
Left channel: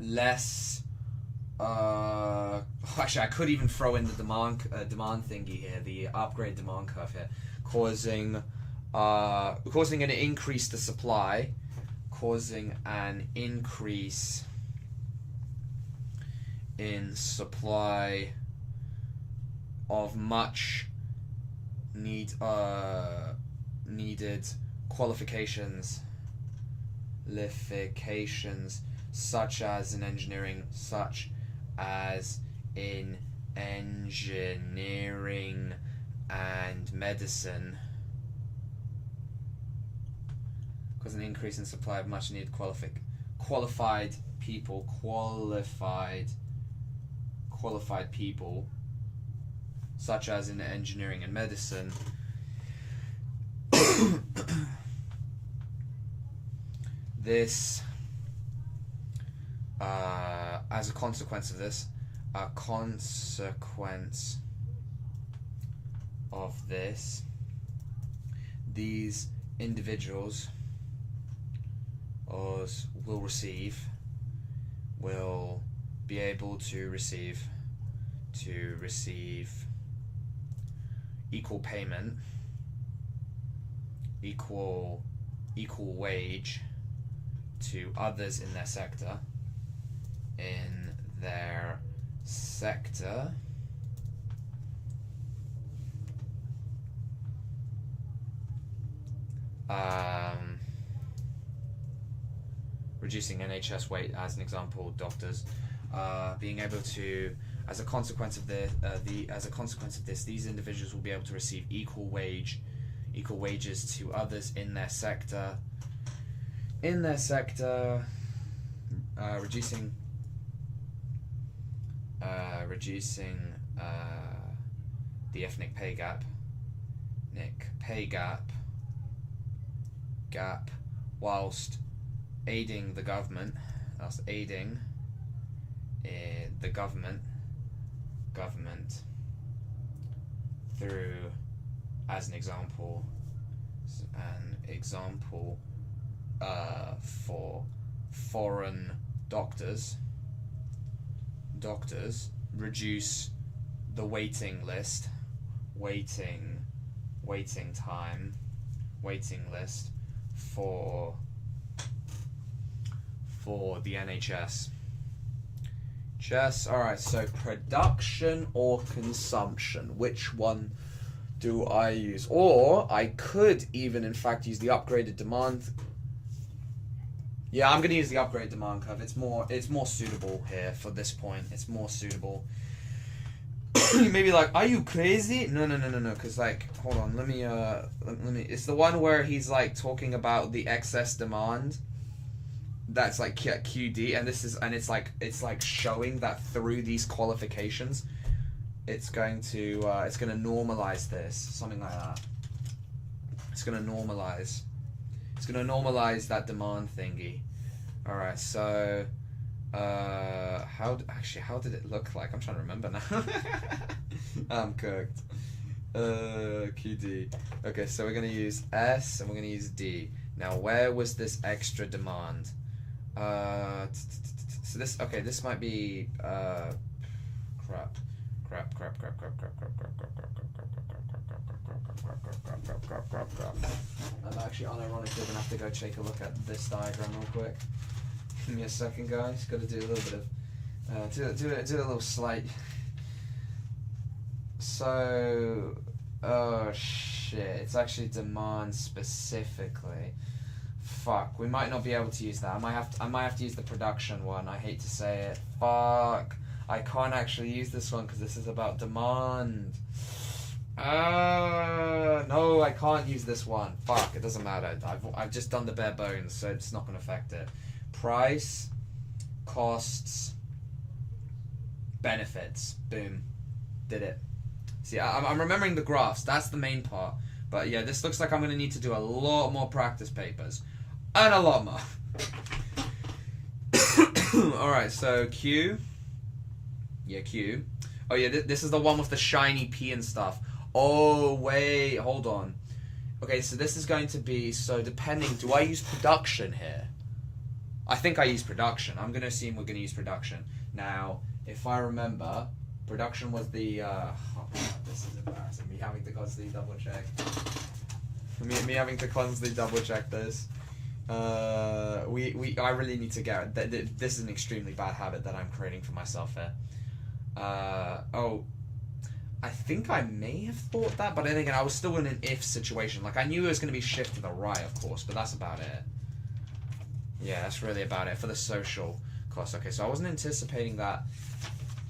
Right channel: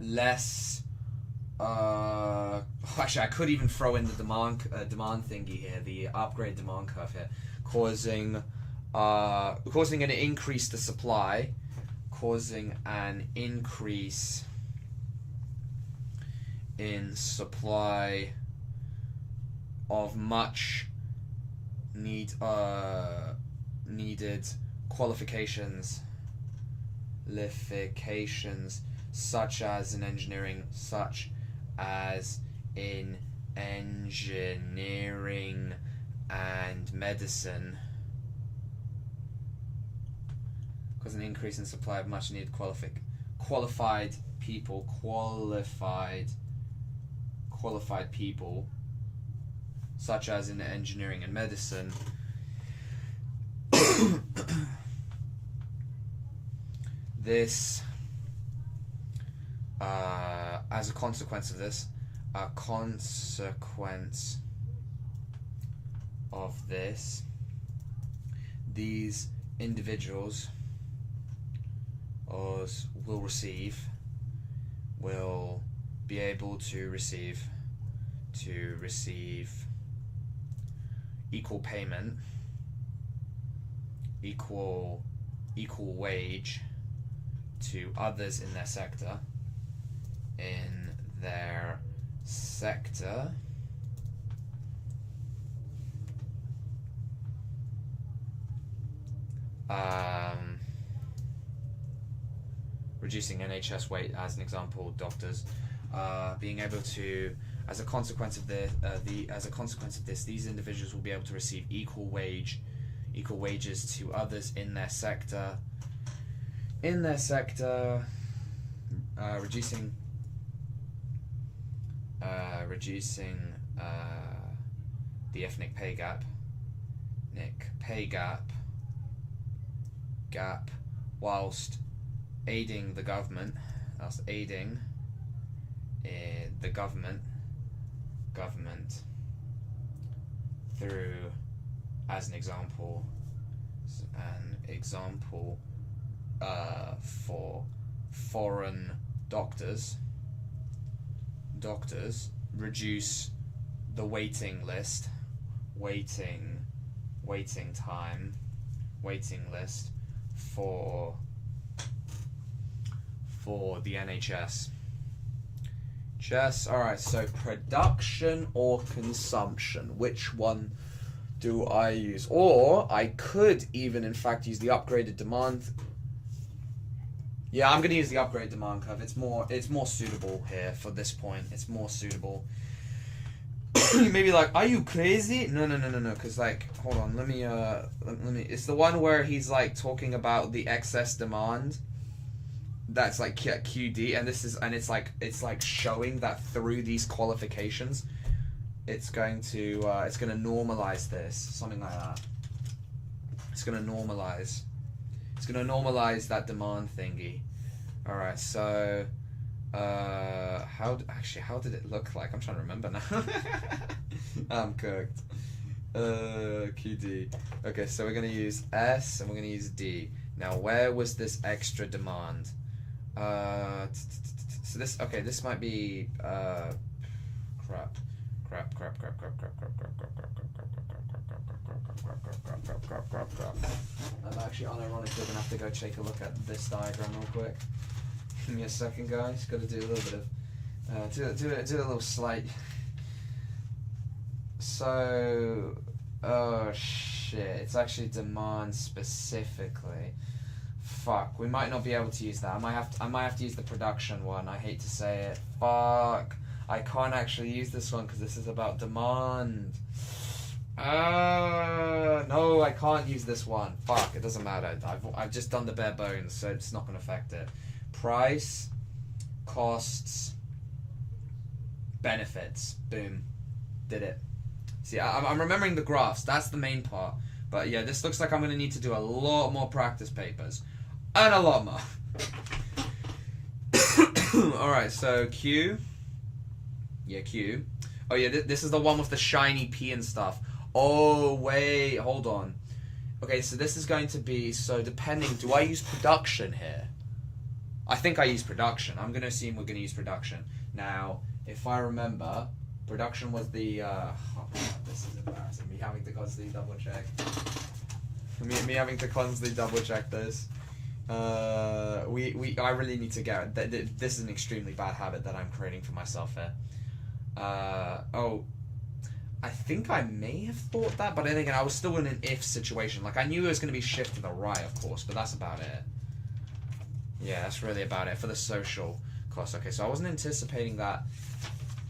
less. Actually, I could even throw in the demand thingy here, the upgrade demand curve here, causing an increase to supply, causing an increase in supply of much needed qualifications, such as in engineering, medicine cause an increase in supply of much needed qualified people, such as in engineering and medicine. This, as a consequence of this, these individuals will be able to receive equal payment, equal wage to others in their sector. Reducing NHS weight, as an example, doctors being able to, as a consequence of this, these individuals will be able to receive equal wages to others in their sector. Reducing the ethnic pay gap, whilst aiding the government, through, as an example, for foreign doctors, reduce the waiting list for the NHS. Alright, so production or consumption? Which one do I use? Or I could even, in fact, use the upgraded demand. Yeah, I'm going to use the upgraded demand curve. It's more suitable here for this point. It's more suitable. You may be like, are you crazy? No, because, like, hold on, let me, it's the one where he's, like, talking about the excess demand. That's, like, QD, and it's like showing that through these qualifications, it's going to normalize this, something like that. It's going to normalize that demand thingy. Alright, so, how did it look like? I'm trying to remember now. I'm cooked. QD. Okay, so we're going to use S and we're going to use D. Now, where was this extra demand? So this might be, crap. I'm actually unironically going to have to go take a look at this diagram real quick. Give me a second, guys. Got to do a little bit of, do a little slight. So, oh shit, it's actually demand specifically. Fuck, we might not be able to use that. I might have to use the production one. I hate to say it. Fuck, I can't actually use this one because this is about demand. No, I can't use this one. Fuck, it doesn't matter. I've just done the bare bones, so it's not going to affect it. Price, costs, benefits. Boom. Did it. See, I'm remembering the graphs. That's the main part. But yeah, this looks like I'm going to need to do a lot more practice papers. And a lot more. Alright, so Q. Yeah, Q. Oh yeah, this is the one with the shiny P and stuff. Oh, wait, hold on. Okay, so this is going to be, so depending, do I use production here? I think I use production. I'm going to assume we're going to use production. Now, if I remember, production was the, oh man, this is embarrassing. Me having to constantly double check. Me having to constantly double check this. I really need to get, this is an extremely bad habit that I'm creating for myself here. Oh, I think I may have thought that, but then again, I was still in an if situation. Like, I knew it was going to be shift to the right, of course, but that's about it. Yeah, that's really about it for the social cost. Okay, so I wasn't anticipating that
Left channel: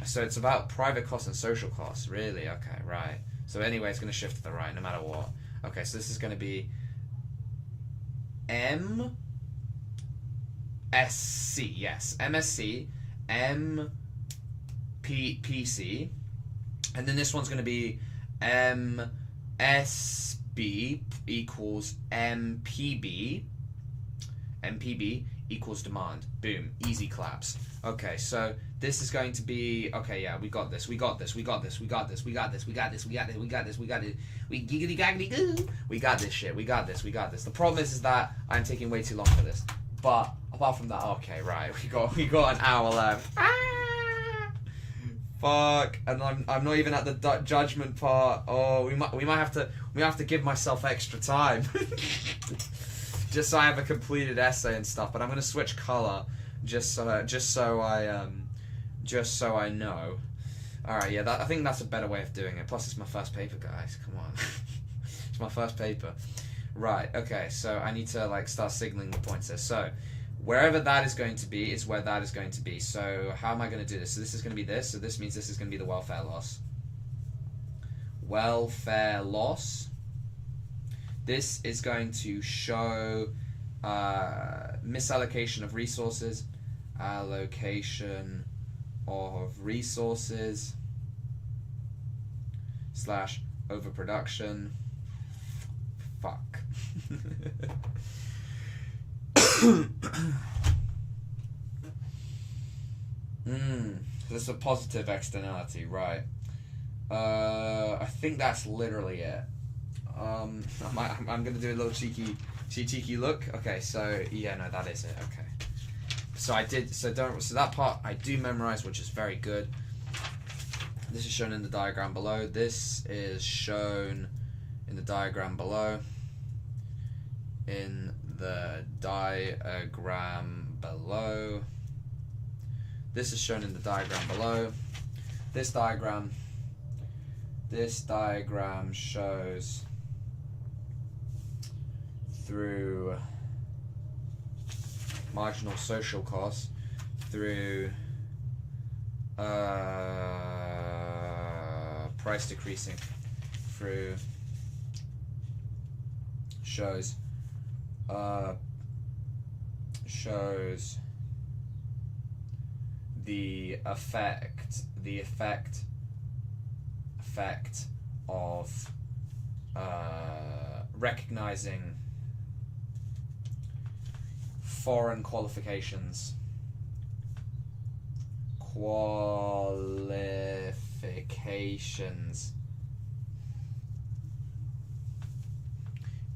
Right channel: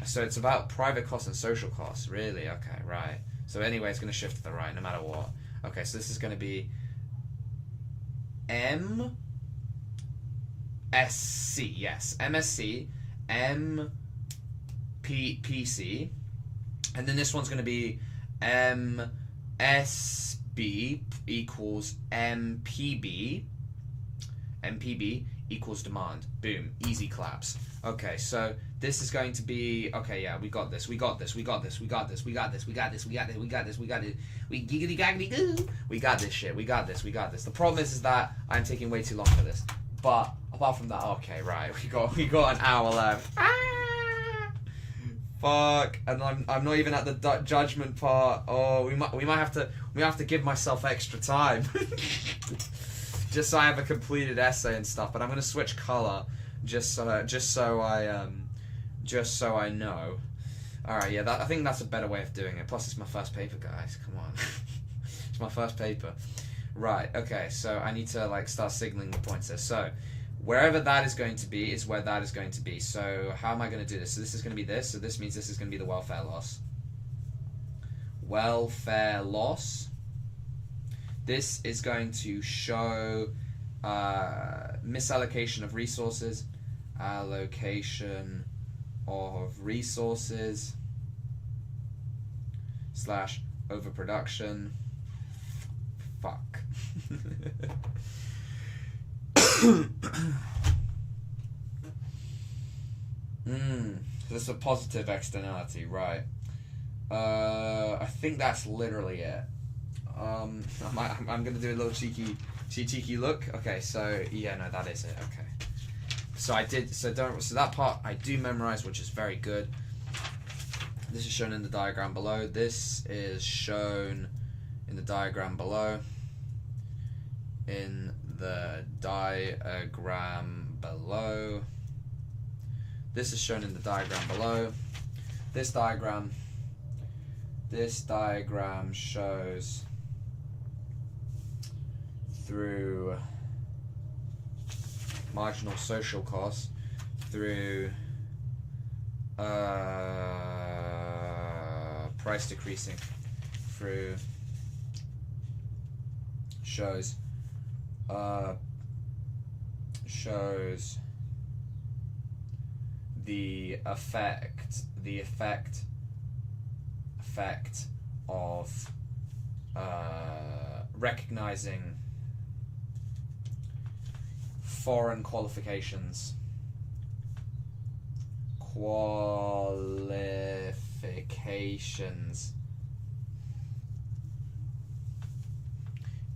So it's about private costs and social costs, really? Okay, right. So anyway, it's going to shift to the right, no matter what. Okay, so this is going to be MSC, yes. MSC, MPC, and then this one's going to be MSB equals MPB. MPB equals demand. Boom. Easy claps. Okay, so this is going to be, okay, yeah, we got this. We got this shit. The problem is that I'm taking way too long for this. But apart from that, okay, right, we got an hour left. Fuck, and I'm not even at the judgment part. Oh, we might have to give myself extra time. Just so I have a completed essay and stuff, but I'm gonna switch color just so I know. All right, yeah, I think that's a better way of doing it. Plus, it's my first paper, guys. Come on, it's my first paper. Right. Okay. So I need to start signaling the points there. So wherever that is going to be is where that is going to be. So how am I going to do this? So this is going to be this. So this means this is going to be the welfare loss. Welfare loss. This is going to show misallocation of resources, allocation of resources / overproduction. Fuck. This is a positive externality, right? I think that's literally it. I'm gonna do a little cheeky look. Okay, so yeah, no, that is it. Okay, so that part I do memorize, which is very good. This is shown in the diagram below. This is shown in the diagram below. In the diagram below. This is shown in the diagram below. This diagram shows through marginal social costs, through price decreasing, through shows the effect of recognizing foreign qualifications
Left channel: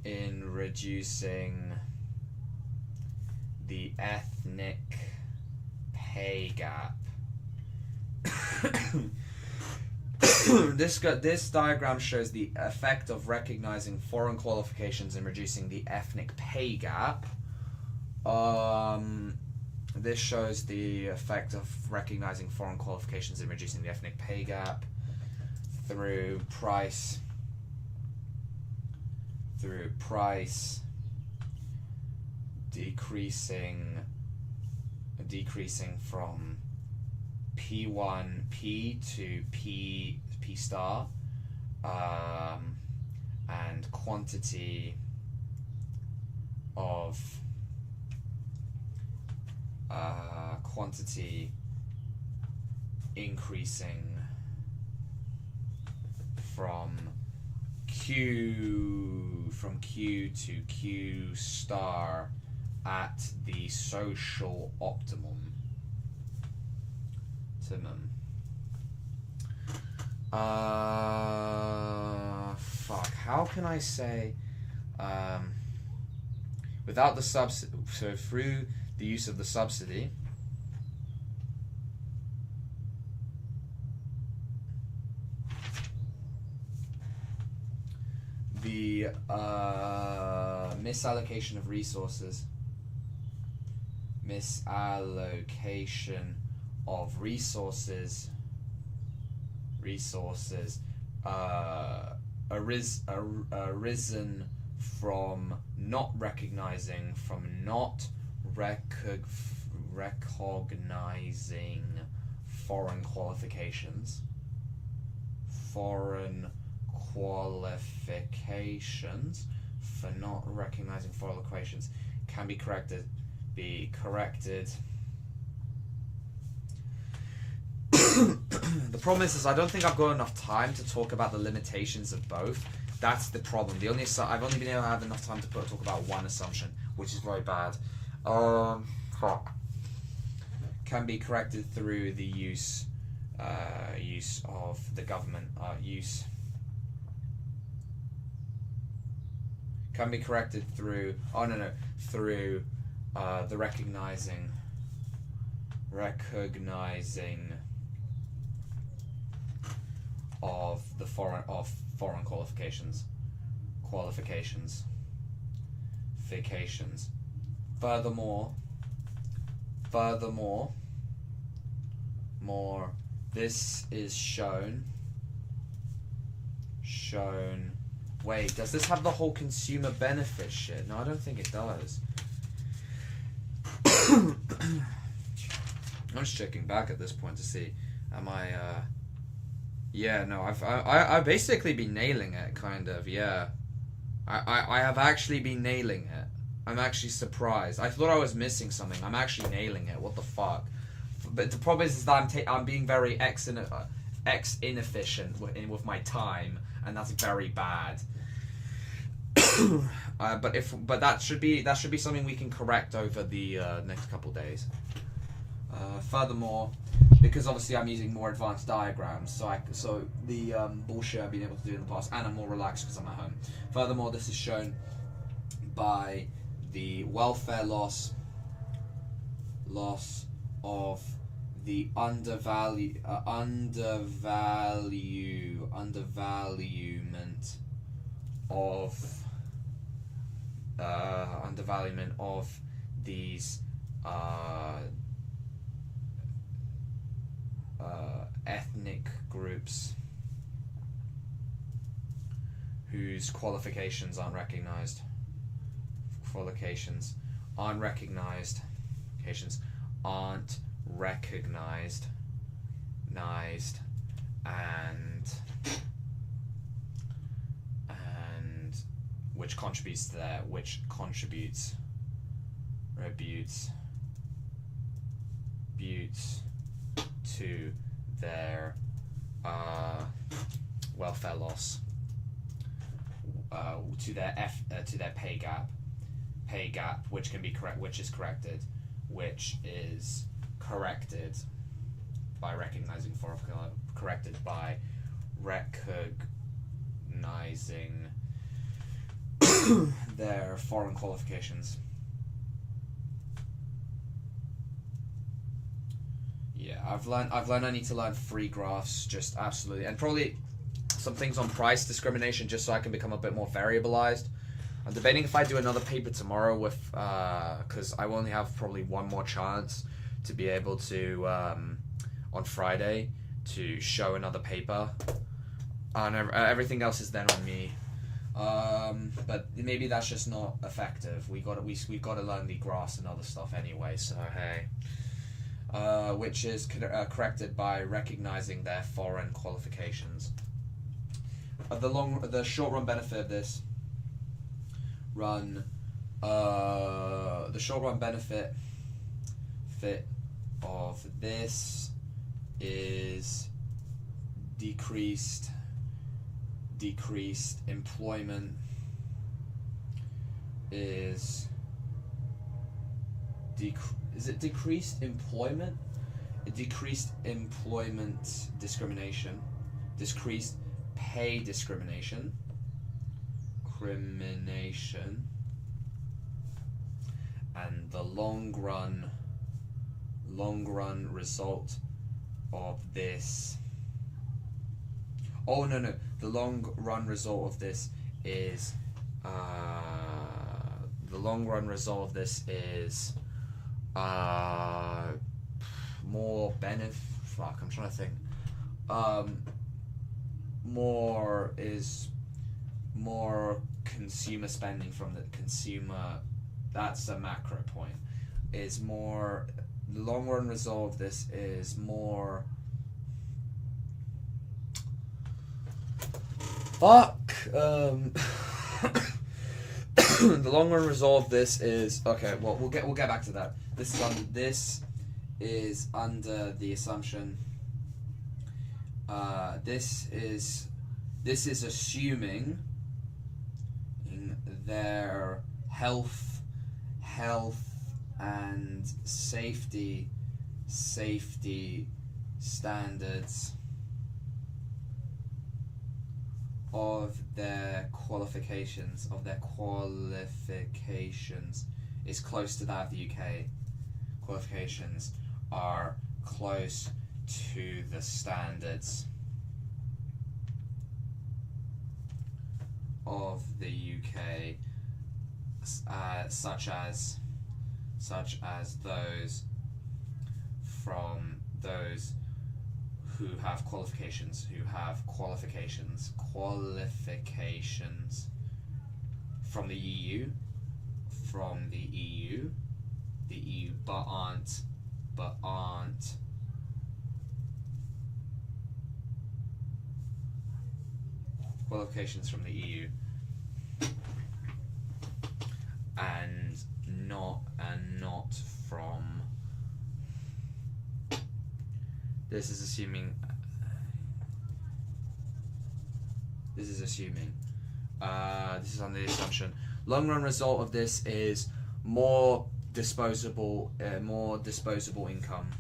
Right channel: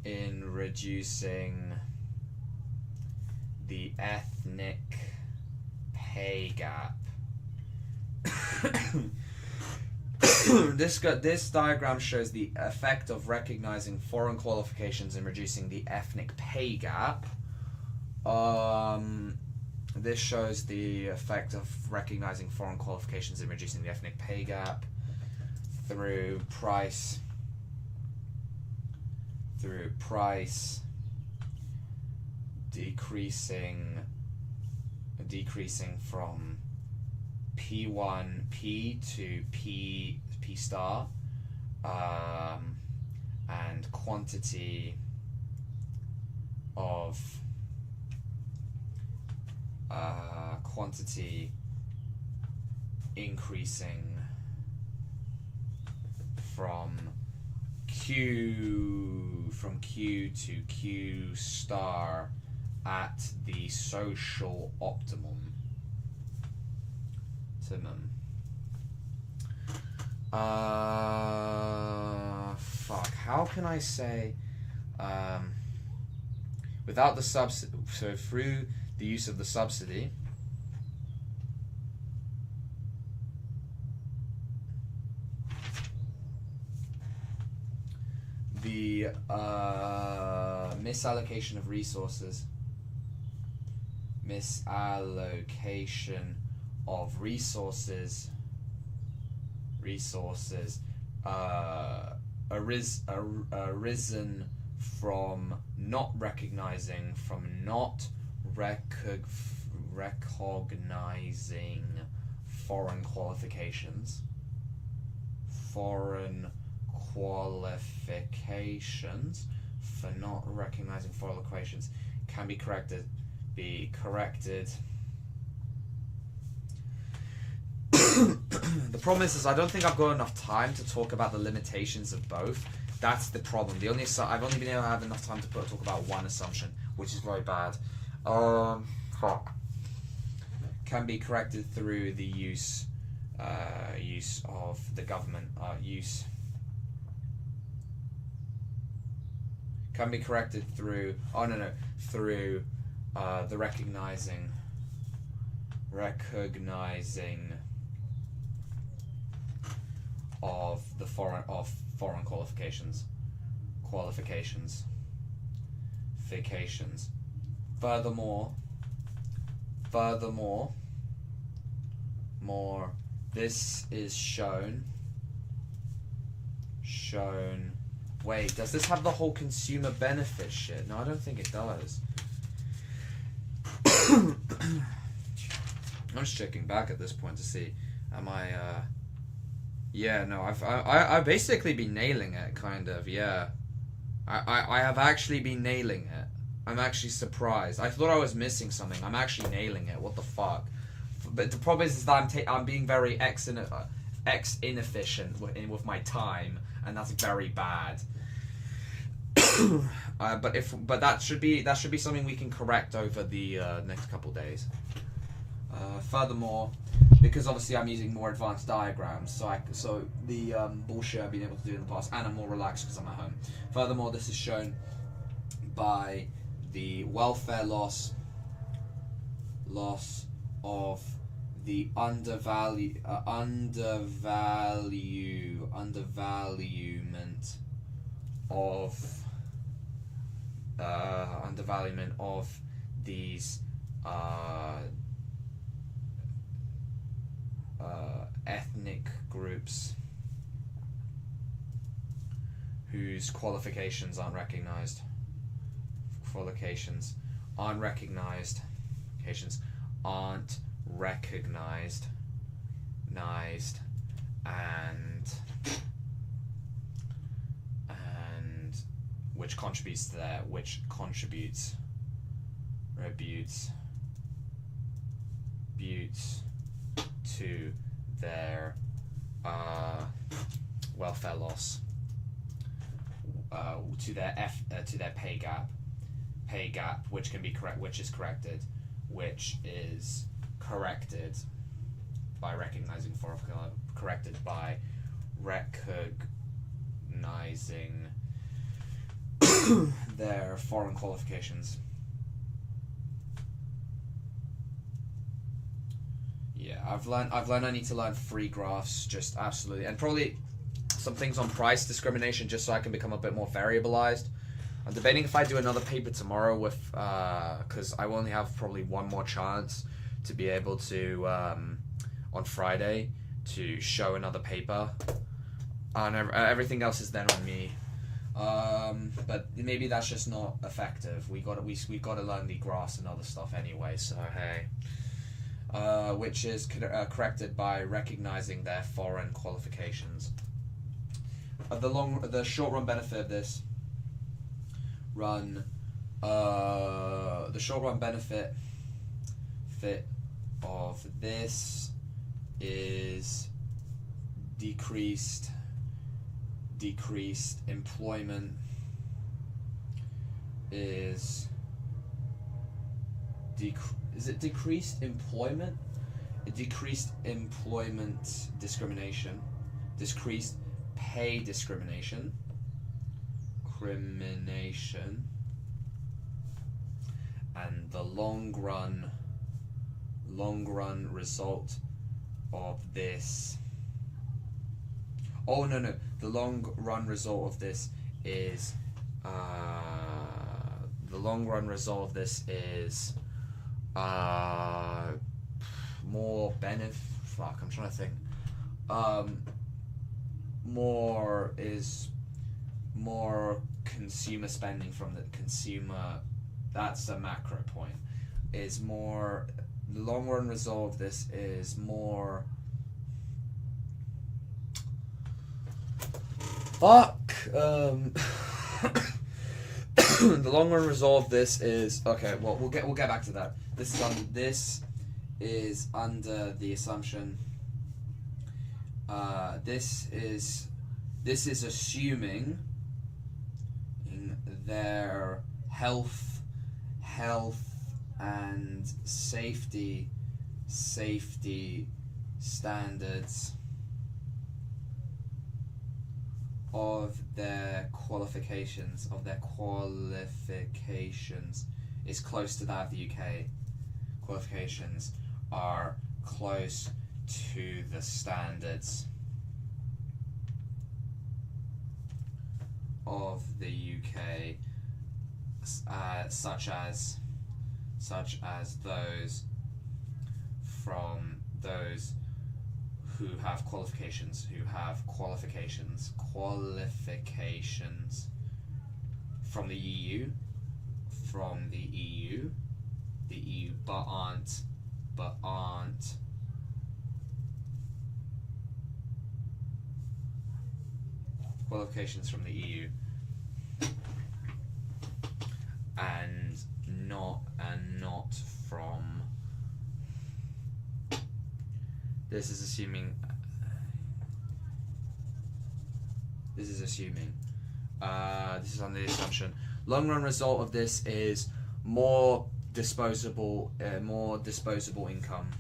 in reducing the ethnic pay gap. This diagram shows the effect of recognizing foreign qualifications in reducing the ethnic pay gap. This shows the effect of recognizing foreign qualifications in reducing the ethnic pay gap through price decreasing from P1P to P star, and quantity increasing from Q to Q star at the social optimum. Fuck, how can I say, without the subsidy, so through the use of the subsidy, the misallocation of resources, arisen from not recognizing foreign qualifications. Foreign qualifications for not recognizing foreign qualifications can be corrected. The problem is I don't think I've got enough time to talk about the limitations of both. That's the problem. I've only been able to have enough time to talk about one assumption, which is very bad. Fuck. Can be corrected through the use of the government. Can be corrected through. Through the recognizing of the foreign qualifications. Furthermore, this is shown. Wait, does this have the whole consumer benefit shit? No, I don't think it does. I'm just checking back at this point to see. Am I? Yeah, no. I've basically been nailing it, kind of. Yeah, I have actually been nailing it. I'm actually surprised. I thought I was missing something. I'm actually nailing it. What the fuck? But the problem is that I'm being very inefficient with my time, and that's very bad. But that should be something we can correct over the next couple days. Furthermore, because obviously I'm using more advanced diagrams, so the bullshit I've been able to do in the past, and I'm more relaxed because I'm at home. Furthermore, this is shown by the welfare loss of the undervaluement of these ethnic groups whose qualifications aren't recognized. And which contributes to their welfare loss, to their pay gap, which is corrected by recognizing their foreign qualifications. Yeah, I've learned I need to learn free graphs, just absolutely, and probably some things on price discrimination, just so I can become a bit more variabilized. I'm debating if I do another paper tomorrow with, because I only have probably one more chance to be able to, on Friday, to show another paper, and everything else is then on me. But maybe that's just not effective. We've got to learn the graphs and other stuff anyway. So hey, which is corrected by recognizing their foreign qualifications. The short run benefit of this is decreased employment, is it decreased employment? Decreased employment discrimination, decreased pay discrimination, and the long run result of this. Oh no! The long run result of this is more benefit. Fuck, I'm trying to think. More consumer spending from the consumer. That's a macro point. The long run result of this is more Fuck. The long run result of this is okay. Well, we'll get back to that. This is under the assumption. This is assuming in their health and safety standards of their qualifications is close to that of the UK. Qualifications are close to the standards of the UK, such as those from those who have qualifications from the EU, but aren't qualifications from the EU and not from. This is assuming. This is under the assumption. Long run result of this is more disposable income.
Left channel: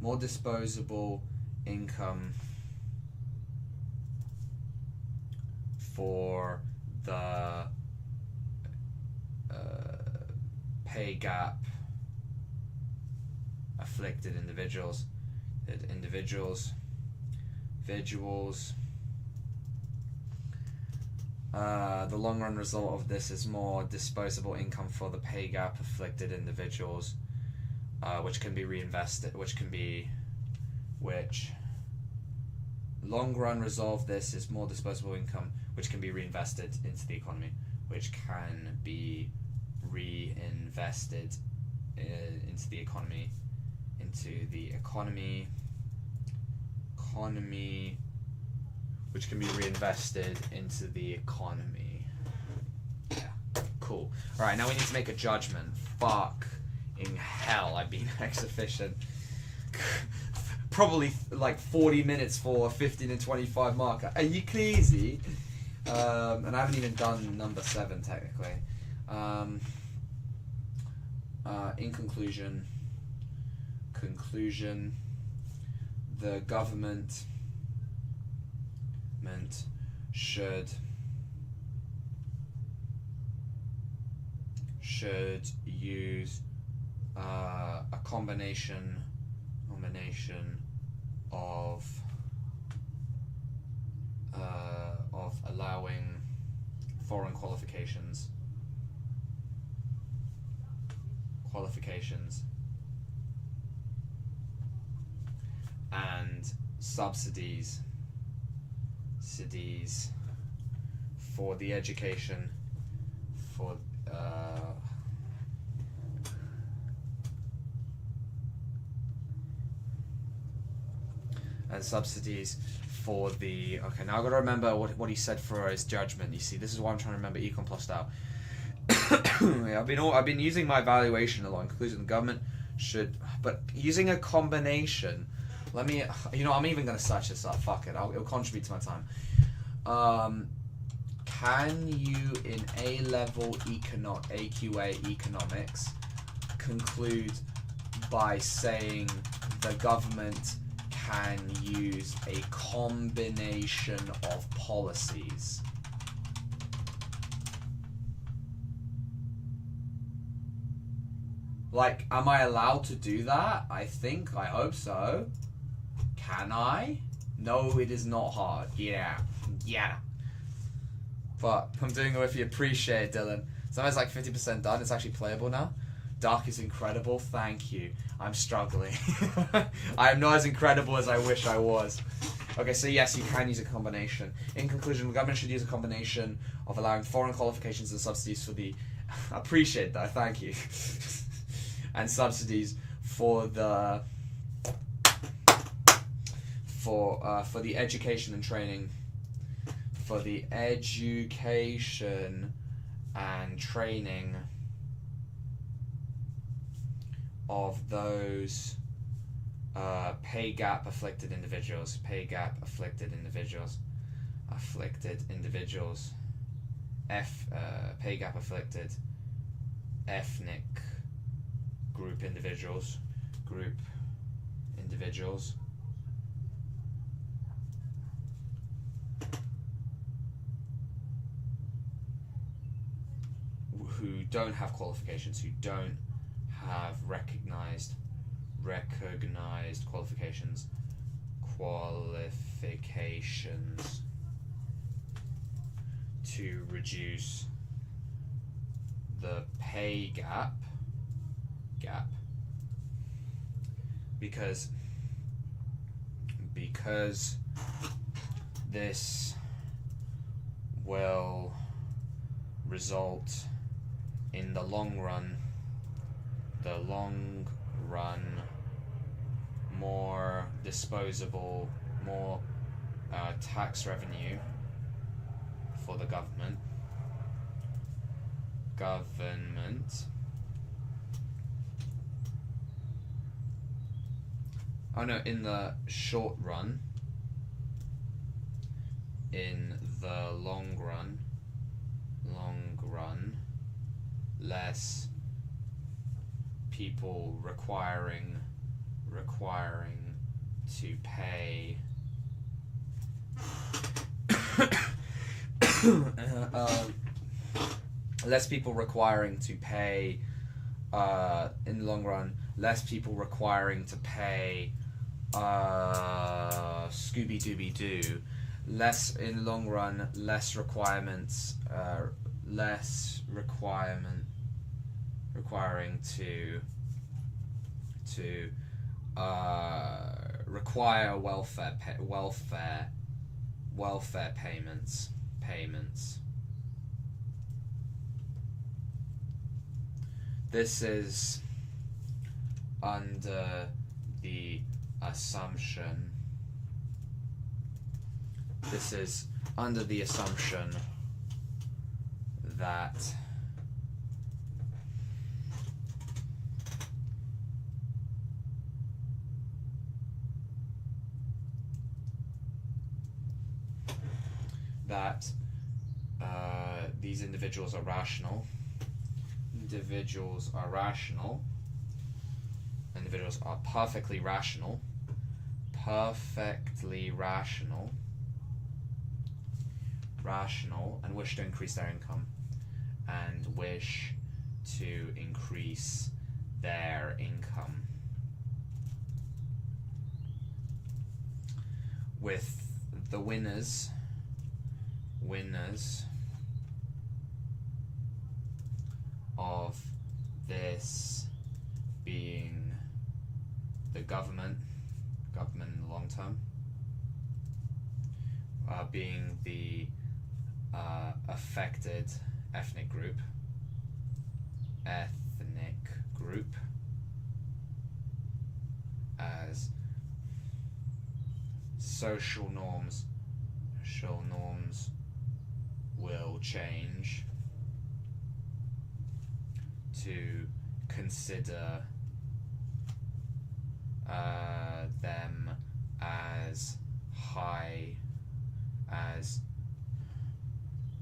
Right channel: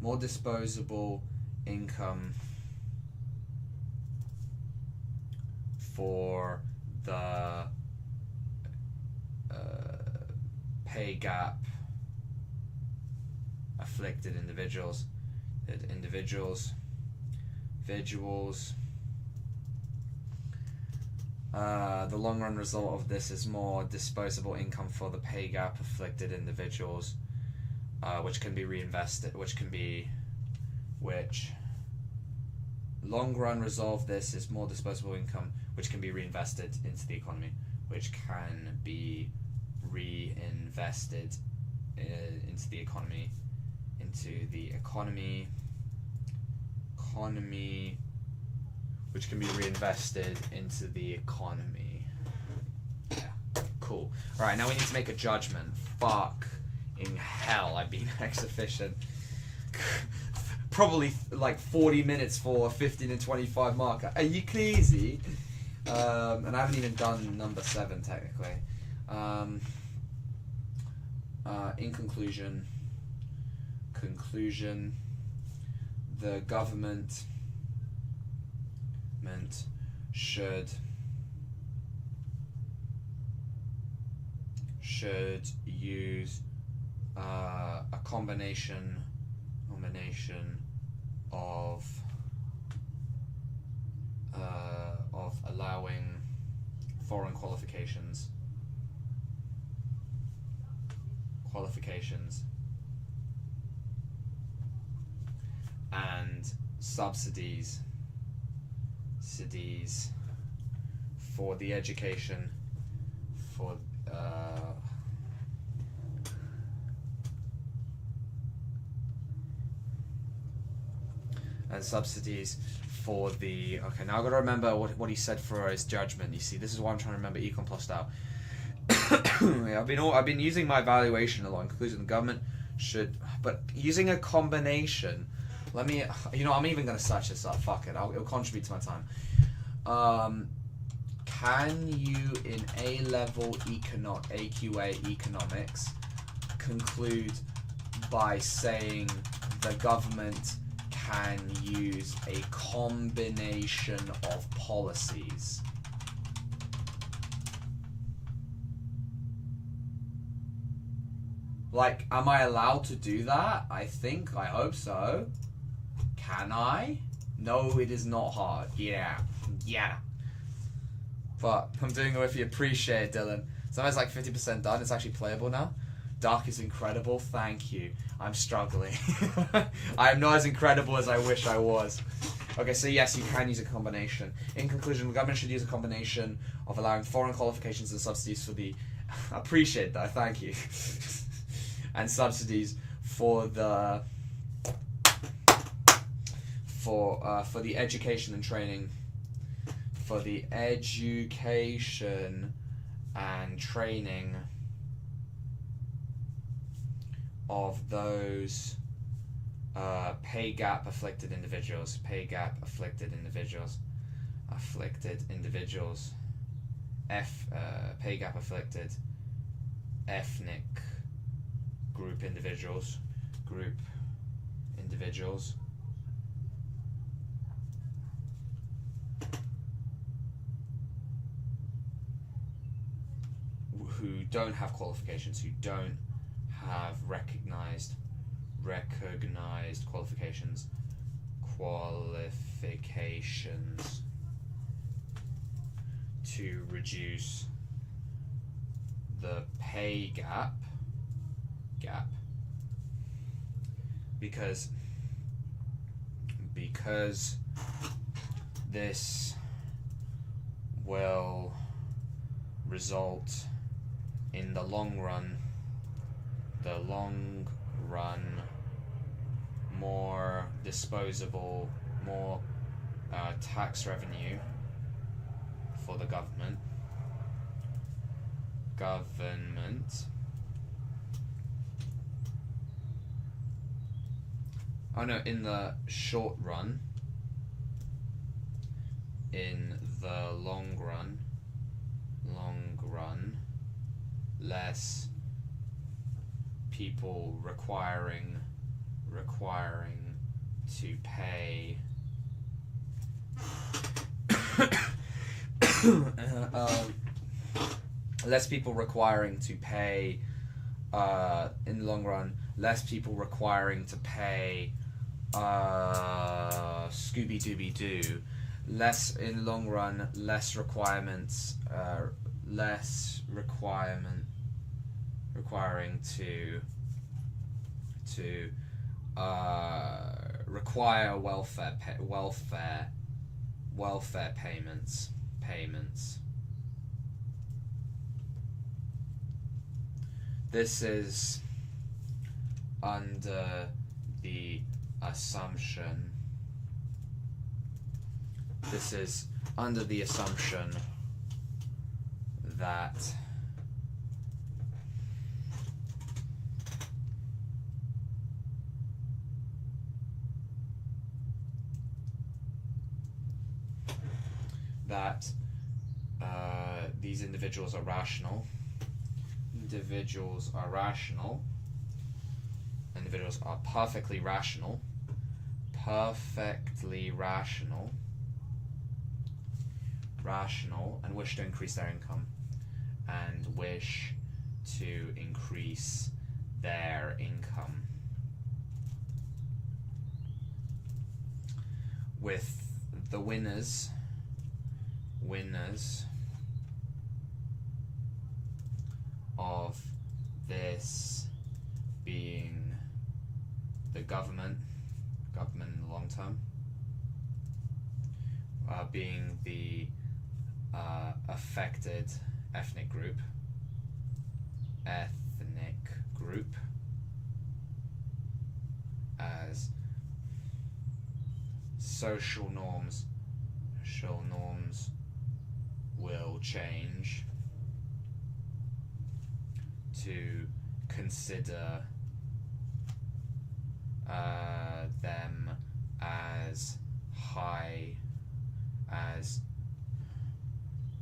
More disposable income for the pay gap afflicted individuals. The long run result of this is more disposable income for the pay gap afflicted individuals, which can be reinvested. Long run result of this is more disposable income, which can be reinvested into the economy. Yeah, cool. Alright, now we need to make a judgment. Fuck in hell, I've been ex-efficient. Probably like 40 minutes for a 15 and 25 marker. Are you crazy? And I haven't even done number 7 technically. In conclusion, the government should use a combination of allowing foreign qualifications and subsidies for the education okay, now I've got to remember what he said for his judgment. You see, this is why I'm trying to remember Econ plus out. Yeah, I've been using my evaluation a lot. In conclusion, the government should, but using a combination. Let me, I'm even going to search this up. Fuck it, it'll contribute to my time. Can you, in A-level AQA economics, conclude by saying the government can use a combination of policies? Like, am I allowed to do that? I hope so. Can I? No, it is not hard. Yeah. But I'm doing it if you appreciate it, Dylan. So it's like 50% done. It's actually playable now. Dark is incredible. Thank you. I'm struggling. I am not as incredible as I wish I was. Okay, so yes, you can use a combination. In conclusion, the government should use a combination of allowing foreign qualifications and subsidies for the... I appreciate that, thank you. And subsidies for the for the education and training, for the education and training of those pay gap afflicted individuals, pay gap afflicted individuals, pay gap afflicted ethnic group individuals, who don't have qualifications, who don't have recognized qualifications to reduce the pay gap because this will result in the long run more disposable, more tax revenue for the government. Oh no, in the short run, in the long run, less people requiring to pay less people requiring to pay in the long run, less people requiring to pay Scooby-Dooby-Doo, less in the long run, less requiring to require welfare payments. This is under the assumption that these individuals are rational. Individuals are perfectly rational, and wish to increase their income, with the winners of this being the government in the long term, being the affected ethnic group, as social norms will change to consider them as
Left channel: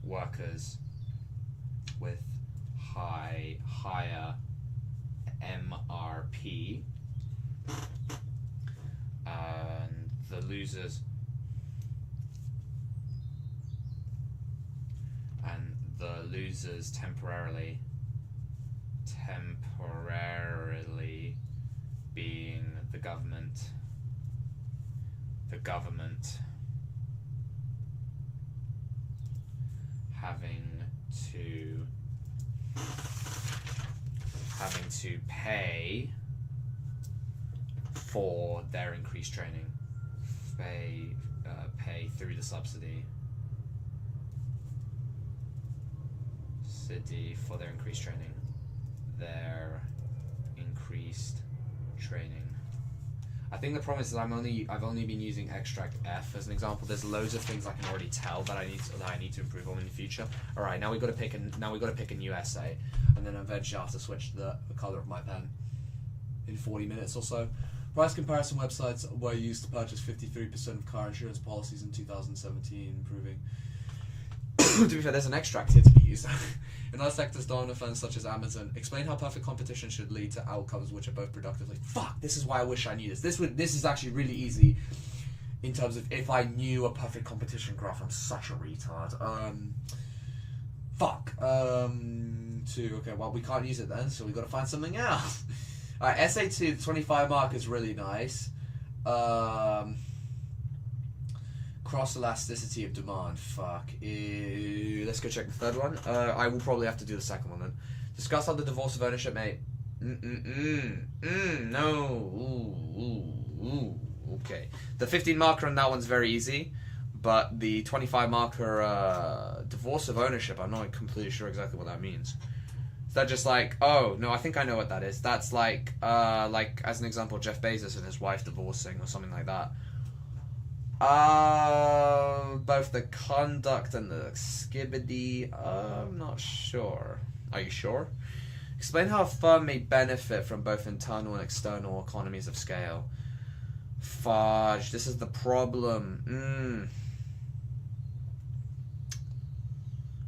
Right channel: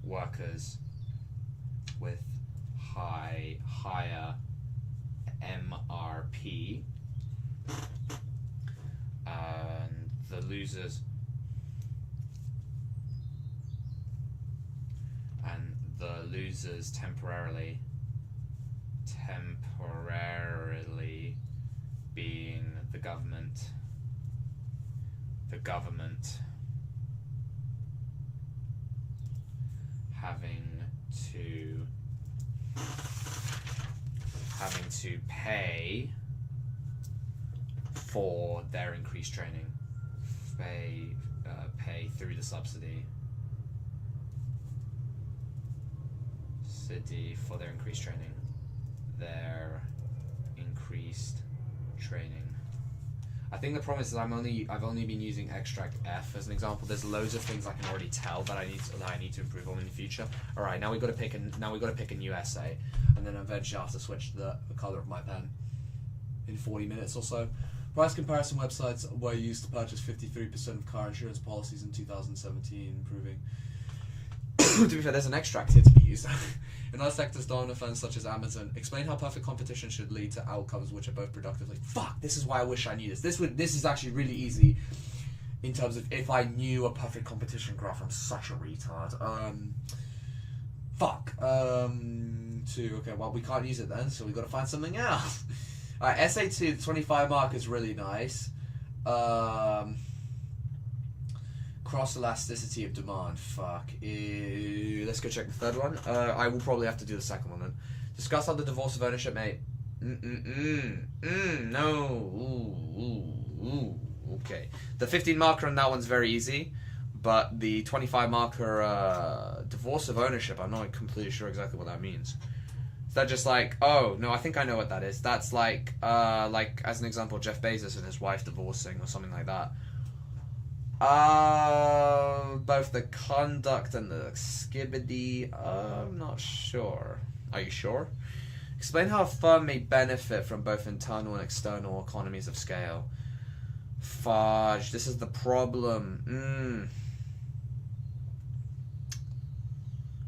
workers with higher MRP, and the losers temporarily being the government having to pay for their increased training, pay through the subsidy for their increased training. I think the problem is that I've only been using extract F as an example. There's loads of things I can already tell that I need to improve on in the future. All right, now we got to pick a new essay, and then eventually I have to switch the color of my pen in 40 minutes or so. Price comparison websites were used to purchase 53% of car insurance policies in 2017, improving. To be fair, there's an extract here to be used. In other sectors, dominant firms such as Amazon explain how perfect competition should lead to outcomes which are both productive. Like, fuck, this is why I wish I knew this. This is actually really easy in terms of if I knew a perfect competition graph. I'm such a retard. Okay, well, we can't use it then, so we've got to find something else. Alright, SA2, the 25 mark is really nice. Cross elasticity of demand. Fuck. Let's go check the third one. I will probably have to do the second one then. Discuss how the divorce of ownership may. No. Okay. The 15 marker on that one's very easy, but the 25 marker divorce of ownership, I'm not completely sure exactly what that means. Is that just like, oh no, I think I know what that is. That's like as an example, Jeff Bezos and his wife divorcing or something like that. Both the conduct and the skibbity, I'm not sure. Are you sure? Explain how a firm may benefit from both internal and external economies of scale. Fudge, this is the problem.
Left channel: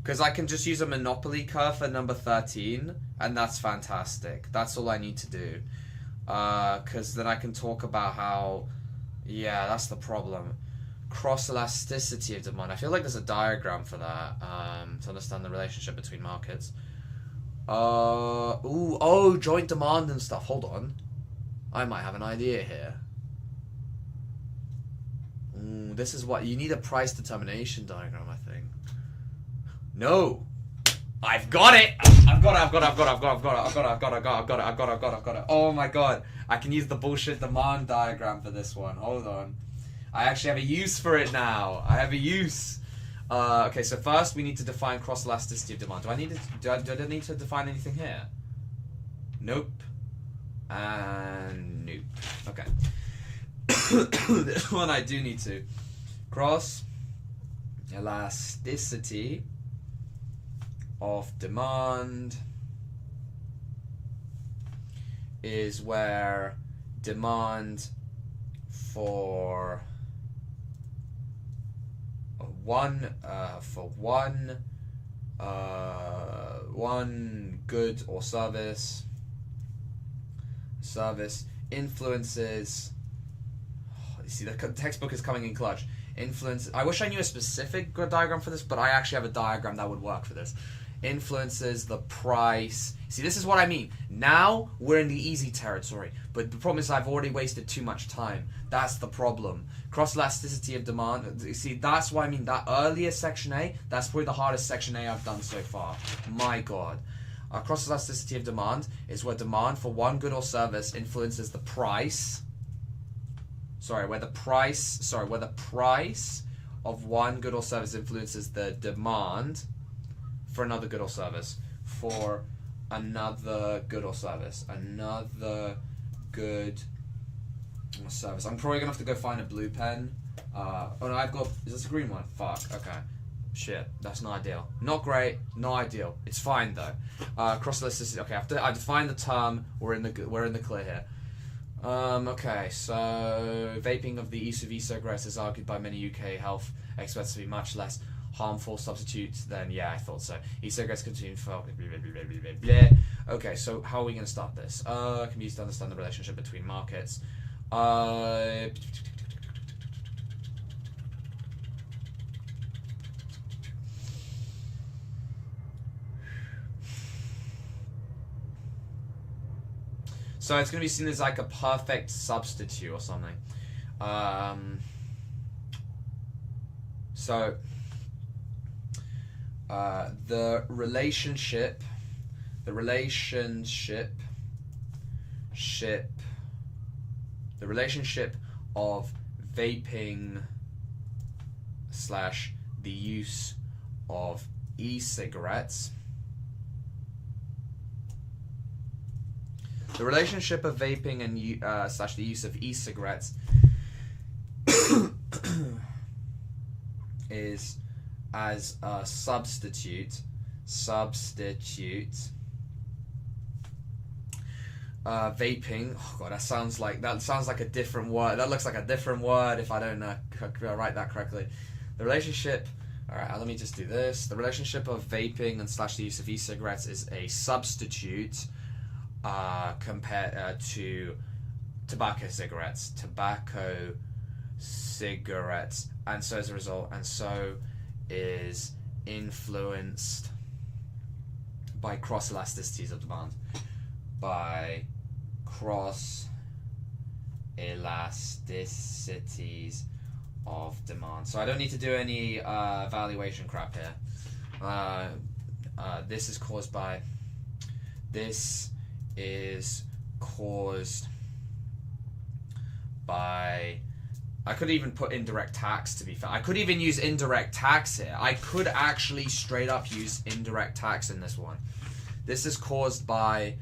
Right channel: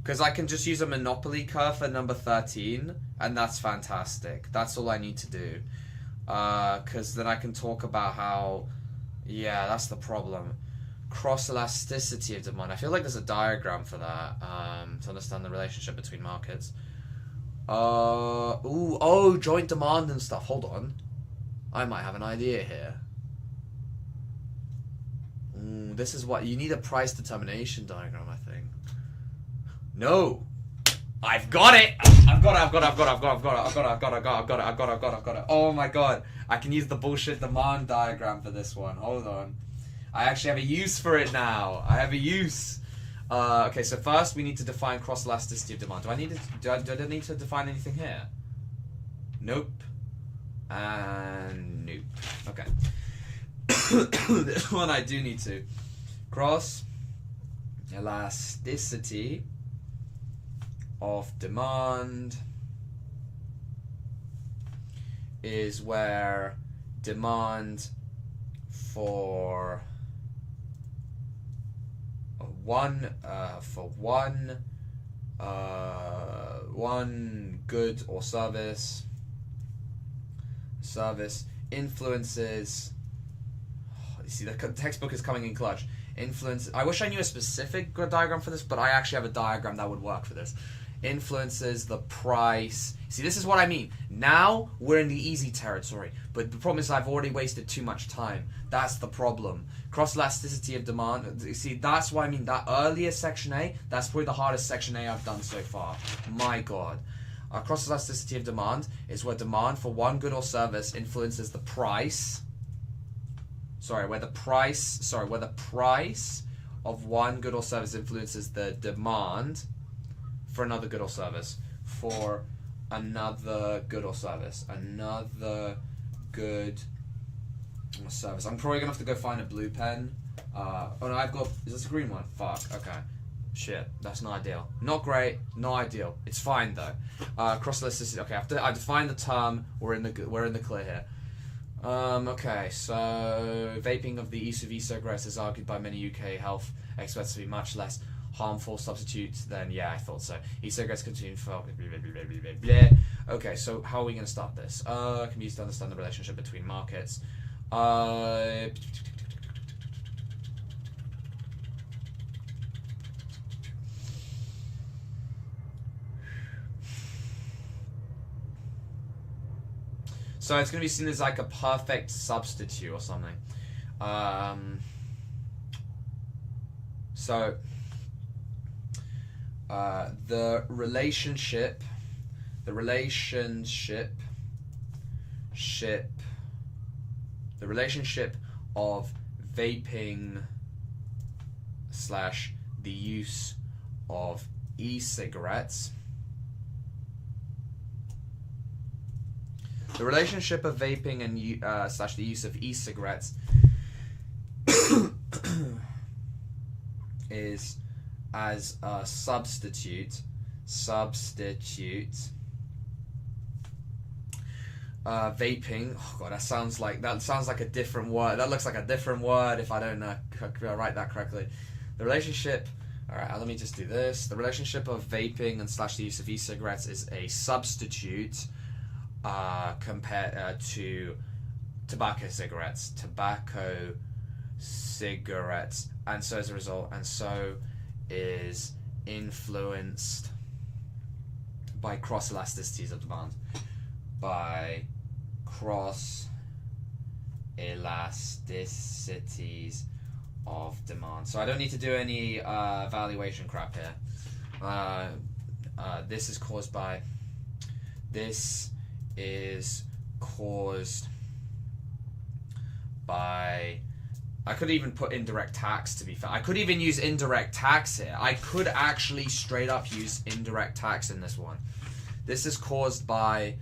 Because I can just use a monopoly curve for number 13, and that's fantastic. That's all I need to do. Because then I can talk about how, yeah, that's the problem. Cross elasticity of demand. I feel like there's a diagram for that to understand the relationship between markets. Joint demand and stuff. Hold on, I might have an idea here. This is what you need, a price determination diagram, I think. No, I've got it. I've got it. Oh my god, I can use the bullshit demand diagram for this one. Hold on. I actually have a use for it now. I have a use. Okay, so first we need to define cross elasticity of demand. Do I need to define anything here? Nope. And nope. Okay. This one I do need to. Cross elasticity of demand is where demand for one good or service influences. You see, the textbook is coming in clutch. Influence. I wish I knew a specific diagram for this, but I actually have a diagram that would work for this. Influences the price. See, this is what I mean. Now we're in the easy territory, but the problem is I've already wasted too much time. That's the problem. Cross elasticity of demand. You see, that's why I mean that earlier section A. That's probably the hardest section A I've done so far. My God. Cross elasticity of demand is where demand for one good or service influences the price. Where the price of one good or service influences the demand for another good or service. For another good or service. Another good or service. I'm probably going to have to go find a blue pen. Is this a green one? Fuck, okay. Shit, that's not ideal. Not great, not ideal. It's fine though. Cross elasticity. Okay, I defined the term. We're in the clear here. Okay, so vaping of the e-cigarettes is argued by many UK health experts to be much less harmful substitutes than, yeah, I thought so. E-cigarettes continue for Okay, so how are we going to start this? Can be used to understand the relationship between markets. So it's going to be seen as like a perfect substitute or something. The relationship of vaping / the use of e-cigarettes The relationship of vaping and slash the use of e-cigarettes is as a substitute. Vaping. Oh god, that sounds like a different word. That looks like a different word if I don't write that correctly. The relationship. All right, let me just do this. The relationship of vaping and slash the use of e-cigarettes is a substitute compared to tobacco cigarettes, and so as a result, is influenced by cross elasticities of demand. By cross elasticities of demand. So I don't need to do any valuation crap here. This is caused by. I could even put indirect tax, to be fair. I could even use indirect tax here. I could actually straight up use indirect tax in this one. This is caused by.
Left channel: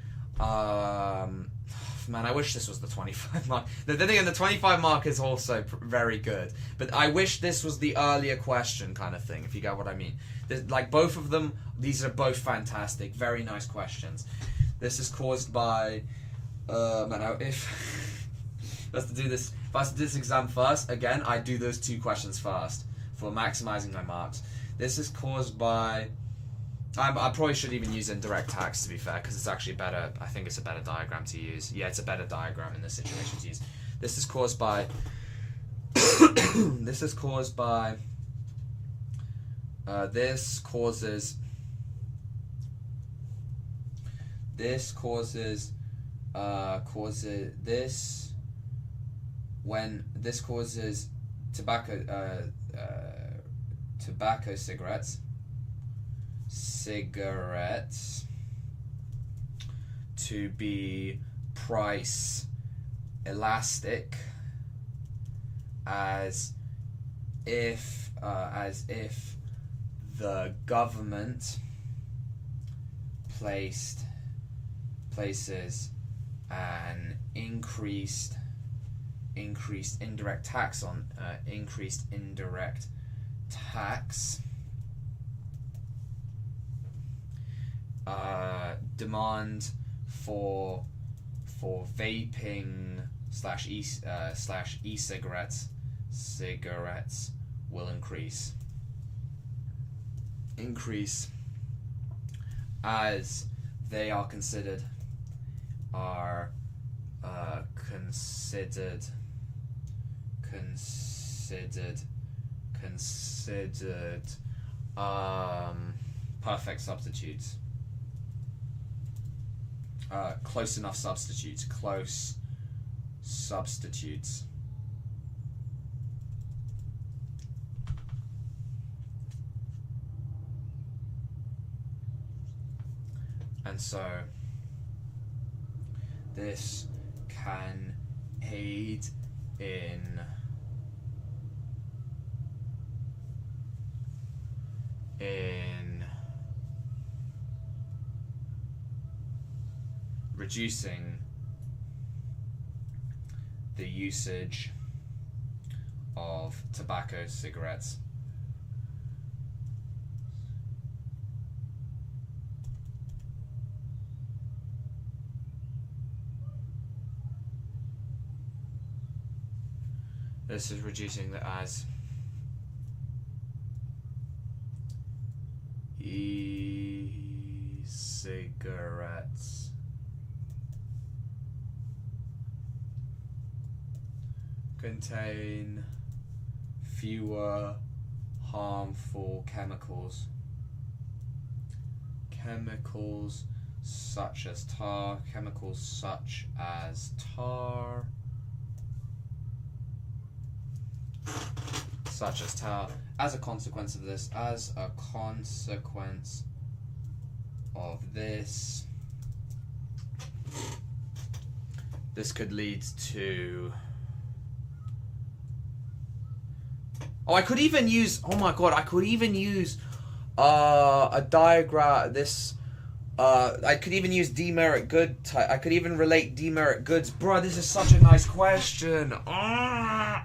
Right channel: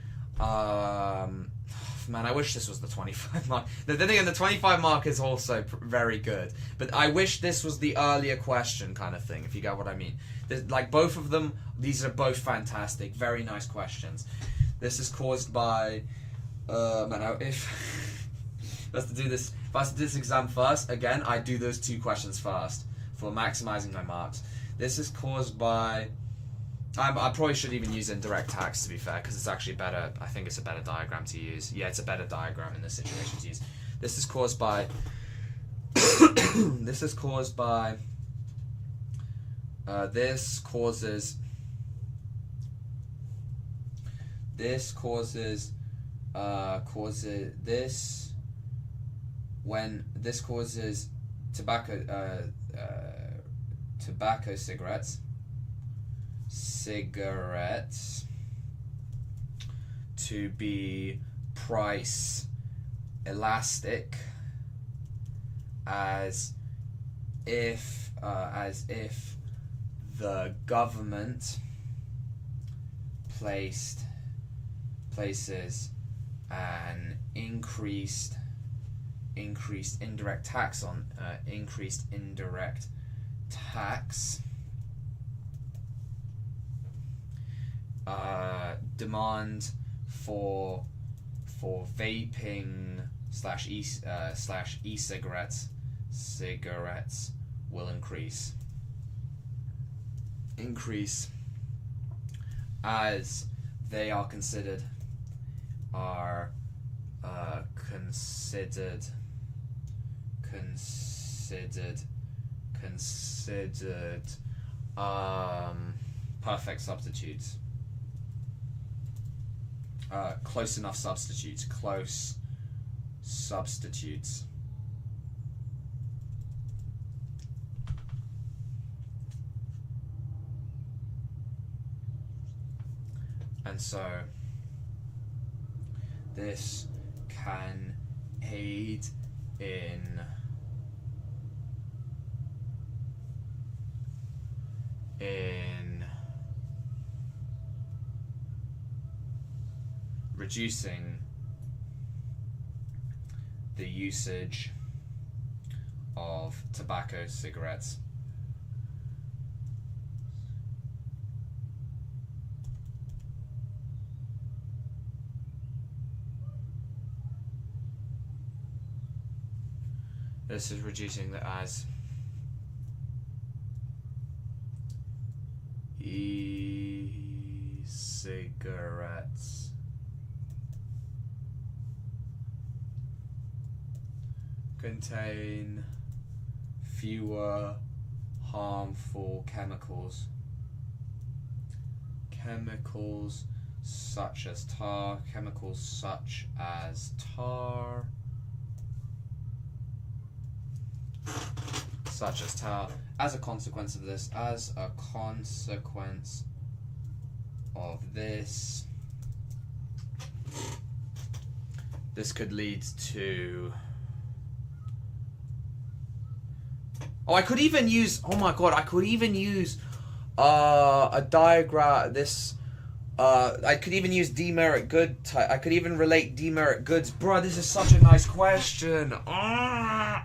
Man, I wish this was the 25 mark. Then again, the 25 mark is also very good. But I wish this was the earlier question kind of thing, if you get what I mean. Like, both of them, these are both fantastic. Very nice questions. This is caused by... if I have to do this exam first, again, I do those two questions first for maximizing my marks. This is caused by... I probably should even use indirect tax, to be fair, because it's actually better. I think it's a better diagram to use. Yeah, it's a better diagram in this situation to use. This is caused by... this causes tobacco cigarettes to be price elastic, as if the government places an increased indirect tax on demand for vaping slash e-cigarettes will increase as they are considered perfect substitutes. Close enough substitutes. Close substitutes. And so this can aid in reducing the usage of tobacco cigarettes. This is reducing the as e-cigarettes contain fewer harmful chemicals. Chemicals such as tar. As a consequence of this, this could lead to... Oh, I could even use... Oh my god, I could even use a diagram... This... I could even use demerit good. I could even relate demerit goods. Bro, this is such a nice question. Why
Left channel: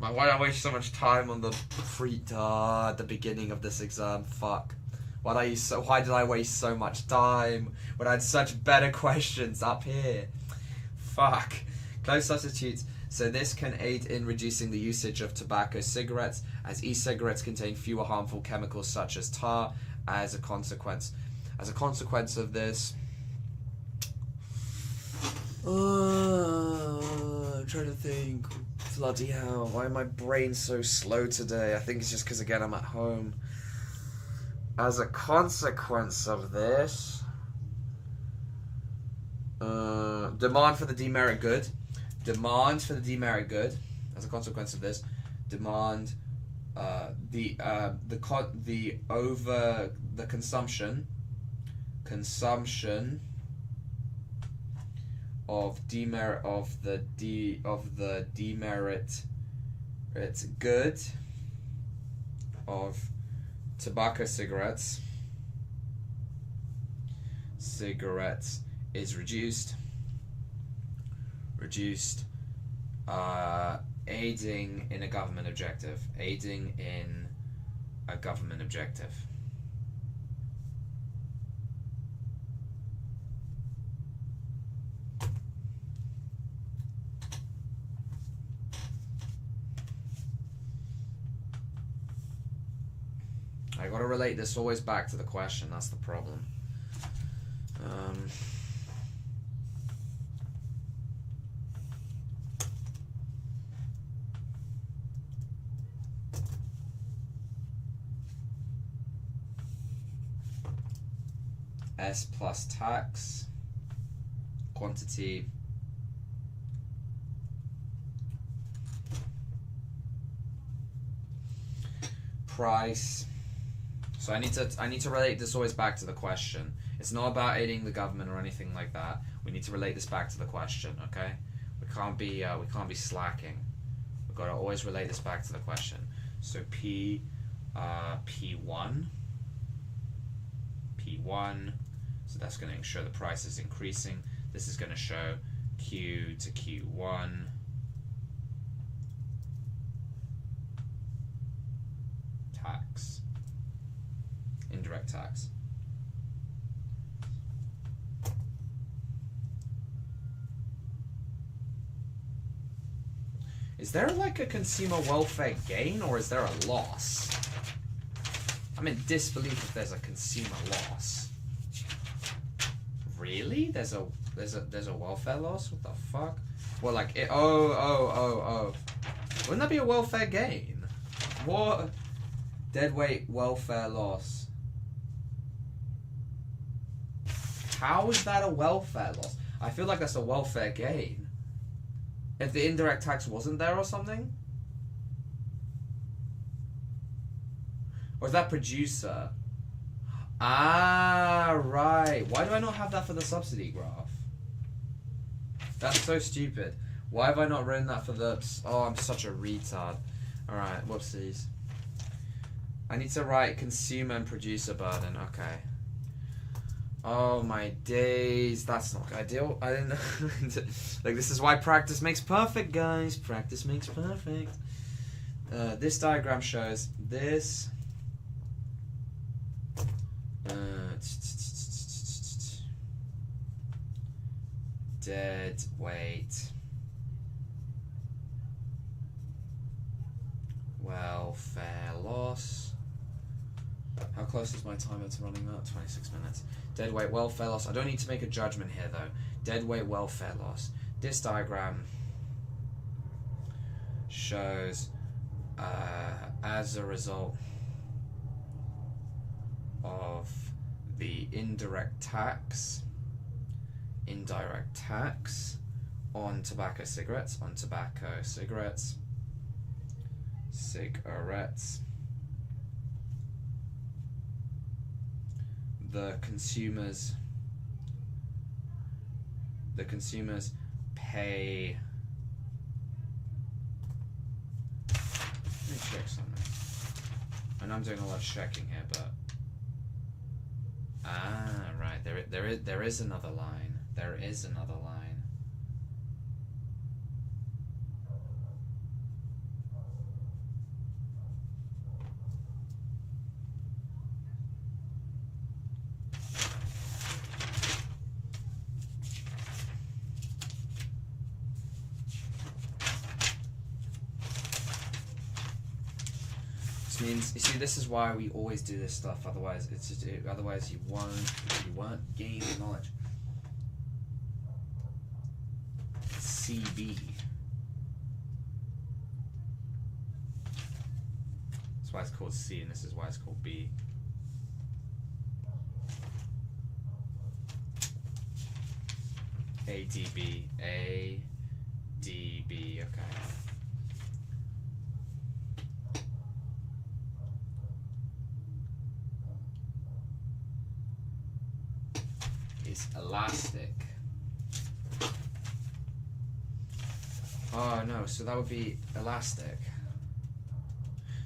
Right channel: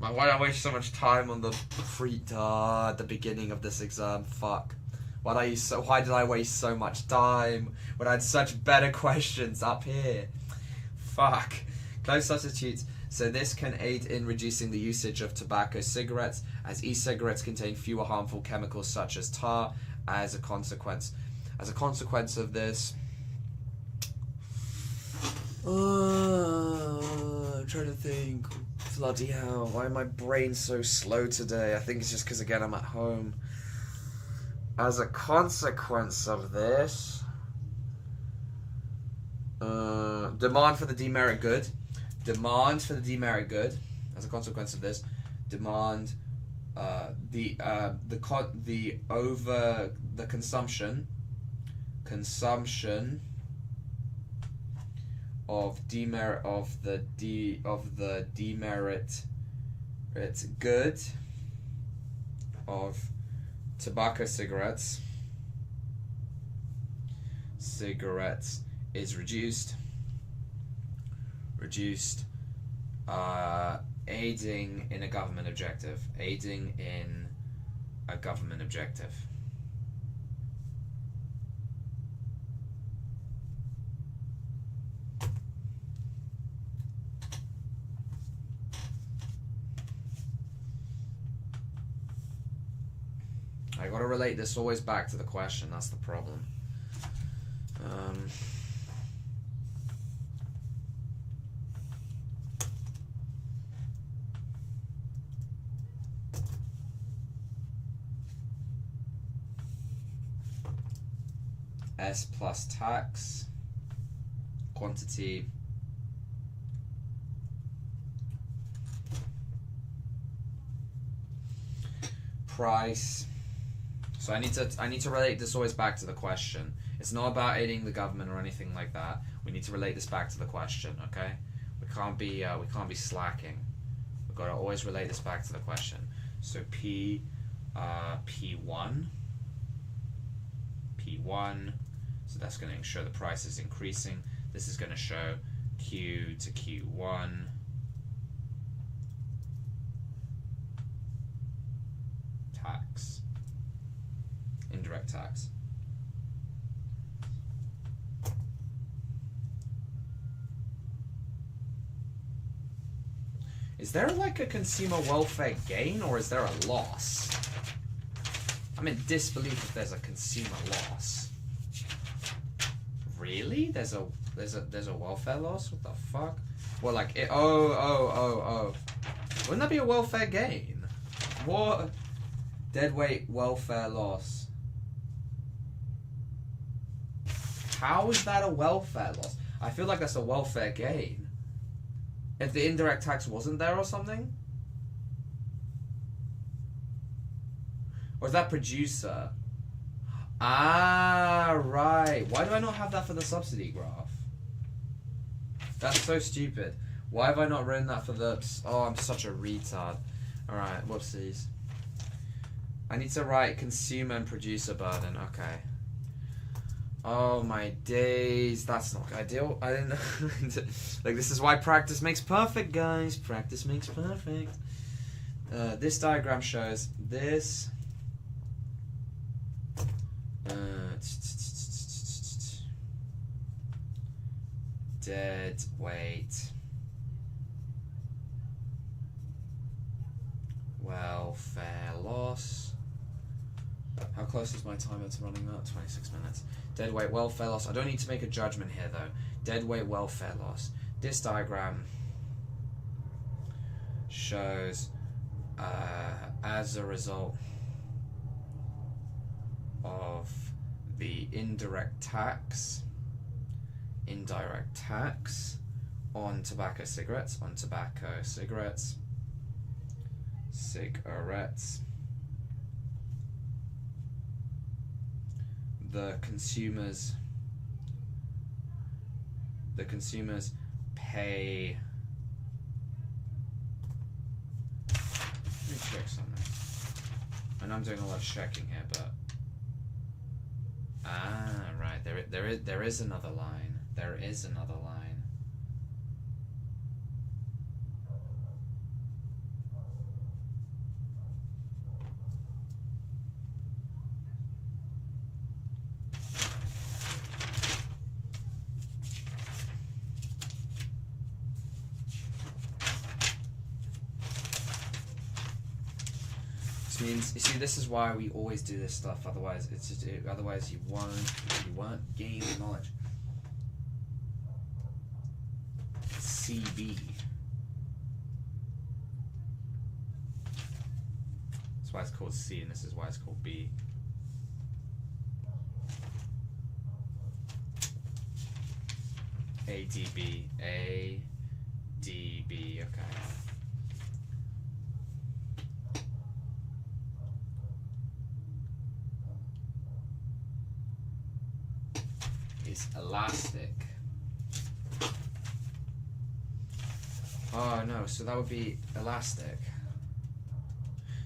did I waste so much time on the at the beginning of this exam? Fuck. Why did I waste so much time when I had such better questions up here? Fuck. Close substitutes. So this can aid in reducing the usage of tobacco cigarettes, as e-cigarettes contain fewer harmful chemicals such as tar. As a consequence of this, I'm trying to think. Bloody hell, why am my brain so slow today? I think it's just because, again, I'm at home. As a consequence of this, demand for the demerit good. As a consequence of this, demand the consumption of demerit good of tobacco cigarettes is reduced, aiding in a government objective. I gotta relate this always back to the question, that's the problem. S plus tax, quantity, price. So I need to relate this always back to the question. It's not about aiding the government or anything like that. We need to relate this back to the question, okay? We can't be slacking. We've got to always relate this back to the question. So P1. So that's going to show the price is increasing. This is going to show Q to Q1. Tax. Indirect tax. Is there like a consumer welfare gain or is there a loss? I'm in disbelief if there's a consumer loss. Really? There's a welfare loss? What the fuck? Well, like it. Oh. Wouldn't that be a welfare gain? What? Deadweight welfare loss. How is that a welfare loss? I feel like that's a welfare gain. If the indirect tax wasn't there or something? Or is that producer? Ah, right. Why do I not have that for the subsidy graph? That's so stupid. Why have I not written that for the... Oh, I'm such a retard. Alright, whoopsies. I need to write consumer and producer burden. Okay. Oh my days. That's not ideal. I didn't know. Like, this is why practice makes perfect, guys. Practice makes perfect. This diagram shows this... dead weight welfare loss. How close is my timer to running out? 26 minutes. Dead weight welfare loss. I don't need to make a judgment here though. Dead weight welfare loss. This diagram shows as a result of the indirect tax on tobacco cigarettes, the consumers pay. Let me check something. And I'm doing a lot of checking here, but right, There is another line. There is another line. Means, you see, this is why we always do this stuff. Otherwise, otherwise you won't gain knowledge. CB. That's why it's called C, and this is why it's called B. ADB. ADB. Okay. Elastic. Oh no, so that would be elastic.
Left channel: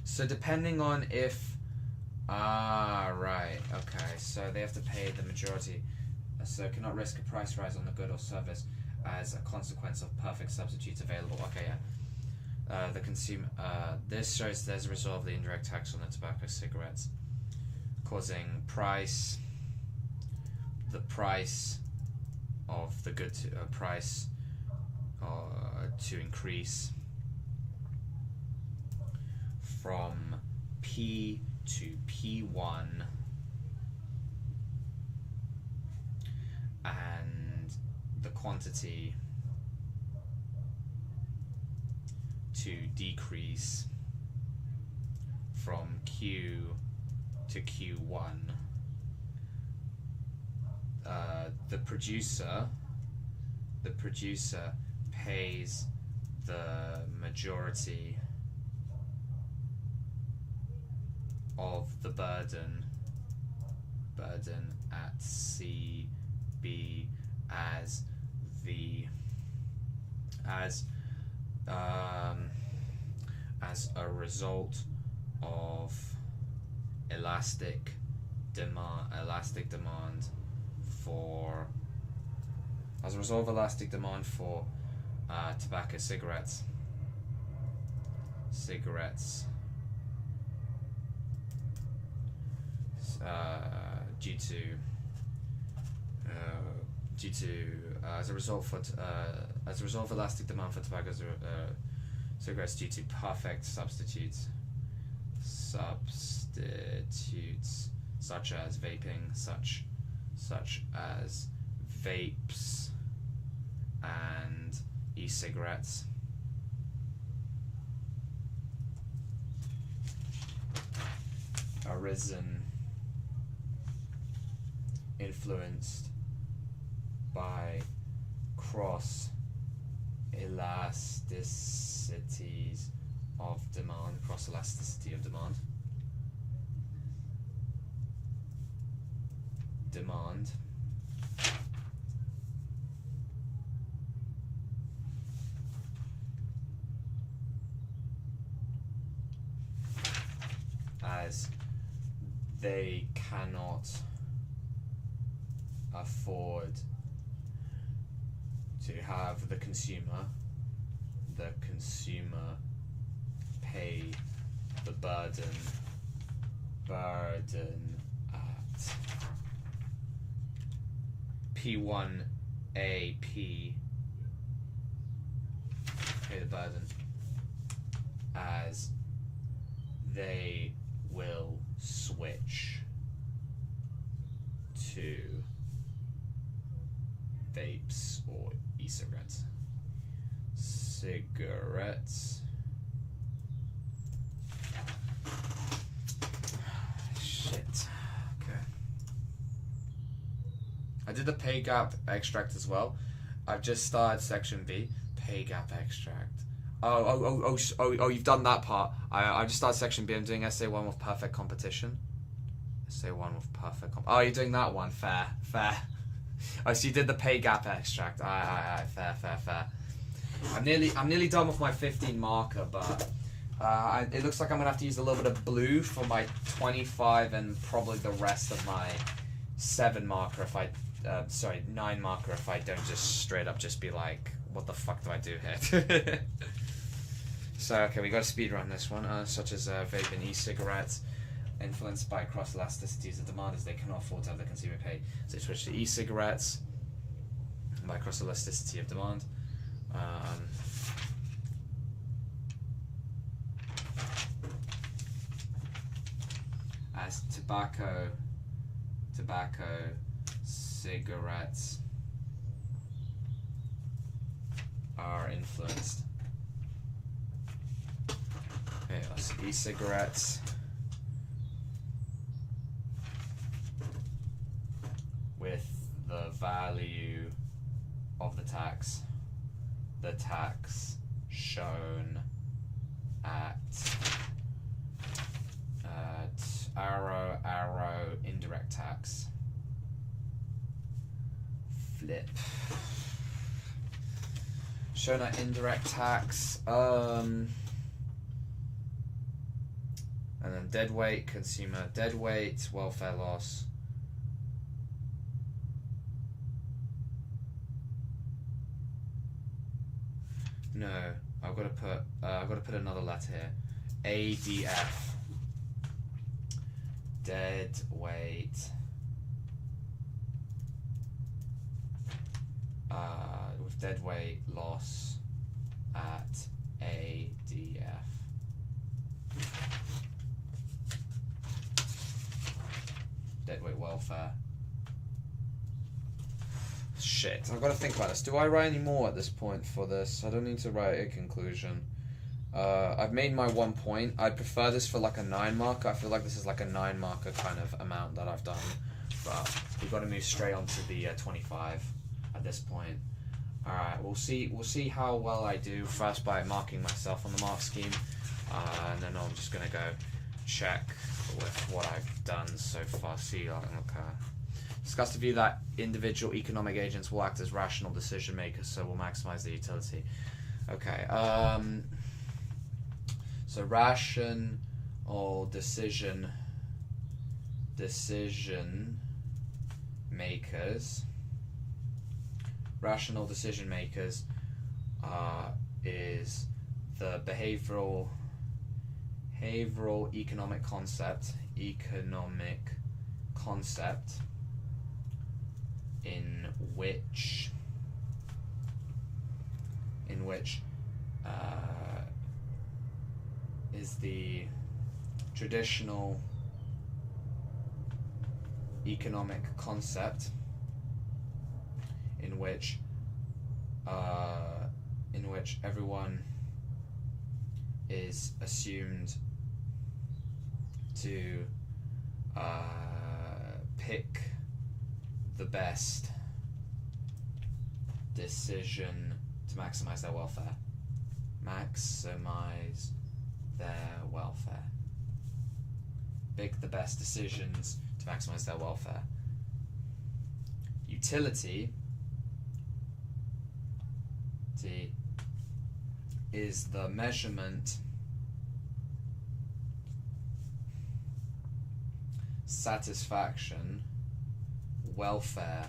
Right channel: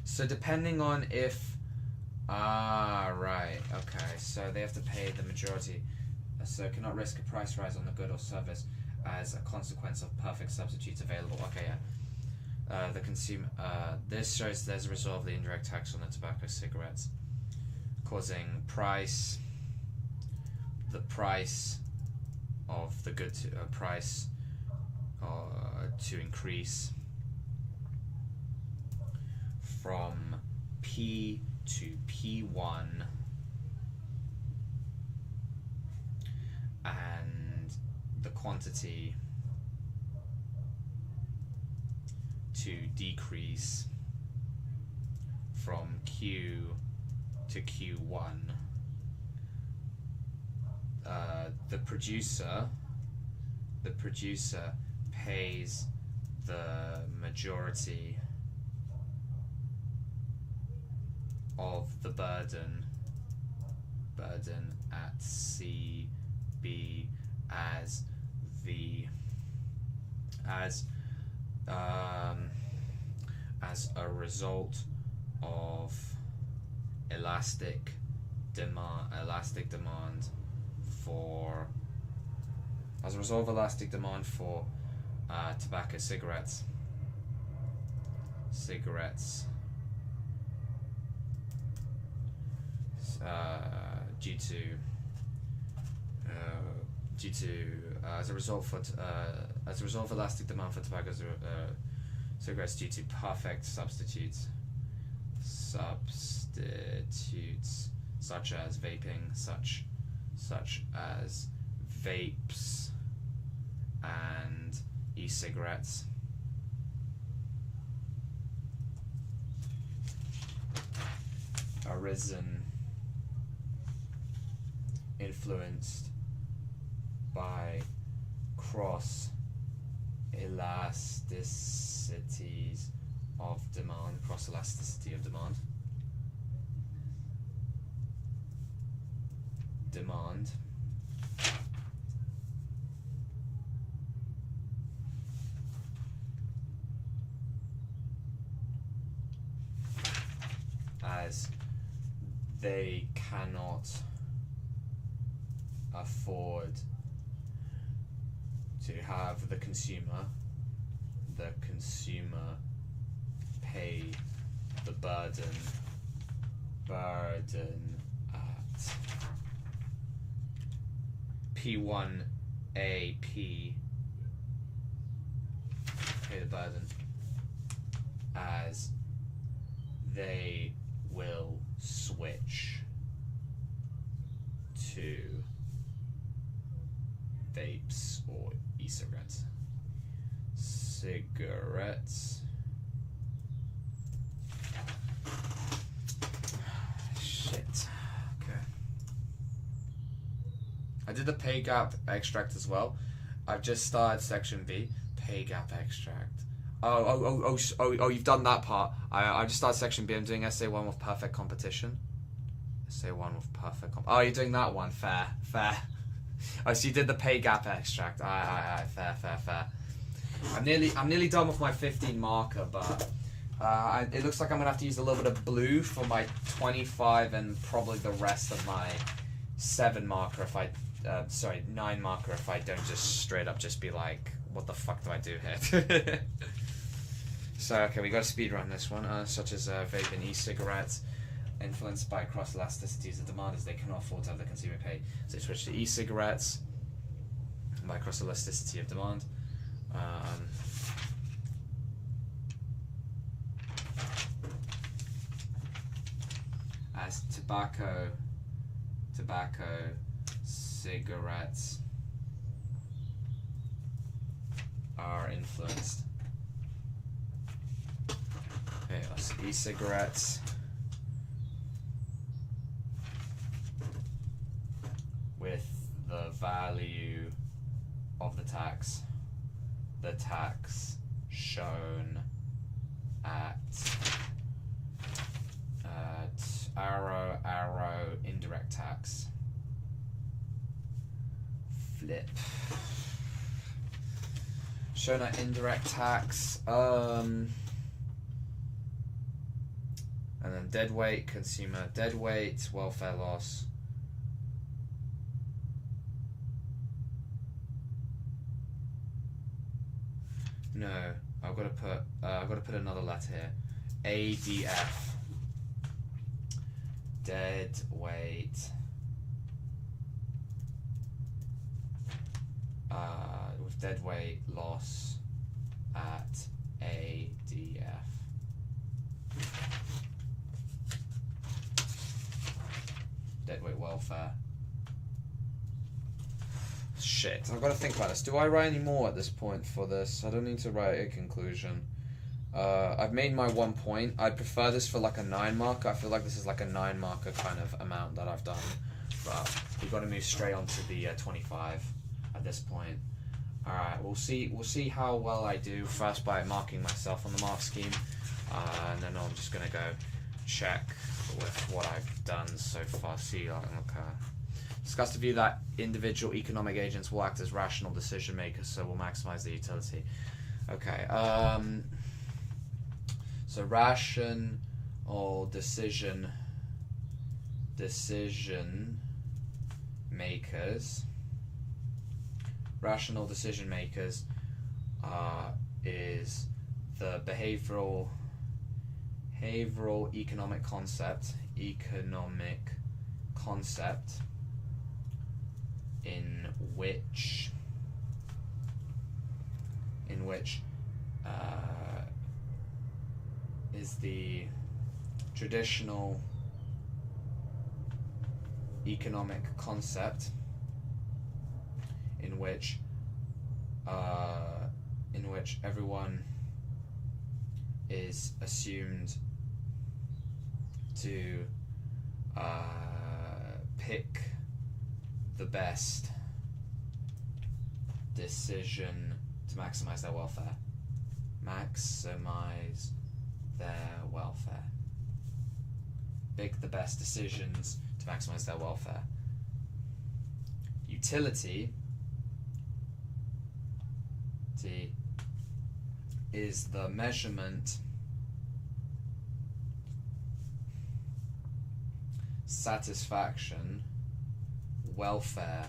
So depending on if... right, okay, so they have to pay the majority. So cannot risk a price rise on the good or service as a consequence of perfect substitutes available. Okay, yeah. The consumer... this shows there's a result of the indirect tax on the tobacco cigarettes, causing the price of the good to increase from P to P1, and the quantity to decrease from Q to Q1. The producer pays the majority of the burden at CB as a result of elastic demand for tobacco cigarettes as a result of elastic demand for tobacco cigarettes due to perfect substitutes such as vaping, such as vapes and e-cigarettes. Arisen, influenced by cross elasticities of demand, as they cannot afford to have the consumer pay the burden at P1AP, pay the burden, as they will switch to vapes or e-cigarettes. Shit. Okay. I did the pay gap extract as well. I've just started section B. Pay gap extract. Oh, you've done that part. I just started section B. I'm doing SA1 with perfect competition. SA1 with perfect oh, you're doing that one. Fair. Oh, so you did the pay gap extract. Fair. I'm nearly done with my 15 marker, but it looks like I'm gonna have to use a little bit of blue for my 25 and probably the rest of my 7 marker if I 9 marker if I don't just straight up just be like, what the fuck do I do here? So, okay, we got to speed run this one, such as vape and e-cigarettes, influenced by cross-elasticities of demand as they cannot afford to have the consumer pay. So switch to e-cigarettes by cross-elasticity of demand. As tobacco, cigarettes are influenced. Okay, let's see, e-cigarettes with the value of the tax shown at arrow indirect tax flip shown at indirect tax and then deadweight, consumer deadweight, welfare loss. No, I've got to put another letter here. ADF. Dead weight. With dead weight loss at ADF. Dead weight welfare. Shit, I've got to think about this. Do I write any more at this point for this? I don't need to write a conclusion. I've made my 1 point. I'd prefer this for like a 9 marker. I feel like this is like a 9 marker kind of amount that I've done. But we've got to move straight on to the 25 at this point. Alright, we'll see how well I do first by marking myself on the mark scheme. And then I'm just going to go check with what I've done so far. See, okay. Discuss the view that individual economic agents will act as rational decision makers, so will maximize their utility. Okay, so rational decision makers. Rational decision makers is the behavioral economic concept in which is the traditional economic concept in which everyone is assumed to pick the best decision to maximize their welfare. Maximize their welfare. Pick the best decisions to maximize their welfare. Utility is the measurement, satisfaction, welfare,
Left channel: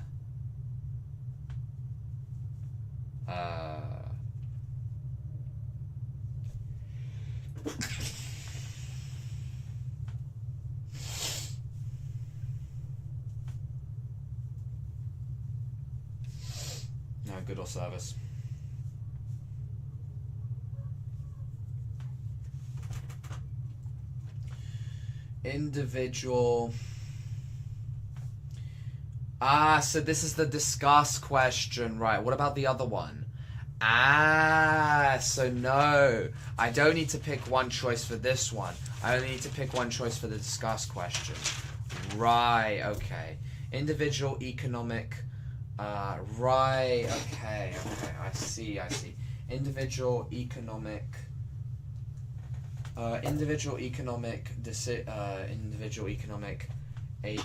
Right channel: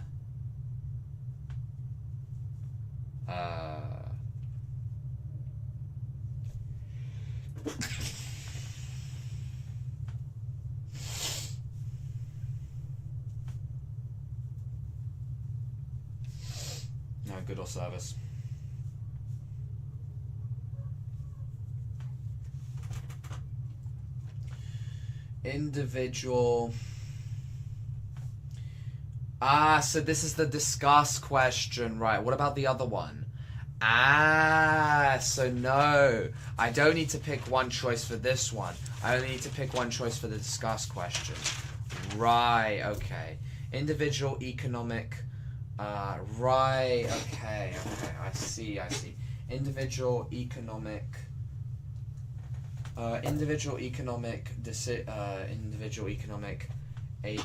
no good or service. Individual. So this is the discuss question, right? What about the other one? So no, I don't need to pick one choice for this one. I only need to pick one choice for the discuss question. Right, okay. Individual economic, right, okay, I see. Individual economic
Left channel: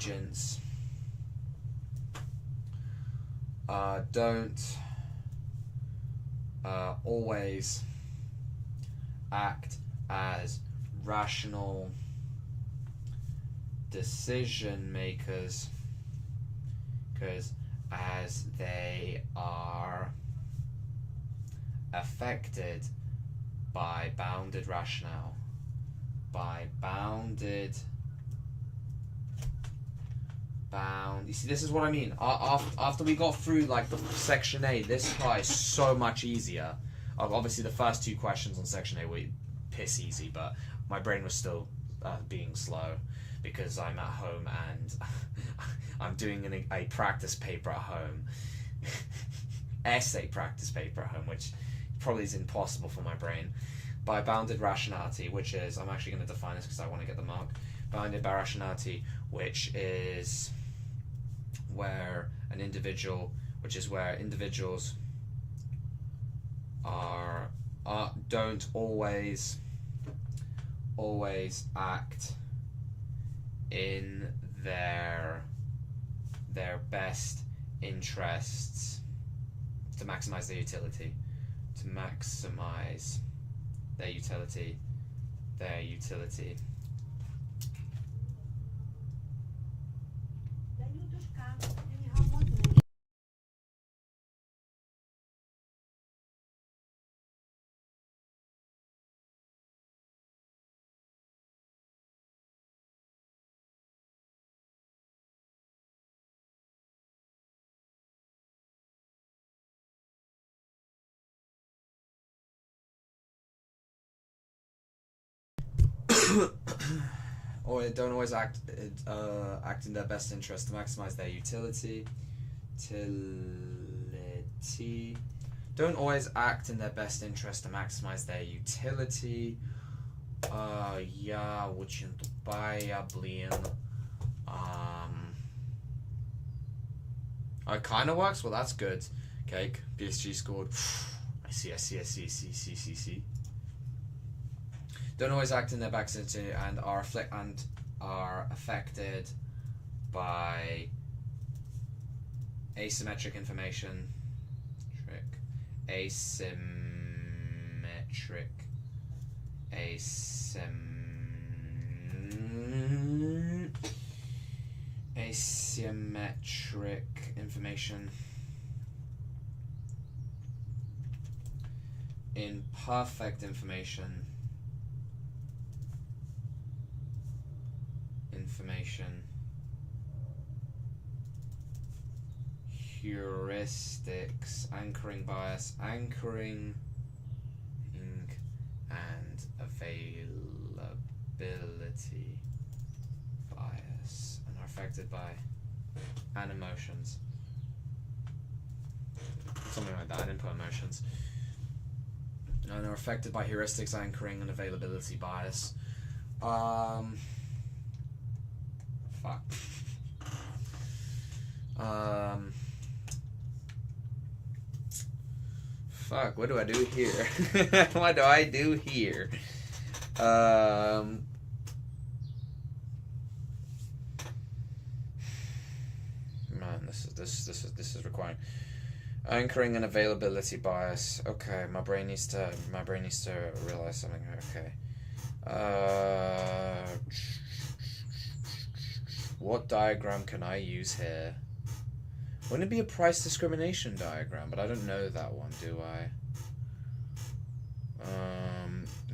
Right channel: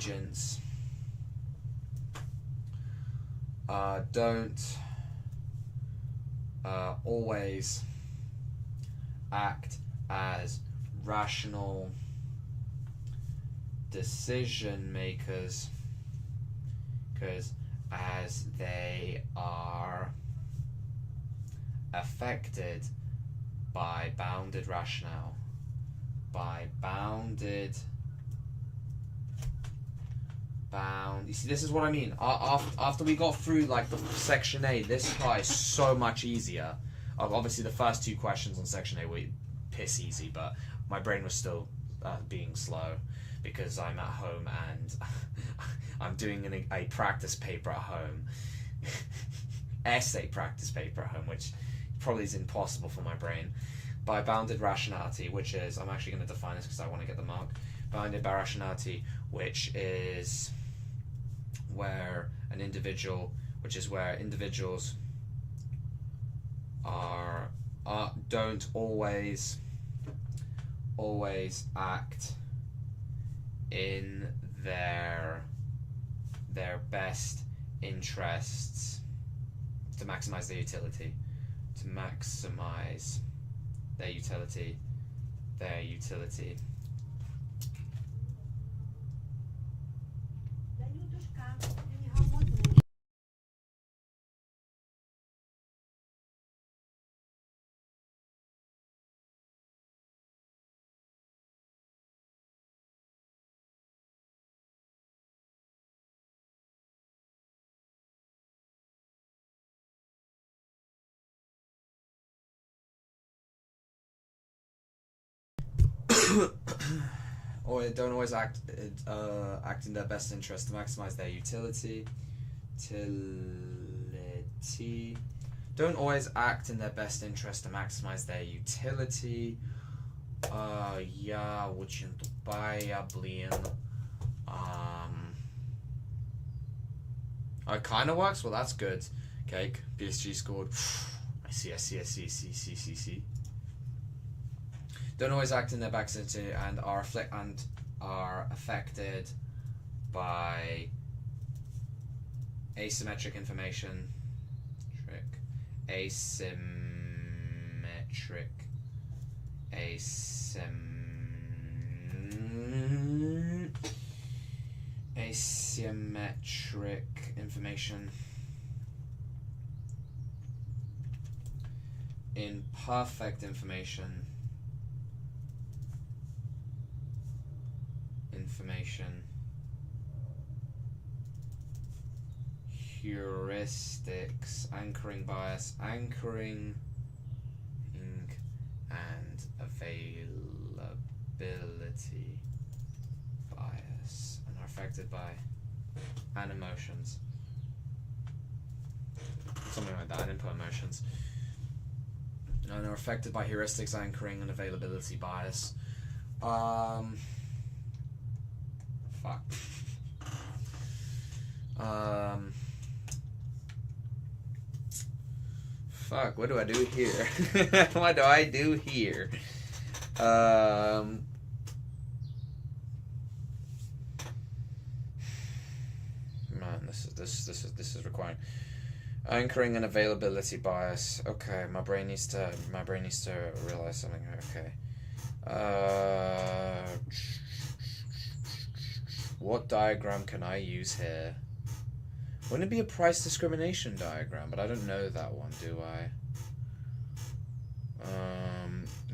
agents don't always act as rational decision makers, because as they are affected by bounded rationale. You see, this is what I mean. After we got through like the section A, this part is so much easier. Obviously, the first two questions on section A were piss easy, but my brain was still being slow because I'm at home and I'm doing a practice paper at home, essay practice paper at home, which probably is impossible for my brain. By bounded rationality, which is, I'm actually going to define this because I want to get the mark. Bounded by rationality, which is where individuals don't always act in their best interests to maximize their utility. Or don't always act in their best interest to maximize their utility. Don't always act in their best interest to maximize their utility. Я очень тупая, блин. It kind of works. Well, that's good. Cake. PSG scored. I see. Don't always act in their best interest and are affected by asymmetric information. Asymmetric information. Imperfect information. Heuristics, anchoring bias, anchoring and availability bias, and are affected by and emotions. Something like that, input emotions. And are affected by heuristics, anchoring and availability bias. Fuck, what do I do here? What do I do here? Man, this is required. Anchoring and availability bias. Okay, my brain needs to realize something here. Okay. What diagram can I use here? Wouldn't it be a price discrimination diagram? But I don't know that one, do I?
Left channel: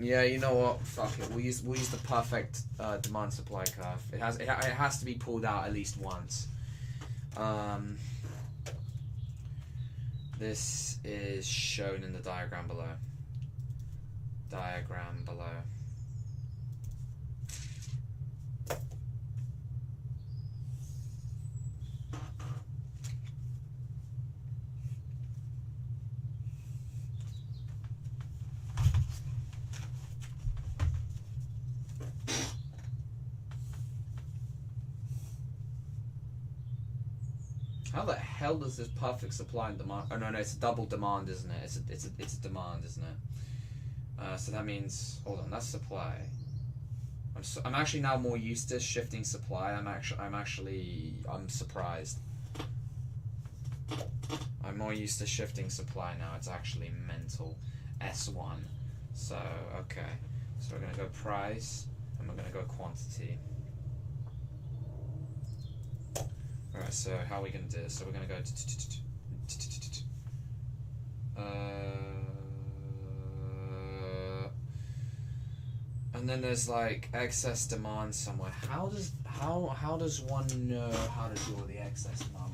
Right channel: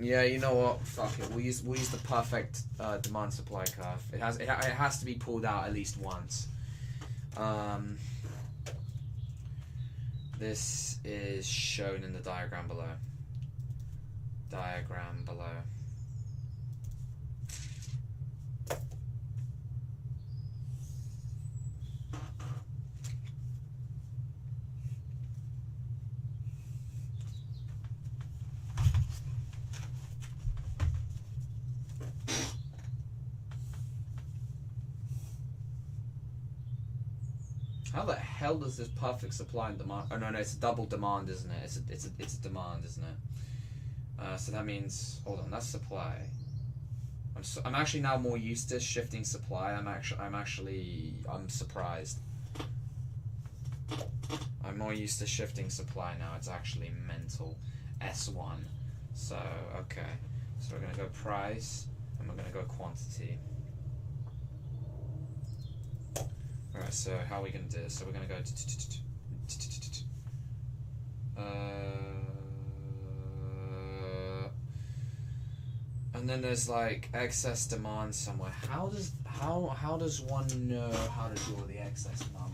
Yeah, you know what? Fuck it. We'll use the perfect demand supply curve. It has to be pulled out at least once. This is shown in the diagram below. How the hell does this perfect supply and demand? Oh no, it's a double demand, isn't it? It's a demand, isn't it? So that means, hold on, that's supply. I'm actually now more used to shifting supply. I'm surprised. I'm more used to shifting supply now. It's actually mental. S1. So okay. So we're gonna go price and we're gonna go quantity. Alright, so how are we going to do this? So we're going to go and then there's like excess demand somewhere. How does one know how to deal with the excess demand?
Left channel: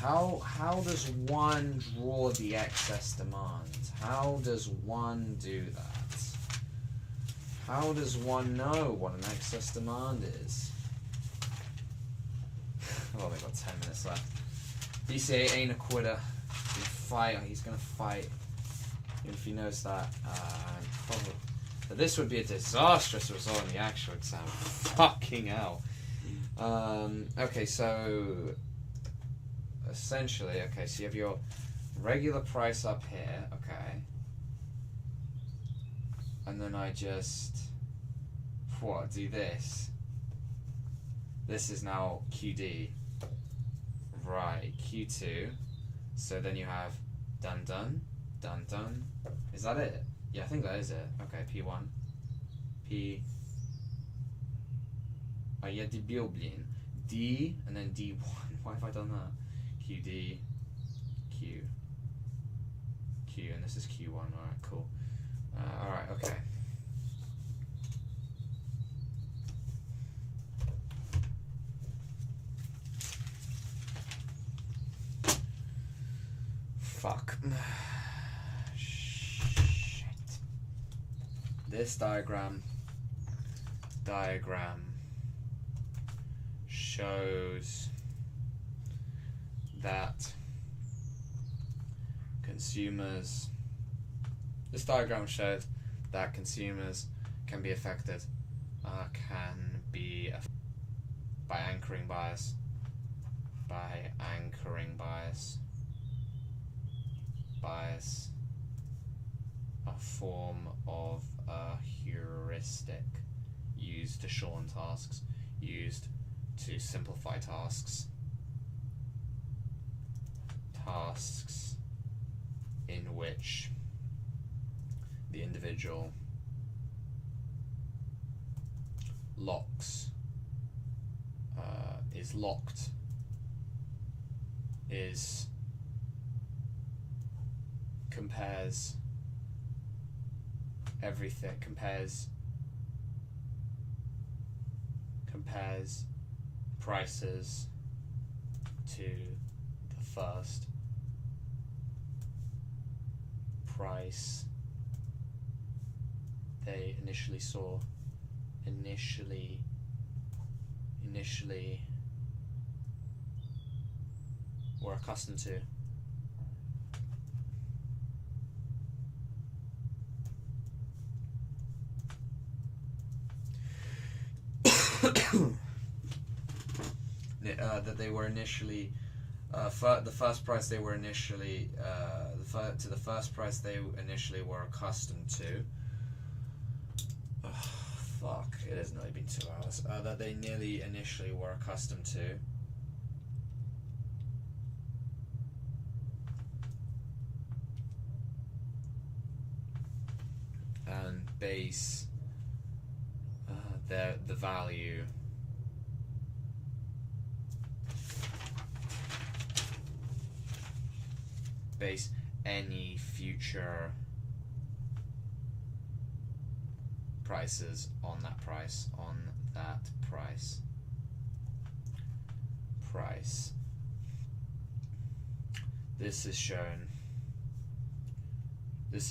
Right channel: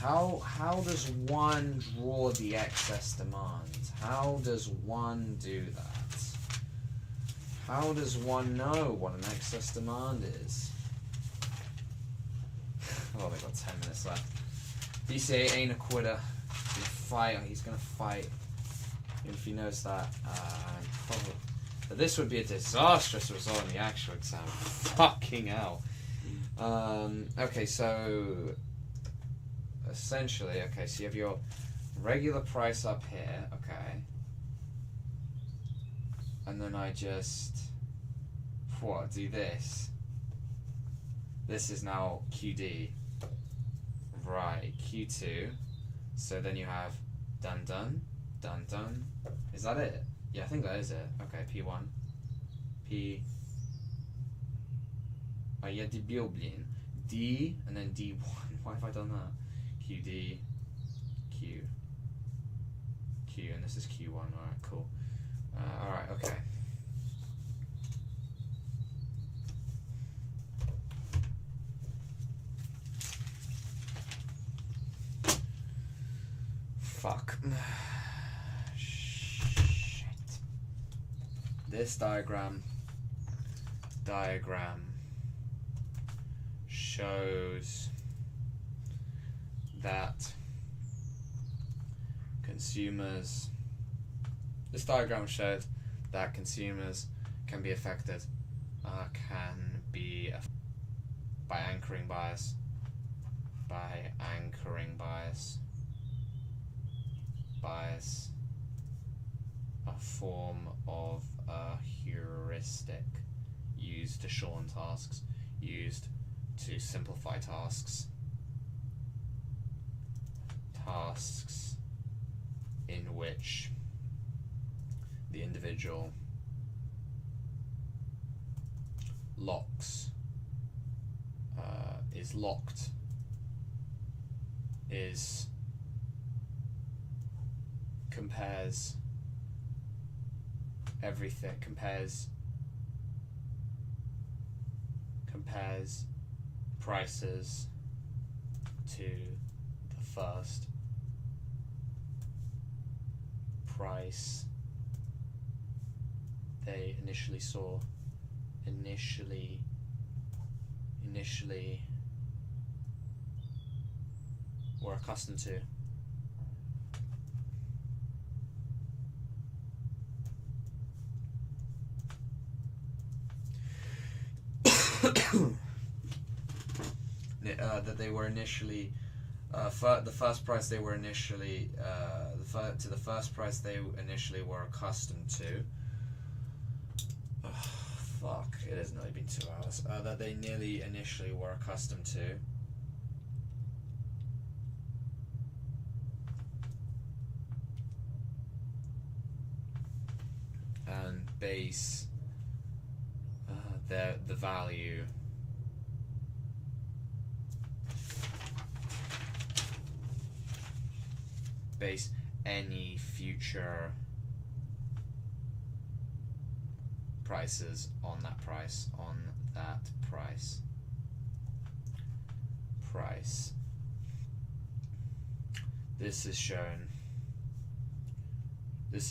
How does one draw the excess demand? How does one do that? How does one know what an excess demand is? Oh, they've got 10 minutes left. DCA ain't a quitter. He's gonna fight. If you notice that, probably. But this would be a disastrous result in the actual exam. Fucking hell. Okay, so essentially, okay, so you have your regular price up here, okay, and then I just do this. This is now QD, right? Q2. So then you have dun dun dun dun. Is that it? Yeah, I think that is it. Okay, P1, P. Oh, yeah, the Bioblin. D and then D1. Why have I done that? QD, Q, Q, and this is Q1. Alright, cool. Alright, okay. Fuck. Shit. This diagram shows that consumers can be affected by anchoring bias, a form of a heuristic used to shorten tasks, used to simplify tasks in which the individual compares everything, compares prices to the first price they initially were accustomed to. That they were initially the first price they were initially the first price they initially were accustomed to. Fuck! It has nearly been 2 hours. That they nearly initially were accustomed to. And base the value base any future prices on that price This is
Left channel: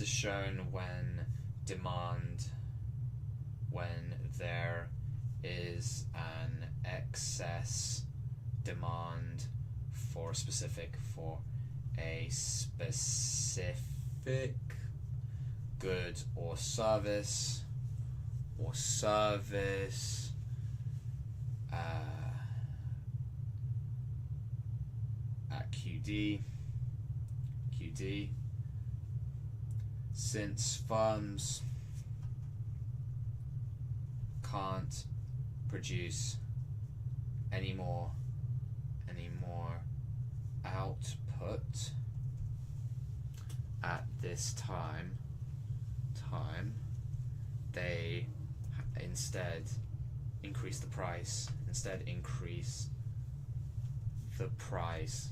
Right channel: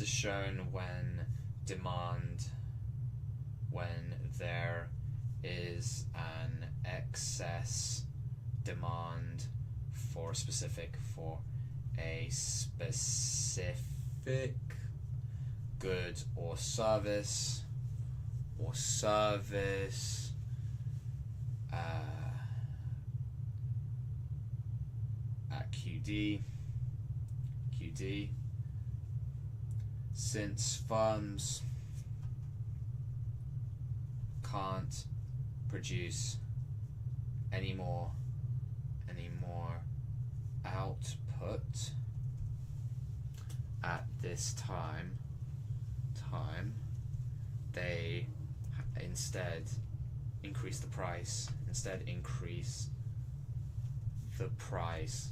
shown when there is an excess demand for a specific good or service at QD, since firms can't produce any more output at this time, they instead increase the price and instead increase the price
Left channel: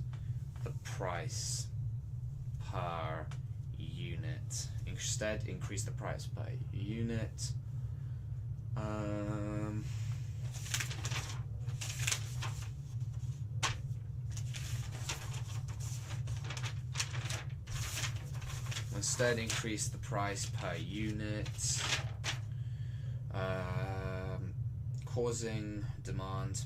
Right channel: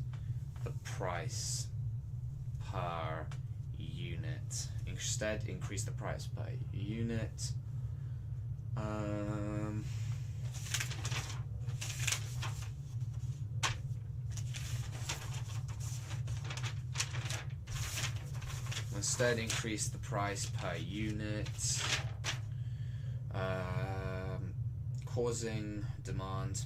per unit. Instead increase the price per unit. Instead increase the price per unit, causing demand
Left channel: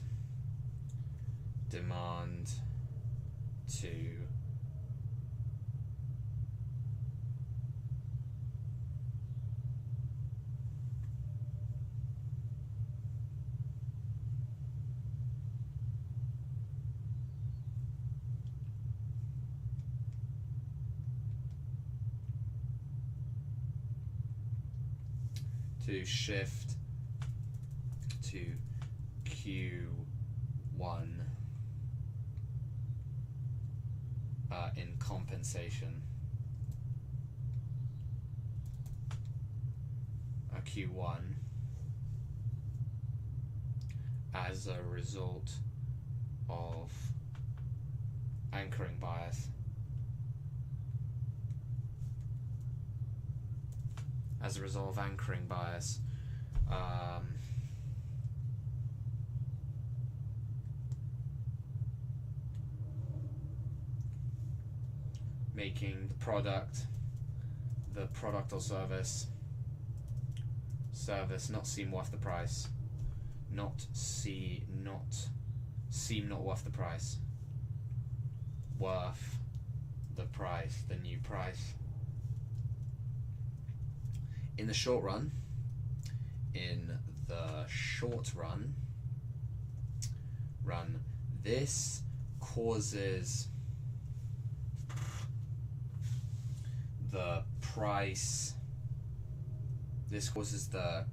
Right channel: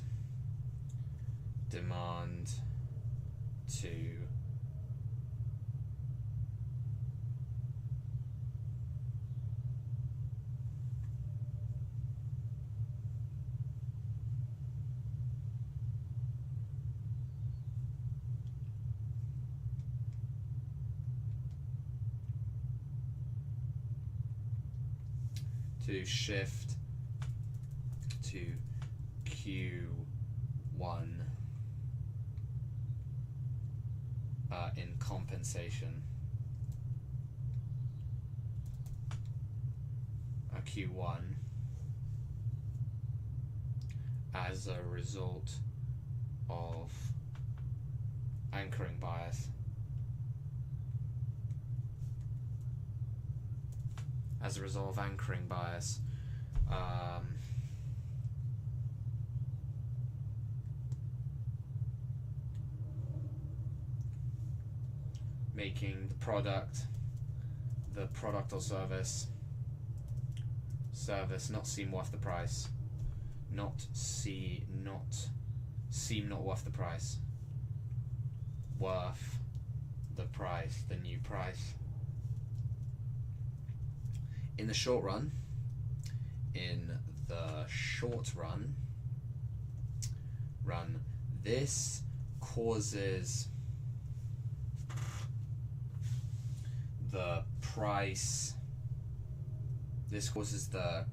to shift to Q1 in compensation. Q1 as a result of anchoring bias. As a result of anchoring bias, making the product or service not seem worth the price, seem not worth the price, worth the price, the new price. In the short run, this causes the price. This causes the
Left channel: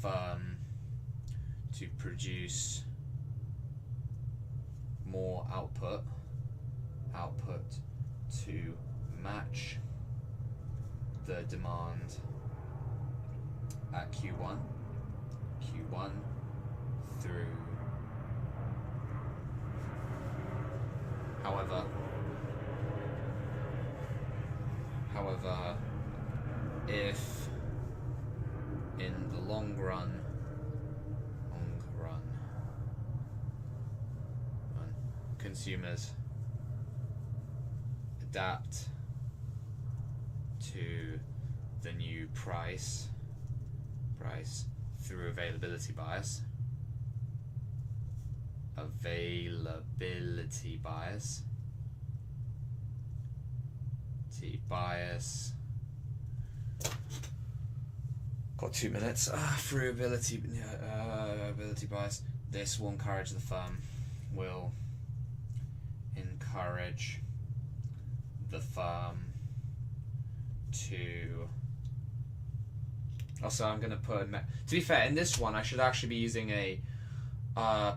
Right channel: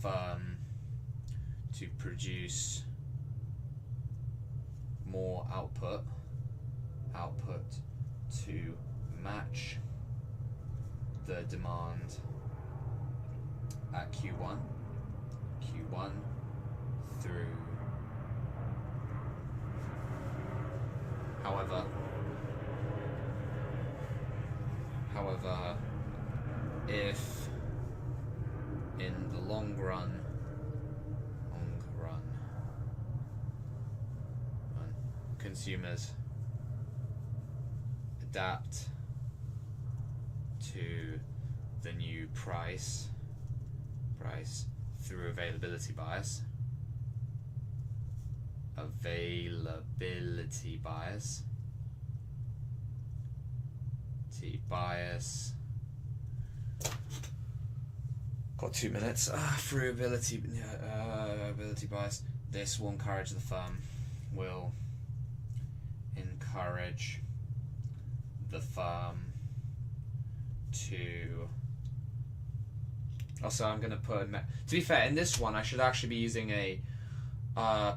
firm to produce more output to match the demand at Q1 through. However, if in the long run, consumers adapt to the new price through availability bias. Got 2 minutes. Through ability bias, this will encourage the firm. To. Also, I'm going to put. To be fair, in this one, I should actually be using a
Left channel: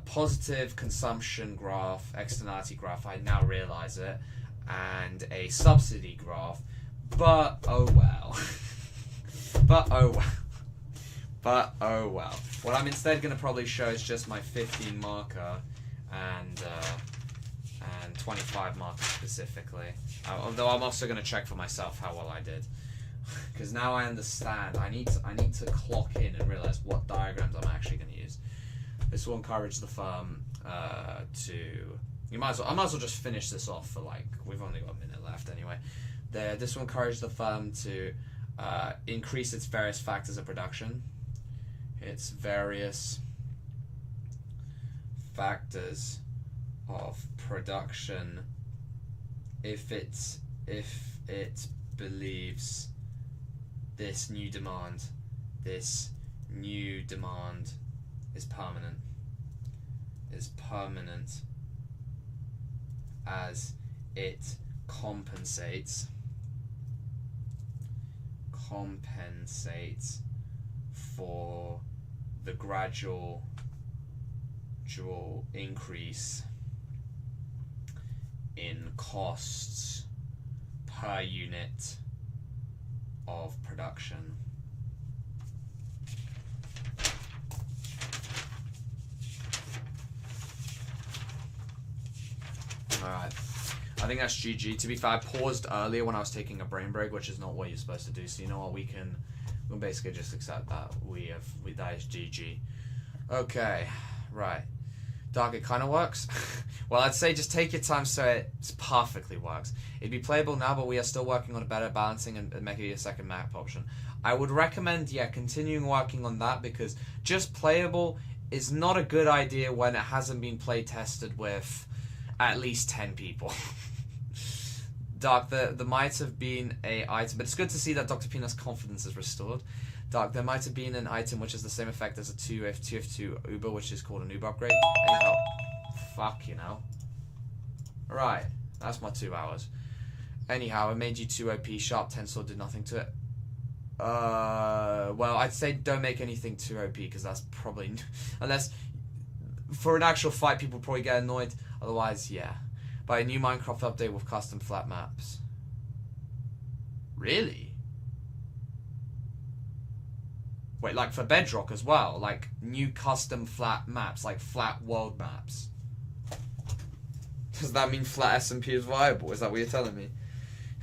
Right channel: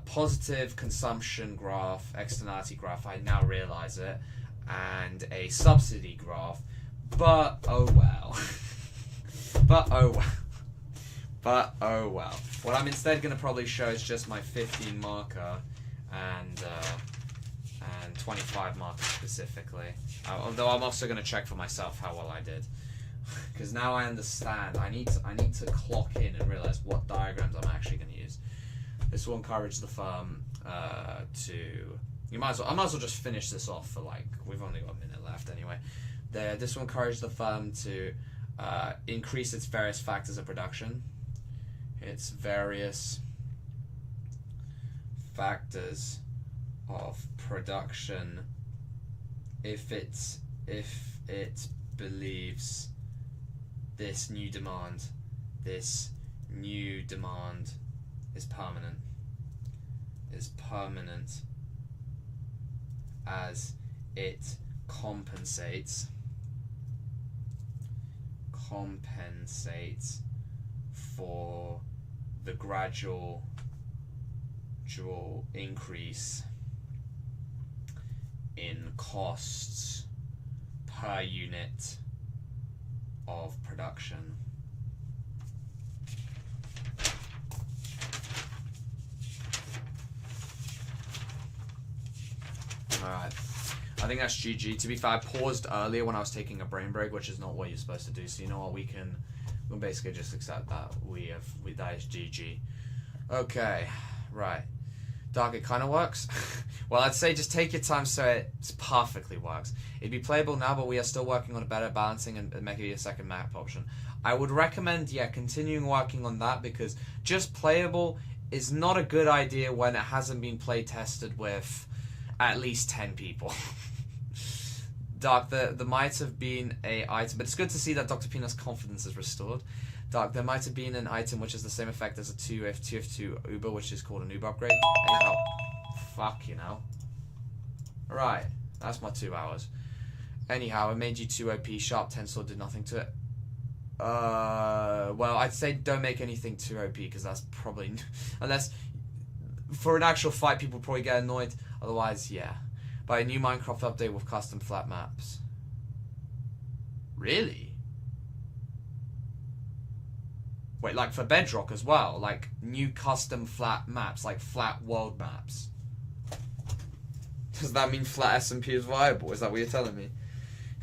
positive consumption graph, externality graph. I now realize it, and a subsidy graph. But oh well. But oh well. What I'm instead going to probably show is just my 15 marker and 25 marker specifically. Although I'm also going to check for myself how well I did, because now I understand. I need to clock in and realize what diagrams I'm actually going to use. This will encourage the firm to. I might as well just finish this off for we've only got a minute left anyway. This will encourage the firm to increase its various factors of production. Its various factors of production if it believes this new demand is permanent as it compensates for the gradual increase in costs per unit of production. SGG. To be fair, I paused earlier when I was taking a brain break, which is not what you're supposed to do. So you know what, we'll basically just accept that that is GG. Okay, right. Dark, it kind of works. Well, I'd say just take your time so it perfectly works. It'd be playable now, but we are still working on a better balancing and making it a second map option. I would recommend, continuing working on that, because just playable is not a good idea when it hasn't been play tested with at least 10 people. Dark, there might have been a item, but it's good to see that Dr. Peanut's confidence is restored. Dark, there might have been an item which has the same effect as a 2F2 Uber, which is called an Uber upgrade. Anyhow, fuck you know. Right, that's my 2 hours. Anyhow, it made you 2 OP, sharp 10 sword did nothing to it. Well, I'd say don't make anything too OP, because that's probably... Unless, for an actual fight, people probably get annoyed. Otherwise, yeah. Buy a new Minecraft update with custom flat maps. Really? Wait, like for Bedrock as well? Like, new custom flat maps, like flat world maps. Does that mean flat SMP is viable? Is that what you're telling me?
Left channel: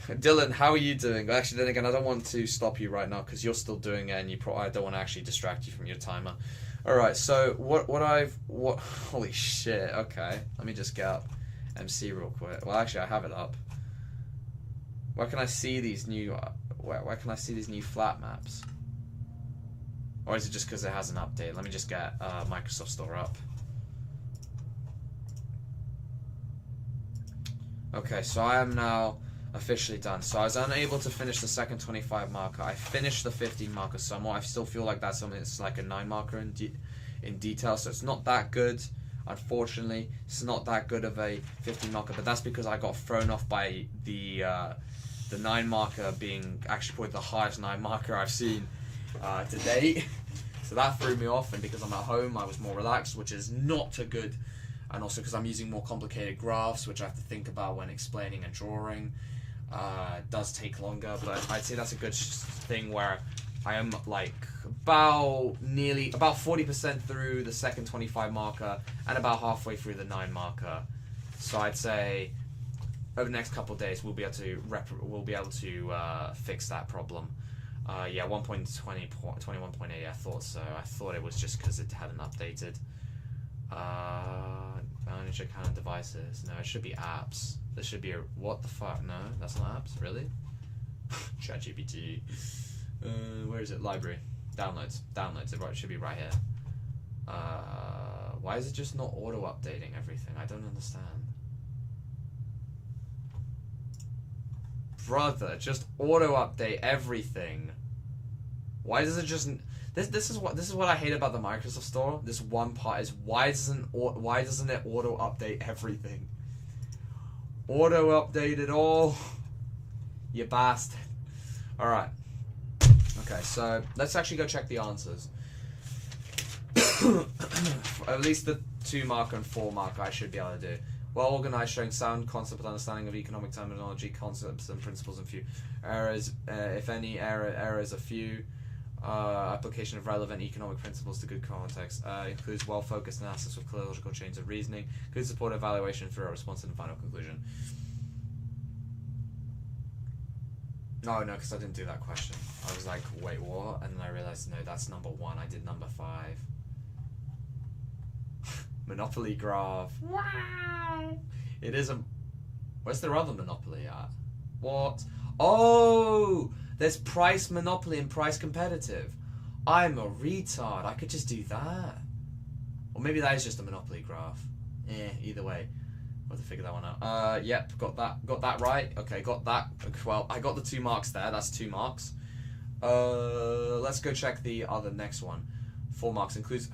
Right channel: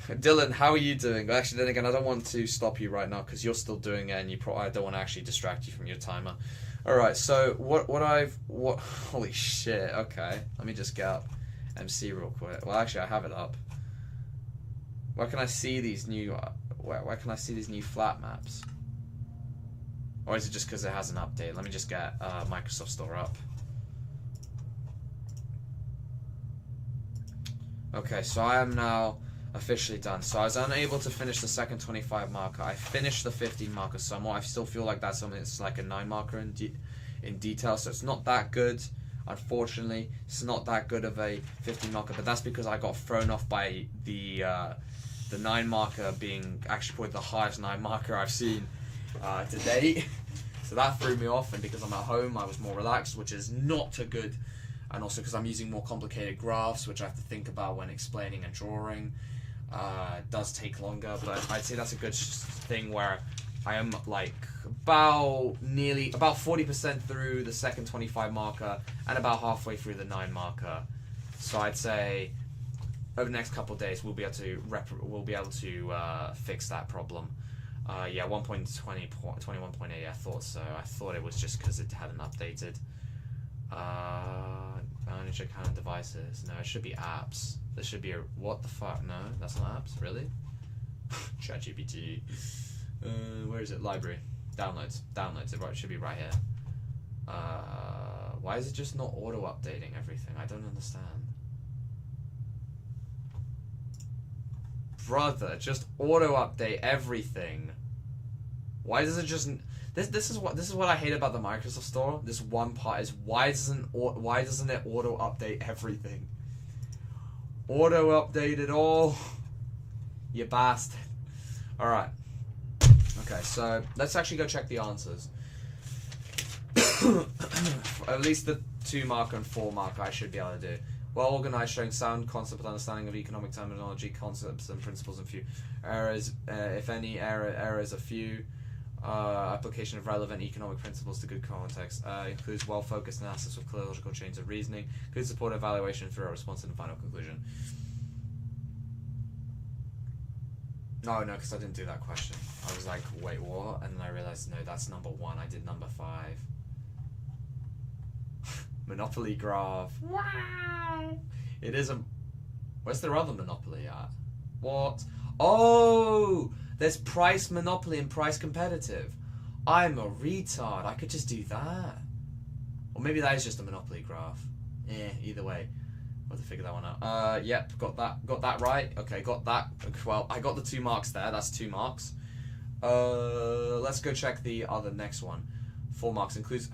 Dylan, how are you doing? Actually, then again, I don't want to stop you right now because you're still doing it, and I don't want to actually distract you from your timer. All right, so what? Holy shit! Okay, let me just get up MC real quick. Well, actually, I have it up. Where can I see these new? Where can I see these new flat maps? Or is it just because it has an update? Let me just get Microsoft Store up. Okay, so I am now officially done. So I was unable to finish the second 25 marker. I finished the 15 marker somewhat. I still feel like that's something that's like a 9 marker in detail, so it's not that good. Unfortunately, it's not that good of a 15 marker, but that's because I got thrown off by the 9 marker being actually probably the highest 9 marker I've seen to date. So that threw me off, and because I'm at home, I was more relaxed, which is not a good. And also because I'm using more complicated graphs, which I have to think about when explaining and drawing. It does take longer, but I'd say that's a good thing where I am like about 40% through the second 25 marker and about halfway through the 9 marker. So I'd say over the next couple of days we'll be able to fix that problem. Yeah, 1.20.21.8. I thought so. I thought it was just because it hadn't updated. Manage account and devices. No, it should be apps. There should be a... What the fuck? No, that's not apps. Really? ChatGPT. Where is it? Library. Downloads. Downloads. It should be right here. Why is it just not auto-updating everything? I don't understand. Brother, just auto-update everything. Why does it just... This is what I hate about the Microsoft Store. This one part is why doesn't it auto update everything? Auto update it all, you bastard. All right. Okay, so let's actually go check the answers. At least the 2 marker and 4 marker I should be able to do. Well organized, showing sound concept understanding of economic terminology, concepts and principles, and few errors. If any errors, a few. Application of relevant economic principles to good context. Includes well-focused analysis with clear logical chains of reasoning. Good support evaluation through a response and final conclusion. No, because I didn't do that question. I was like, wait, what? And then I realized, no, that's number 1. I did number 5. Monopoly graph. Wow! It is a... Where's their other Monopoly at? What? Oh! There's price monopoly and price competitive. I'm a retard. I could just do that. Or maybe that is just a monopoly graph. Either way. I'll have to figure that one out. Yep, got that right. Okay, got that. Well, I got the 2 marks there. That's 2 marks. Let's go check the other next one. 4 marks includes...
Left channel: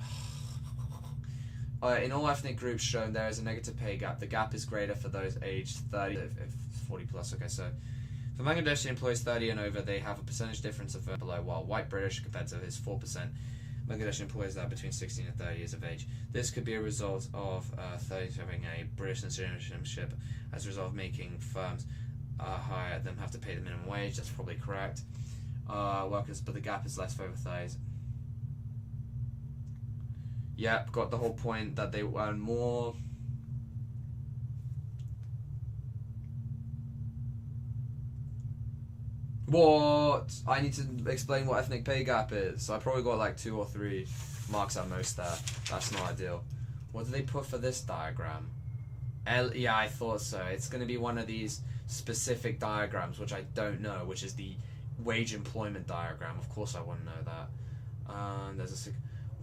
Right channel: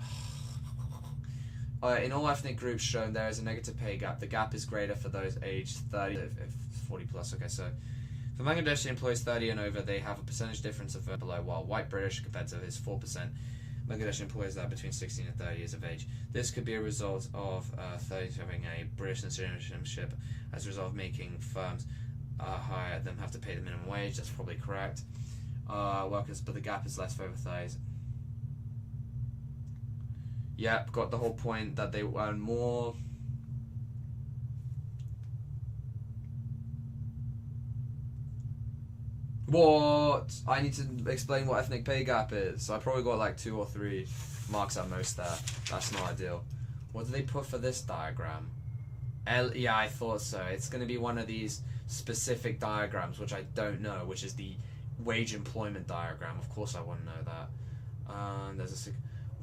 in all ethnic groups shown, there is a negative pay gap. The gap is greater for those aged 30, if 40 plus. Okay, so... For Bangladeshi employees 30 and over, they have a percentage difference of below, while white British competitive is 4%. Bangladeshi employees that are between 16 and 30 years of age. This could be a result of 30 having a British citizenship as a result of making firms hire them have to pay the minimum wage. That's probably correct. Workers, but the gap is less for over 30s. Yep, got the whole point that they earn more. What? I need to explain what ethnic pay gap is. I probably got like 2 or 3 marks at most there. That's not ideal. What do they put for this diagram? Yeah, I thought so. It's going to be one of these specific diagrams, which I don't know, which is the wage employment diagram. Of course I wouldn't know that. There's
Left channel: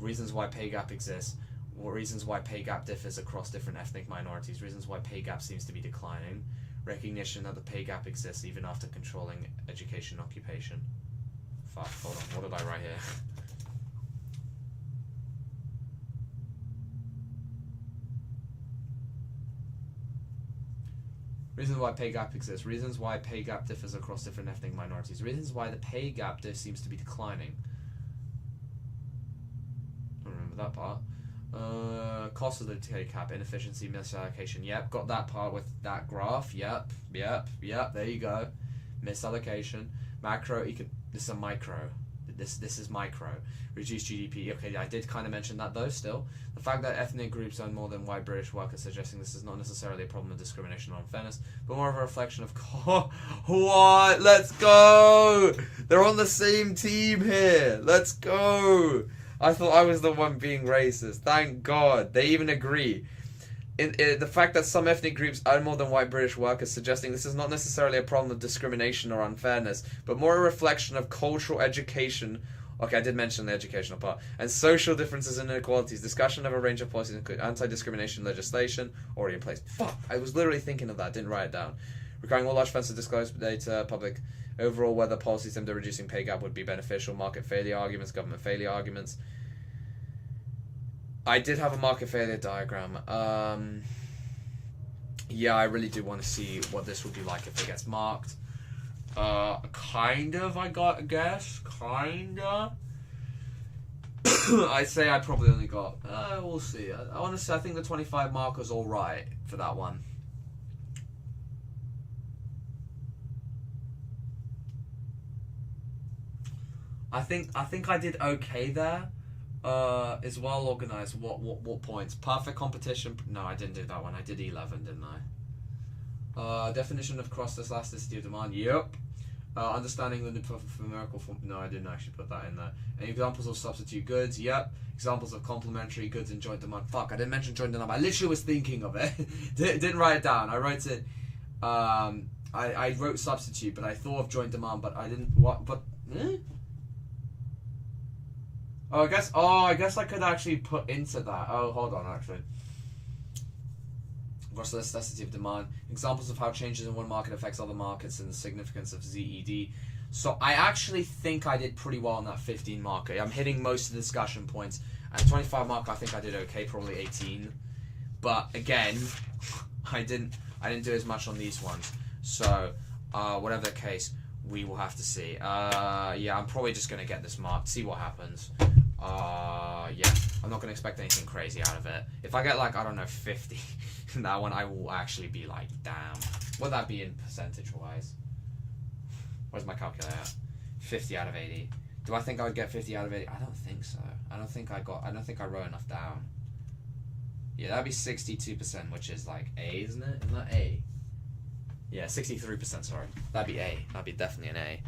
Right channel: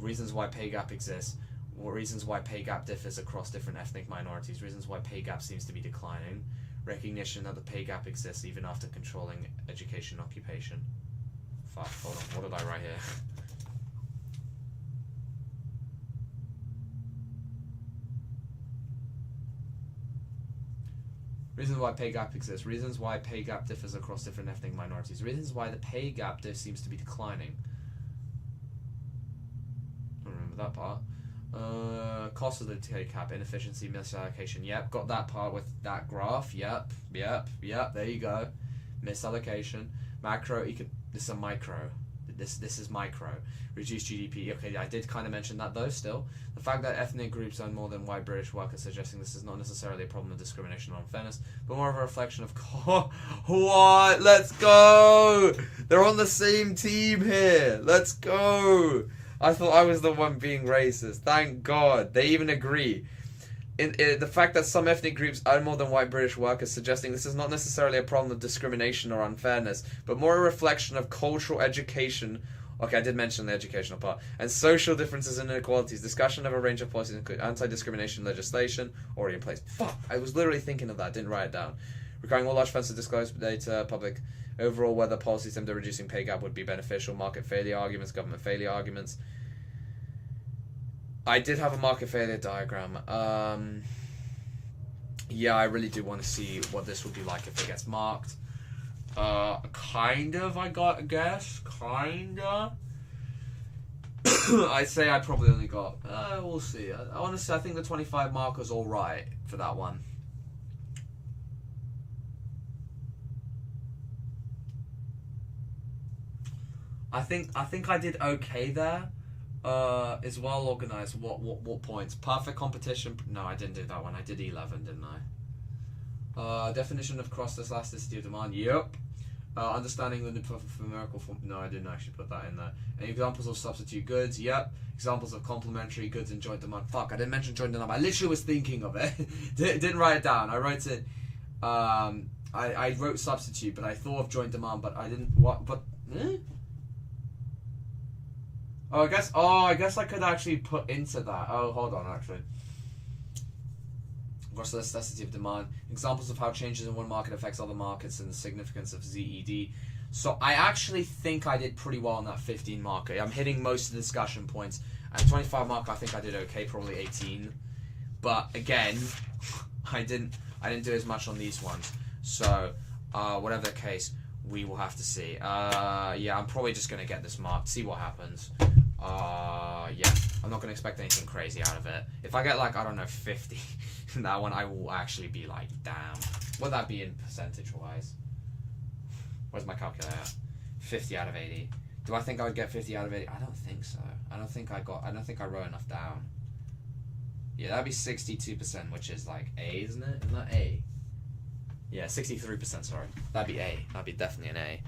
reasons why pay gap exists. Reasons why pay gap differs across different ethnic minorities. Reasons why pay gap seems to be declining. Recognition that the pay gap exists even after controlling education occupation. Fuck, hold on, what did I write here? Reasons why pay gap exists. Reasons why pay gap differs across different ethnic minorities. Reasons why the pay gap seems to be declining. I remember that part. Cost of the pay gap, inefficiency, misallocation. Yep, got that part with that graph. Yep. There you go. Misallocation. Macro. This is a micro. This is micro. Reduced GDP. Okay, I did kind of mention that though. Still, the fact that ethnic groups earn more than white British workers, suggesting this is not necessarily a problem of discrimination or unfairness, but more of a reflection of what? Let's go. They're on the same team here. Let's go. I thought I was the one being racist. Thank God. They even agree. The fact that some ethnic groups earn more than white British workers, suggesting this is not necessarily a problem of discrimination or unfairness, but more a reflection of cultural education. Okay, I did mention the educational part. And social differences and inequalities. Discussion of a range of policies include anti-discrimination legislation already in place. Fuck! I was literally thinking of that. Didn't write it down. Requiring all large firms to disclose data, public. Overall, whether policies aimed at reducing pay gap would be beneficial. Market failure arguments, government failure arguments. I did have a market failure diagram. Yeah, I really do want to see what this would be like if it gets marked. Kind of, I guess. Kinda. I'd say I probably only got... we'll see. Honestly, I think the 25 mark was alright for that one. I think I did okay there. Is well organized. What points? Perfect competition. No, I didn't do that one. I did 11, didn't I? Definition of cross elasticity of demand. Yep. Understanding the numerical form. No, I didn't actually put that in there. Any examples of substitute goods? Yep. Examples of complementary goods and joint demand. Fuck, I didn't mention joint demand. I literally was thinking of it. Didn't write it down. I wrote it. I wrote substitute, but I thought of joint demand, but I didn't. What? But. Oh, I guess I could actually put into that. Oh, hold on, actually. Gross elasticity of demand. Examples of how changes in one market affects other markets and the significance of ZED. So I actually think I did pretty well on that 15 marker. I'm hitting most of the discussion points. And 25 marker, I think I did okay, probably 18. But again, I didn't do as much on these ones. So whatever the case, we will have to see. Yeah, I'm probably just going to get this marked, see what happens. Yeah, I'm not going to expect anything crazy out of it. If I get like, I don't know, 50 in that one, I will actually be like, damn. What would that be in percentage-wise? Where's my calculator? 50 out of 80. Do I think I would get 50 out of 80? I don't think so. I don't think I wrote enough down. Yeah, that'd be 62%, which is like A, isn't it? Isn't that A? Yeah, 63%, sorry. That'd be A. That'd be definitely an A.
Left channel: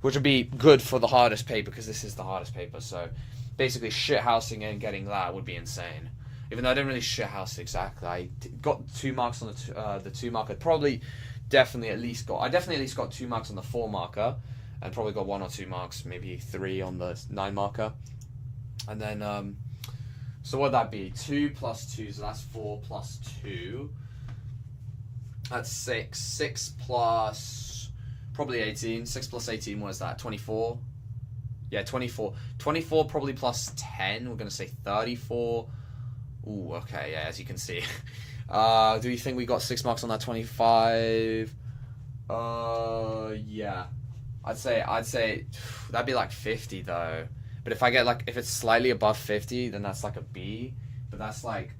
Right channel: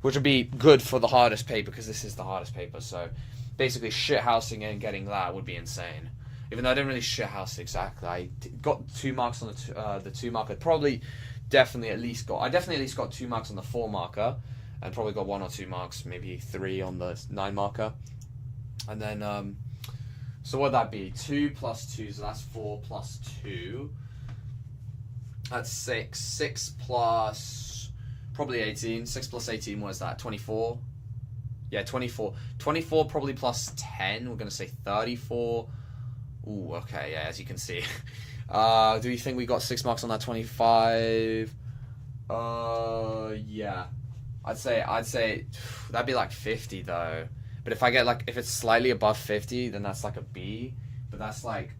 Which would be good for the hardest paper, because this is the hardest paper, so basically shithousing and getting that would be insane. Even though I didn't really shithouse exactly. I got 2 marks on the 2 marker. I definitely at least got 2 marks on the 4 marker, and probably got 1 or 2 marks, maybe 3 on the 9 marker. And then, so what'd that be? 2 plus 2, so that's 4 plus 2. That's 6. 6 plus probably 18. 6 plus 18, what is that? 24? Yeah, 24. 24 probably plus 10. We're going to say 34. Ooh, okay, yeah, as you can see. Do you think we got 6 marks on that 25? Yeah. I'd say that'd be like 50 though. But if I get like, if it's slightly above 50, then that's like a B. But that's like,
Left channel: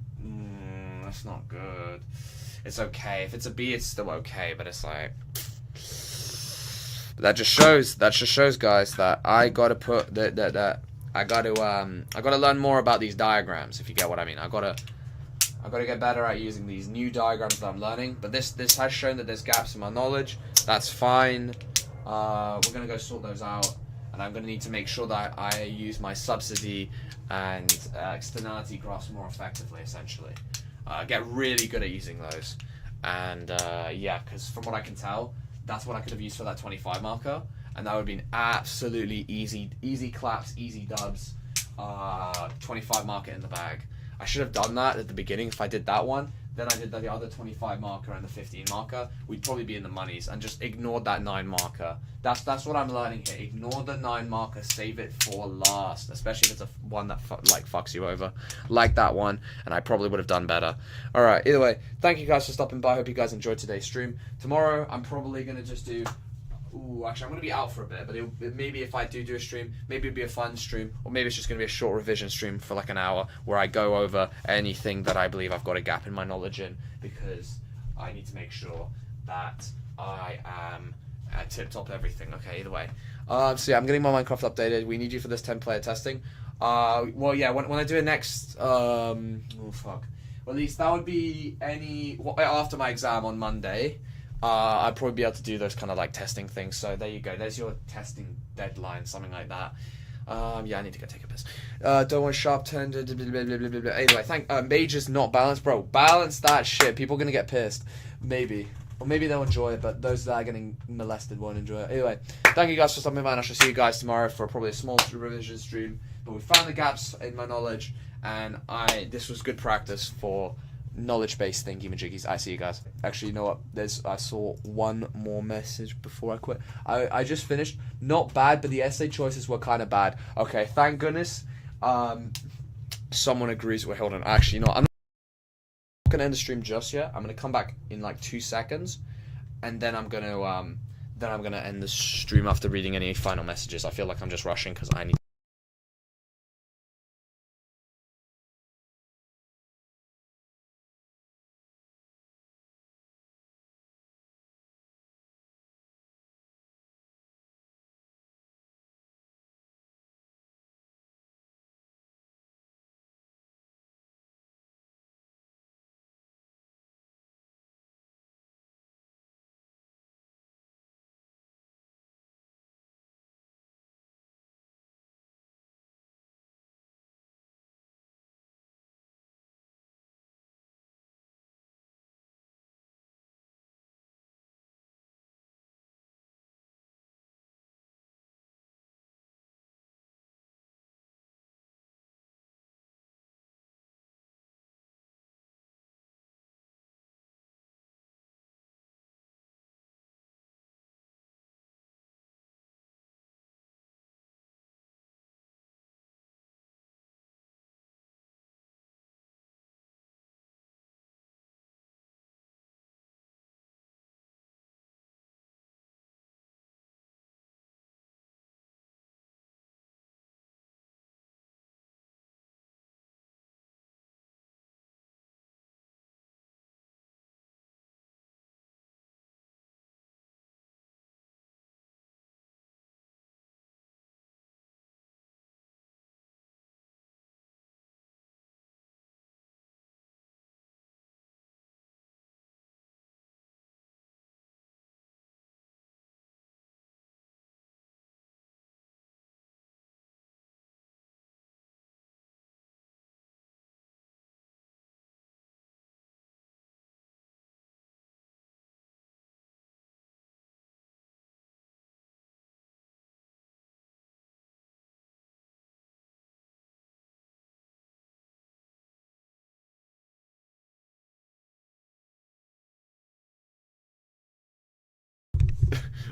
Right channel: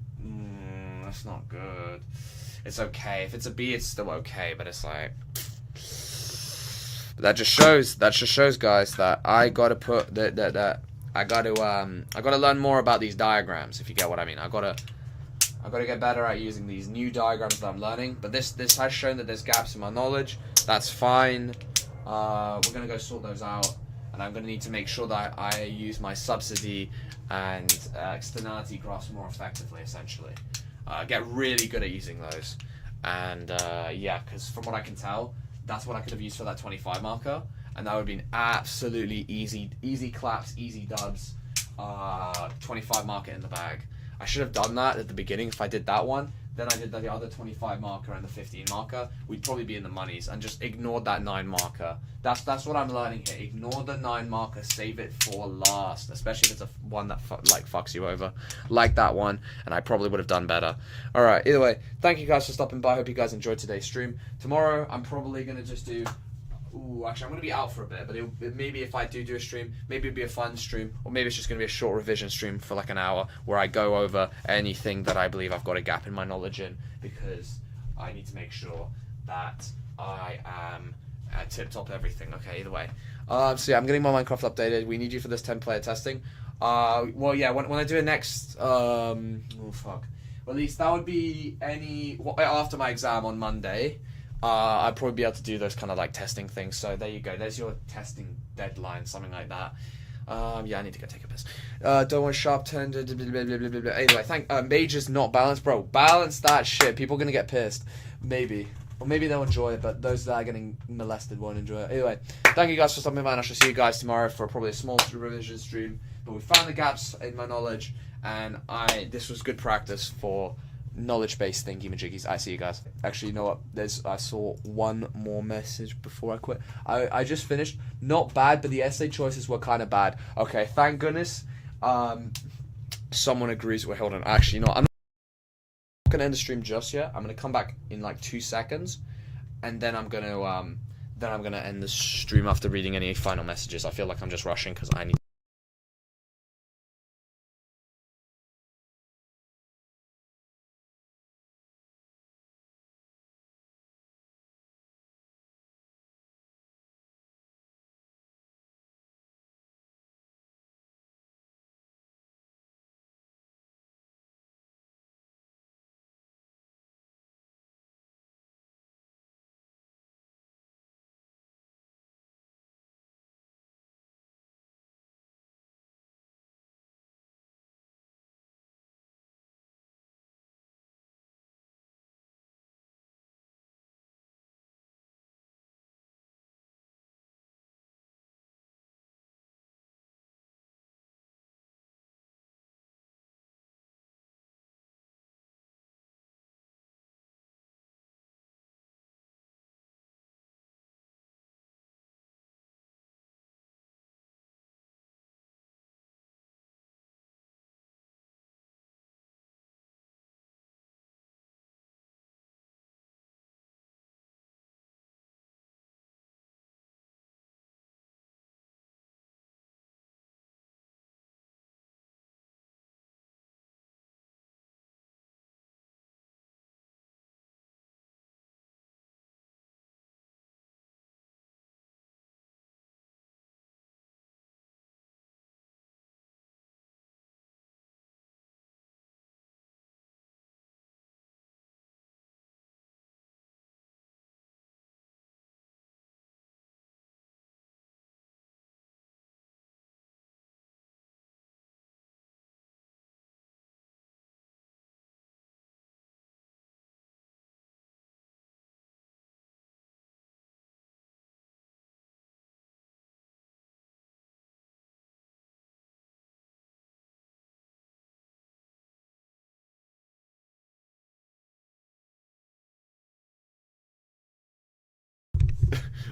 that's not good. It's okay. If it's a B, it's still okay. But it's like, that just shows, guys, that I gotta put I gotta learn more about these diagrams. If you get what I mean, I gotta get better at using these new diagrams that I'm learning. But this has shown that there's gaps in my knowledge. That's fine. We're going to go sort those out, and I'm going to need to make sure that I use my subsidy and externality graphs more effectively, essentially. Get really good at using those. And yeah, because from what I can tell, that's what I could have used for that 25 marker, and that would have been absolutely easy claps, easy dubs, 25 marker in the bag. I should have done that at the beginning. If I did that one, then I did the other 25 marker and the 15 marker, we'd probably be in the monies, and just ignored that 9 marker. That's what I'm learning here. Ignore the 9 marker, save it for last, especially if it's one that fucks you over, like that one, and I probably would have done better. Alright, either way, thank you guys for stopping by. I hope you guys enjoyed today's stream. Tomorrow, I'm probably going to just do... Actually, I'm going to be out for a bit, but maybe if I do a stream, maybe it'll be a fun stream, or maybe it's just going to be a short revision stream for like an hour, where I go over anything that I believe I've got a gap in my knowledge in, because I need to make sure that I am at tip-top everything. Okay, either way. So yeah, I'm getting my Minecraft updated. We need you for this 10-player testing. Well, yeah, when I do it next, oh fuck. Well, at least that would be after my exam on Monday. I'd probably be able to do those kind of like testing things. So there you go. There's your testing deadline, something like that. Yeah, I need to go take a piss. Don't want sharp turn. Anyway, mage is not balanced, bro. Balance that shit. People are gonna get pissed. Maybe. Or maybe they'll enjoy it, but those that are getting molested won't enjoy it. Anyway, thank you guys for stopping by, and I shall see you guys tomorrow for probably a small revision stream. But we found the gaps in my knowledge, and this was good practice for knowledge-based thingy-majiggies. I see you guys. Actually, you know what? I saw one more message before I quit. I just finished. Not bad, but the essay choices were kind of bad. Okay, thank goodness. Someone agrees with. Hold on. Actually, you know what? I'm not gonna end the stream just yet. I'm gonna come back in like 2 seconds, and then I'm gonna end the stream after reading any final messages. I feel like I'm just rushing because I need.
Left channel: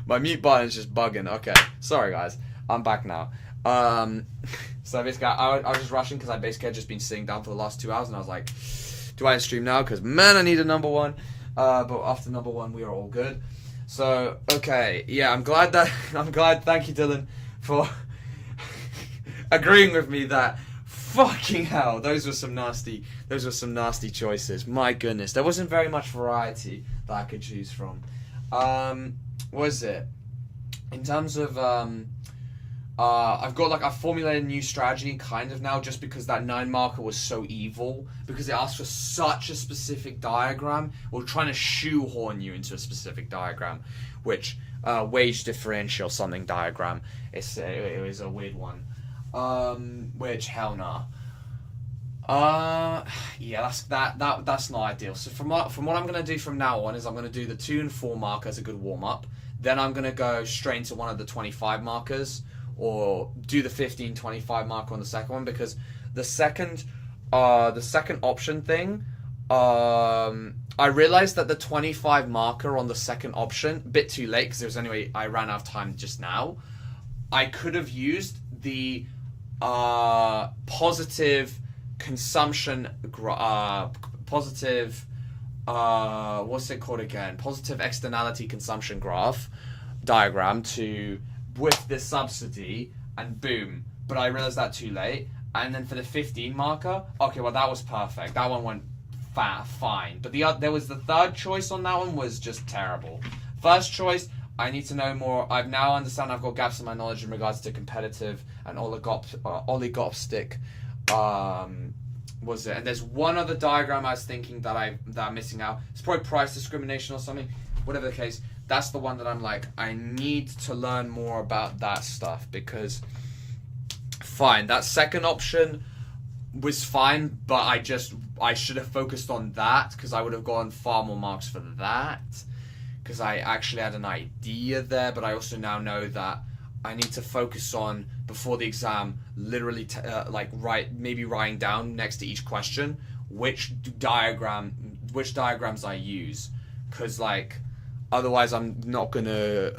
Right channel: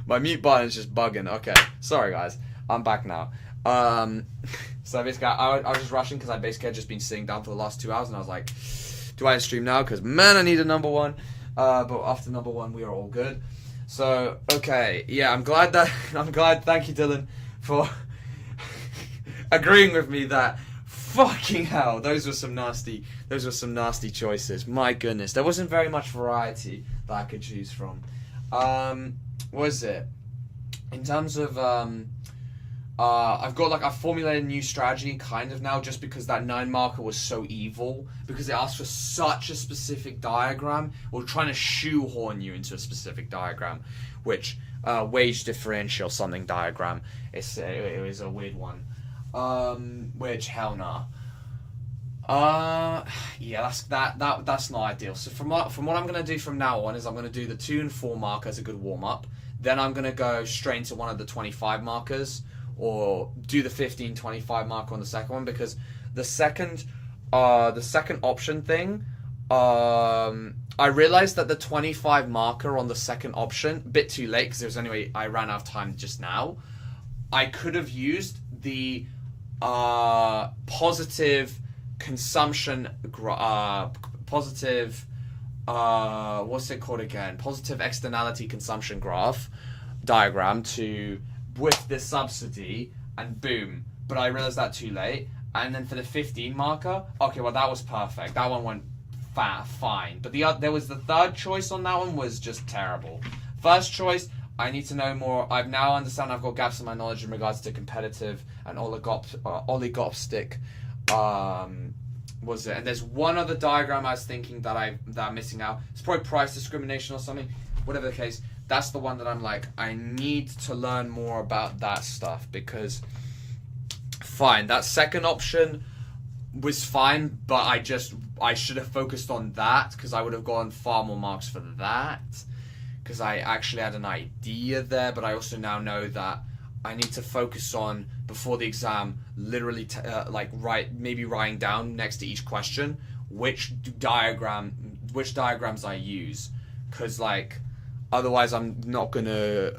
My mute button's just bugging. Okay, sorry guys, I'm back now. So basically, I was just rushing because I basically had just been sitting down for the last 2 hours, and I was like, do I stream now? Because man, I need a number one. But after number one, we are all good. So okay, yeah, I'm glad. Thank you, Dylan, for agreeing with me that. Fucking hell, those were some nasty choices. My goodness, there wasn't very much variety that I could choose from. Was it? In terms of, I've formulated a new strategy kind of now, just because that 9 marker was so evil, because it asked for such a specific diagram, or trying to shoehorn you into a specific diagram, which wage differential something diagram. It was a weird one. Which hell nah. Yeah, that's not ideal. So from what I'm gonna do from now on is I'm gonna do the 2 and 4 marker as a good warm up. Then I'm gonna go straight into one of the 25 markers, or do the 15-25 marker on the second one, because the second option thing, I realized that the 25 marker on the second option, a bit too late because it was anyway, I ran out of time just now. I could have used the positive consumption, what's it called again? Positive externality consumption graph diagram with this subsidy, and boom. But I realized that too late. And then for the 15 marker, okay, well that was perfect. That one went fine. But there was the third choice on that one was just terrible. First choice, I need to know more. I've now understand I've got gaps in my knowledge in regards to competitive and oligopstic. Was it? And there's one other diagram I was thinking that I'm missing out. It's probably price discrimination or something. Whatever the case, that's the one that I'm like, I need to learn more about that stuff, because fine, that second option was fine, but I should have focused on that, because I would have gotten far more marks for that, because I actually had an idea there. But I also now know that I need to focus on, before the exam, literally writing down next to each question which diagrams I use, because like otherwise I'm not gonna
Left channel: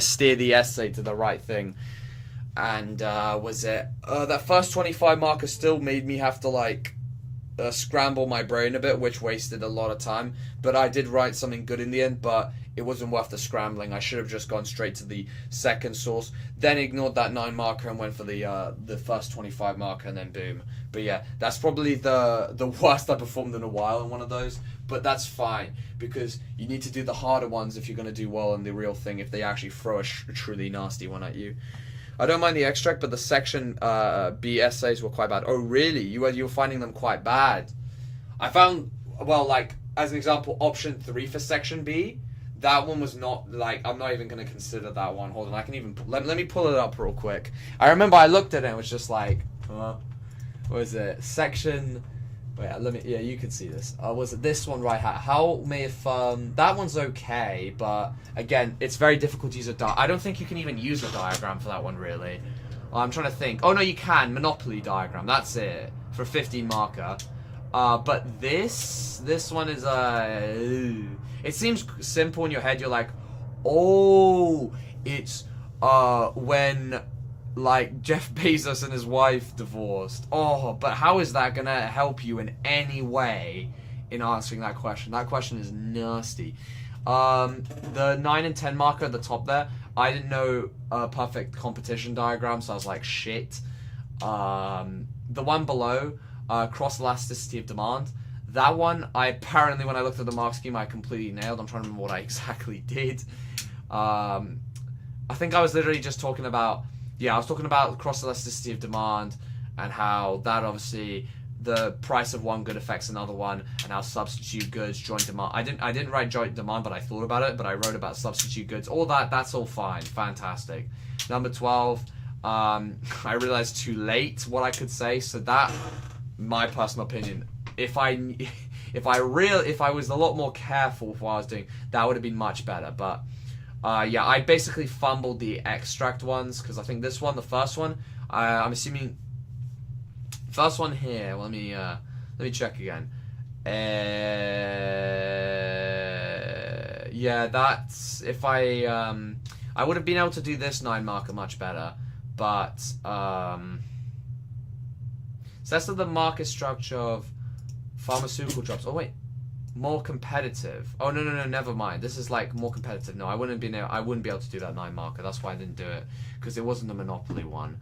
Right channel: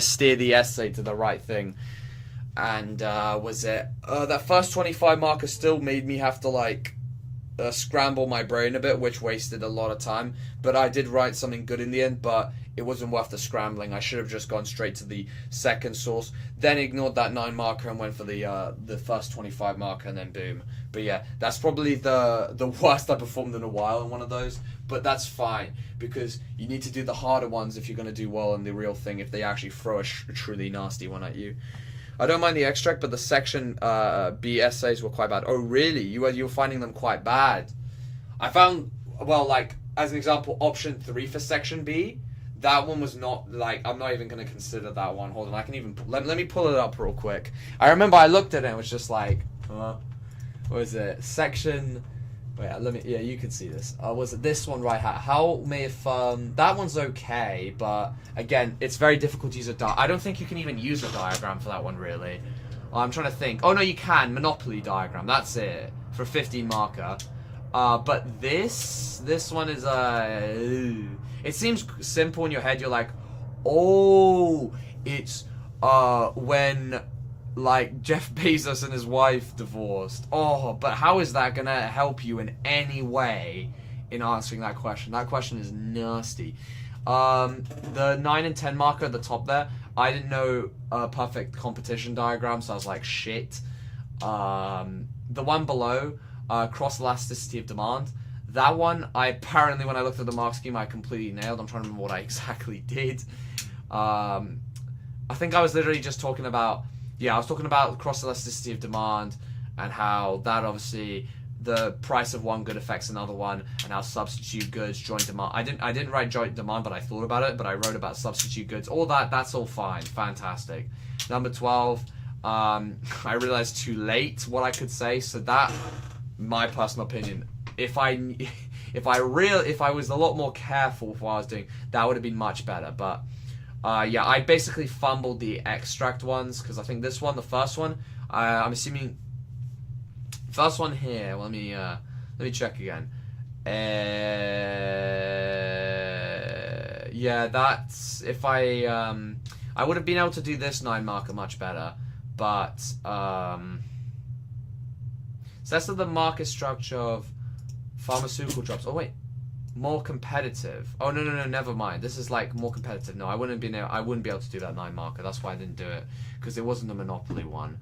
steer the essay to the right thing. And that first 25 marker still made me have to scramble my brain a bit, which wasted a lot of time. But I did write something good in the end, but it wasn't worth the scrambling. I should have just gone straight to the second source, then ignored that 9 marker and went for the first 25 marker, and then boom. But yeah, that's probably the worst I performed in a while in one of those. But that's fine, because you need to do the harder ones if you're going to do well in the real thing, if they actually throw a truly nasty one at you. I don't mind the extract, but the section B essays were quite bad. Oh really? You were finding them quite bad? I found, as an example, option 3 for section B, that one was not, I'm not even going to consider that one. Hold on, I can even, let me pull it up real quick. I remember I looked at it and it was just what was it? Section, you can see this. Was it this one right here? How may affirm, that one's okay, but again, it's very difficult to use I don't think you can even use a diagram for that one, really. I'm trying to think. Oh no, you can. Monopoly diagram, that's it, for 15 marker. But this one is it seems simple in your head. You're like, oh, it's when Jeff Bezos and his wife divorced. Oh, but how is that gonna help you in any way in answering that question? That question is nasty. The 9 and 10 marker at the top there, I didn't know a perfect competition diagram, so I was like, shit. The one below, cross elasticity of demand, that one, when I looked at the mark scheme, I completely nailed. I'm trying to remember what I exactly did. I think I was literally just talking about, I was talking about cross elasticity of demand, and how that obviously the price of one good affects another one, and how substitute goods, joint demand. I didn't write joint demand, but I thought about it. But I wrote about substitute goods. All that's all fine, fantastic. Number 12. I realized too late what I could say. So that, my personal opinion, if I was a lot more careful with what I was doing, that would have been much better. But I basically fumbled the extract ones, because I think this one, the first one, I'm assuming first one here. Let me check again. That's if I would have been able to do this 9 marker much better, but so that's the market structure of pharmaceutical drugs. Oh wait, more competitive. Oh no, never mind. This is more competitive. No, I wouldn't be able to do that 9 marker. That's why I didn't do it, because it wasn't a monopoly one.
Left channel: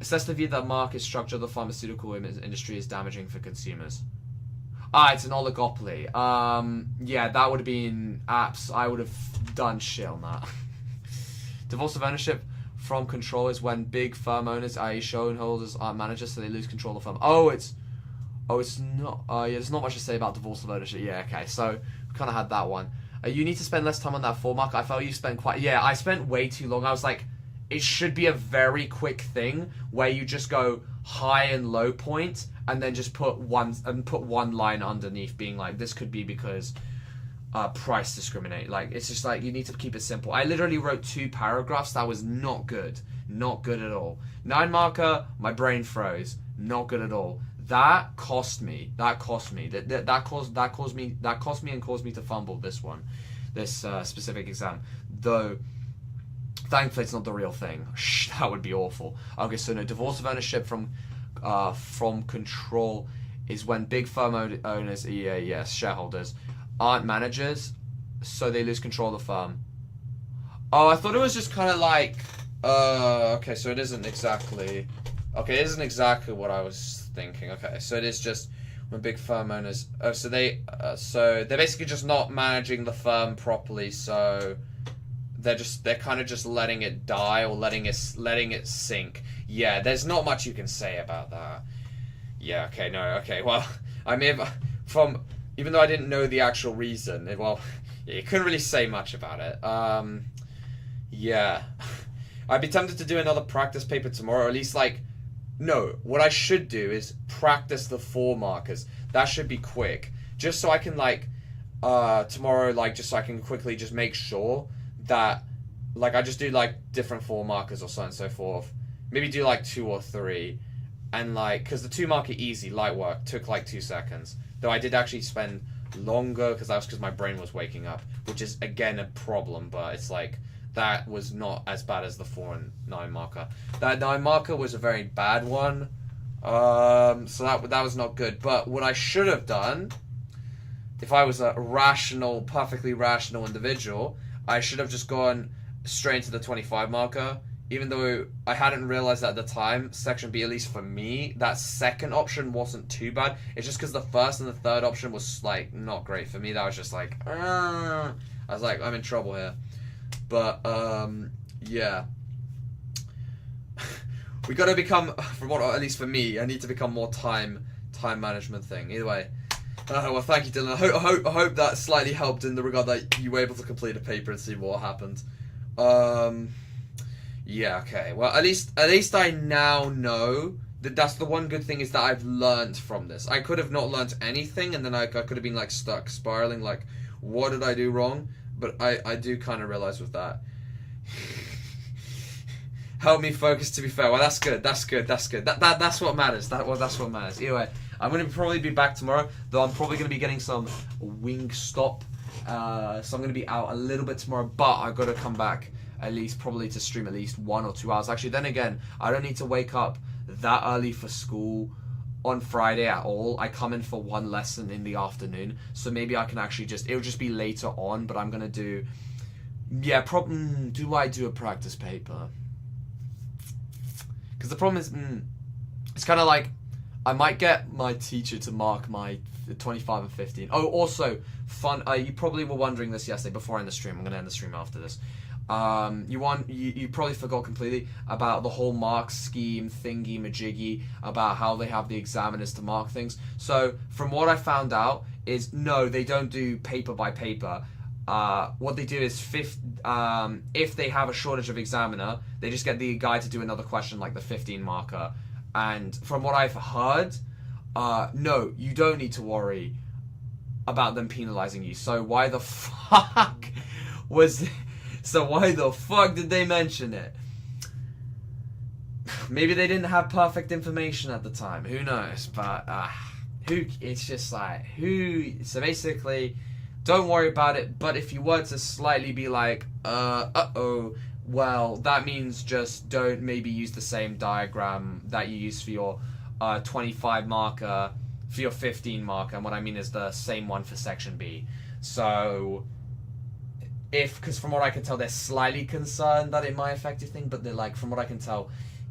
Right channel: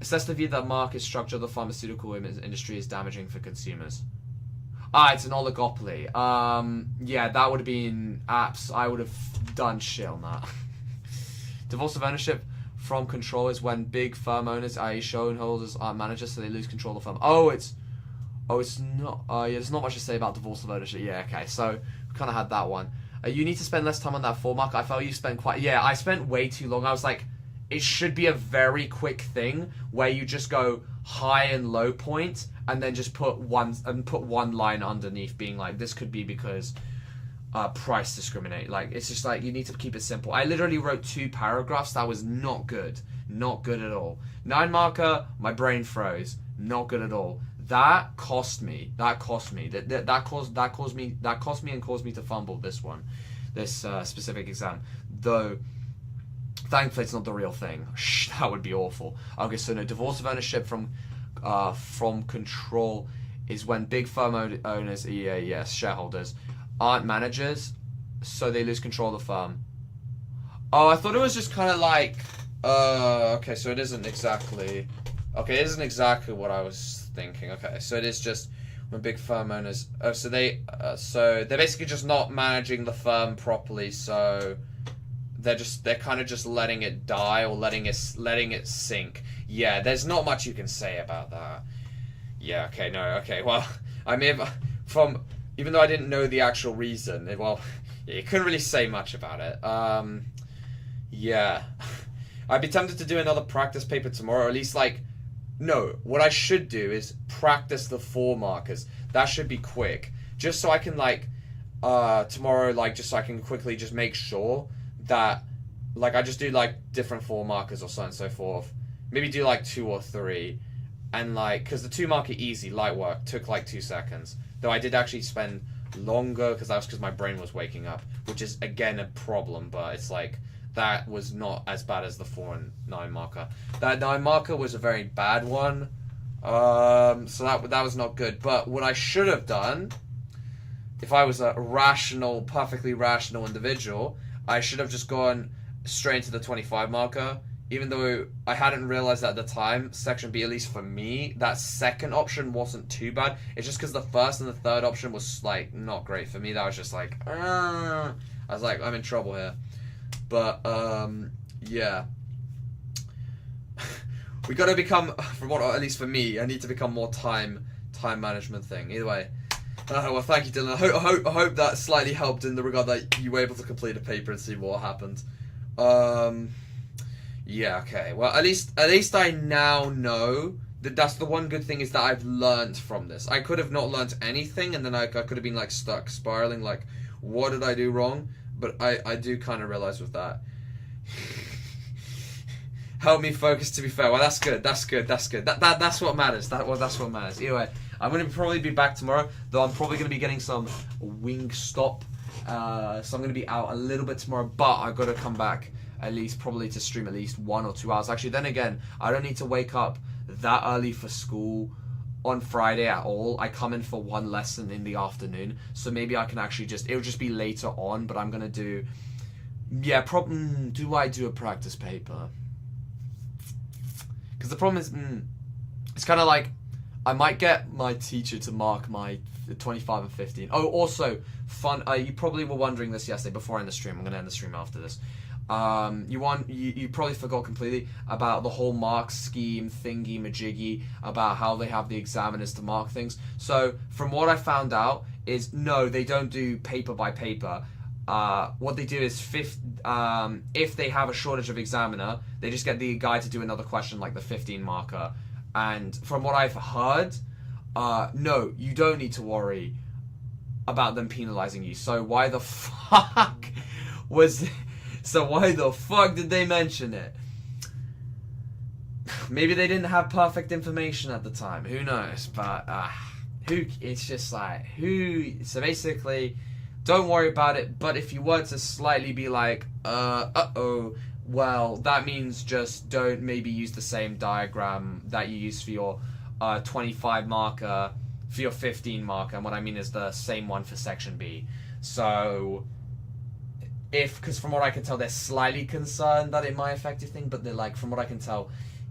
Assess the view that market structure of the pharmaceutical industry is damaging for consumers. It's an oligopoly. That would have been apps. I would have done shit on that. Divorce of ownership from control is when big firm owners, i.e. shareholders, aren't managers, so they lose control of the firm. It's not. Yeah, there's not much to say about divorce of ownership. Yeah, okay, so we kind of had that one. You need to spend less time on that 4 marker. I felt you spent quite. Yeah, I spent way too long. I was like, it should be a very quick thing where you just go high and low point, and then just put one line underneath, being like, this could be because price discriminate. Like, it's just like, you need to keep it simple. I literally wrote 2 paragraphs. That was not good at all. 9 marker, my brain froze. Not good at all. That cost me. That cost me and caused me to fumble this specific exam. Though, thankfully, it's not the real thing. Shh, that would be awful. Okay, so no, divorce of ownership from control is when big firm owners, shareholders, aren't managers, so they lose control of the firm. Oh, I thought it was just kind of like, okay, so it isn't exactly what I was thinking. Okay, so it is just when big firm owners, so they're basically just not managing the firm properly, so they're kind of just letting it die or letting it sink. Yeah, there's not much you can say about that. Yeah, okay, no, okay, well, I mean, even though I didn't know the actual reason, you couldn't really say much about it. Yeah. I'd be tempted to do another practice paper tomorrow, or at least, what I should do is practice the 4 markers. That should be quick. Just so I can, tomorrow, just so I can quickly just make sure that, I just do, different 4 markers or so on and so forth. Maybe do, 2 or 3. And, because the 2 marker easy, light work, took, 2 seconds. Though I did actually spend longer, because my brain was waking up, which is, again, a problem, but it's, that was not as bad as the 4 and 9 marker. That 9 marker was a very bad one, so that was not good. But what I should have done, if I was a perfectly rational individual, I should have just gone straight into the 25 marker, even though I hadn't realized that at the time, section B, at least for me, that second option wasn't too bad. It's just because the first and the third option was, not great for me. That was just I was like, I'm in trouble here. But, yeah. We gotta become, at least for me, I need to become more time management thing. Either way. Well, thank you, Dylan. I hope that slightly helped in the regard that you were able to complete a paper and see what happened. Yeah, okay. Well, at least I now know that that's the one good thing, is that I've learned from this. I could have not learned anything, and then I could have been, stuck spiraling, what did I do wrong? But I do kind of realize with that. Help me focus, to be fair. Well, that's good. That's what matters. That's what matters. Anyway, I'm going to probably be back tomorrow, though I'm probably going to be getting some wing stop. So I'm going to be out a little bit tomorrow, but I've got to come back at least probably to stream at least 1 or 2 hours. Actually, then again, I don't need to wake up that early for school on Friday at all. I come in for 1 lesson in the afternoon, so maybe I can actually it'll just be later on, but I'm going to do, do I do a practice paper? Because the problem is, it's kind of I might get my teacher to mark my 25 and 15. Oh, also, fun, you probably were wondering this yesterday before I end the stream. I'm going to end the stream after this. You probably forgot completely about the whole mark scheme thingy majiggy, about how they have the examiners to mark things. So from what I found out is, no, they don't do paper by paper. What they do is if they have a shortage of examiner, they just get the guy to do another question, like the 15 marker. And from what I've heard, no, you don't need to worry about them penalizing you. So why the fuck did they mention it? Maybe they didn't have perfect information at the time. Who knows? But it's just so basically, don't worry about it. But if you were to slightly be well, that means just don't maybe use the same diagram that you use for your 25 marker, for your 15 marker. And what I mean is the same one for section B. So, because from what I can tell, they're slightly concerned that it might affect your thing, but they're from what I can tell,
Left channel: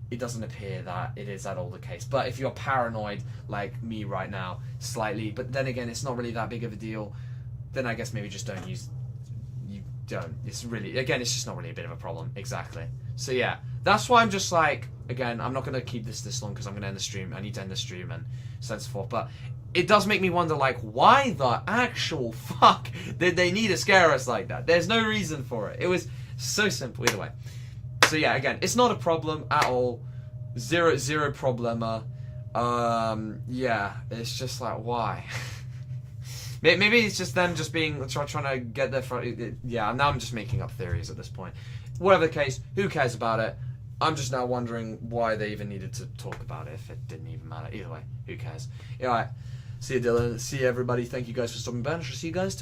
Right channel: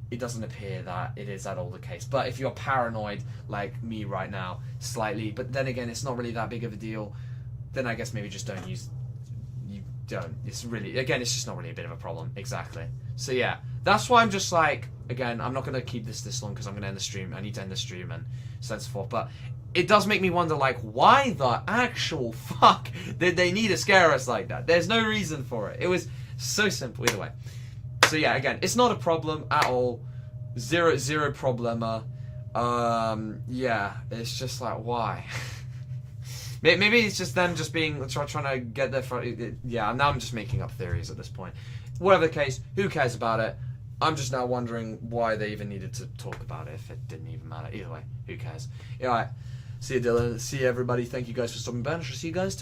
it doesn't appear that it is at all the case. But if you're paranoid, like me right now, slightly, but then again, it's not really that big of a deal, then I guess maybe just don't use don't. It's really, again, it's just not really a bit of a problem. Exactly. So yeah, that's why I'm just like, again, I'm not going to keep this long because I'm going to end the stream. I need to end the stream and so on and so forth. But it does make me wonder, like, why the actual fuck did they need to scare us like that? There's no reason for it. It was so simple either way. So yeah, again, it's not a problem at all. Zero problema. Yeah, it's just like, why? Maybe it's just them just being trying to get their yeah. Now I'm just making up theories at this point. Whatever the case, who cares about it? I'm just now wondering why they even needed to talk about it if it didn't even matter. Either way, who cares? Yeah, all right. See you, Dylan. See you, everybody. Thank you guys for stopping by. I shall see you guys tomorrow.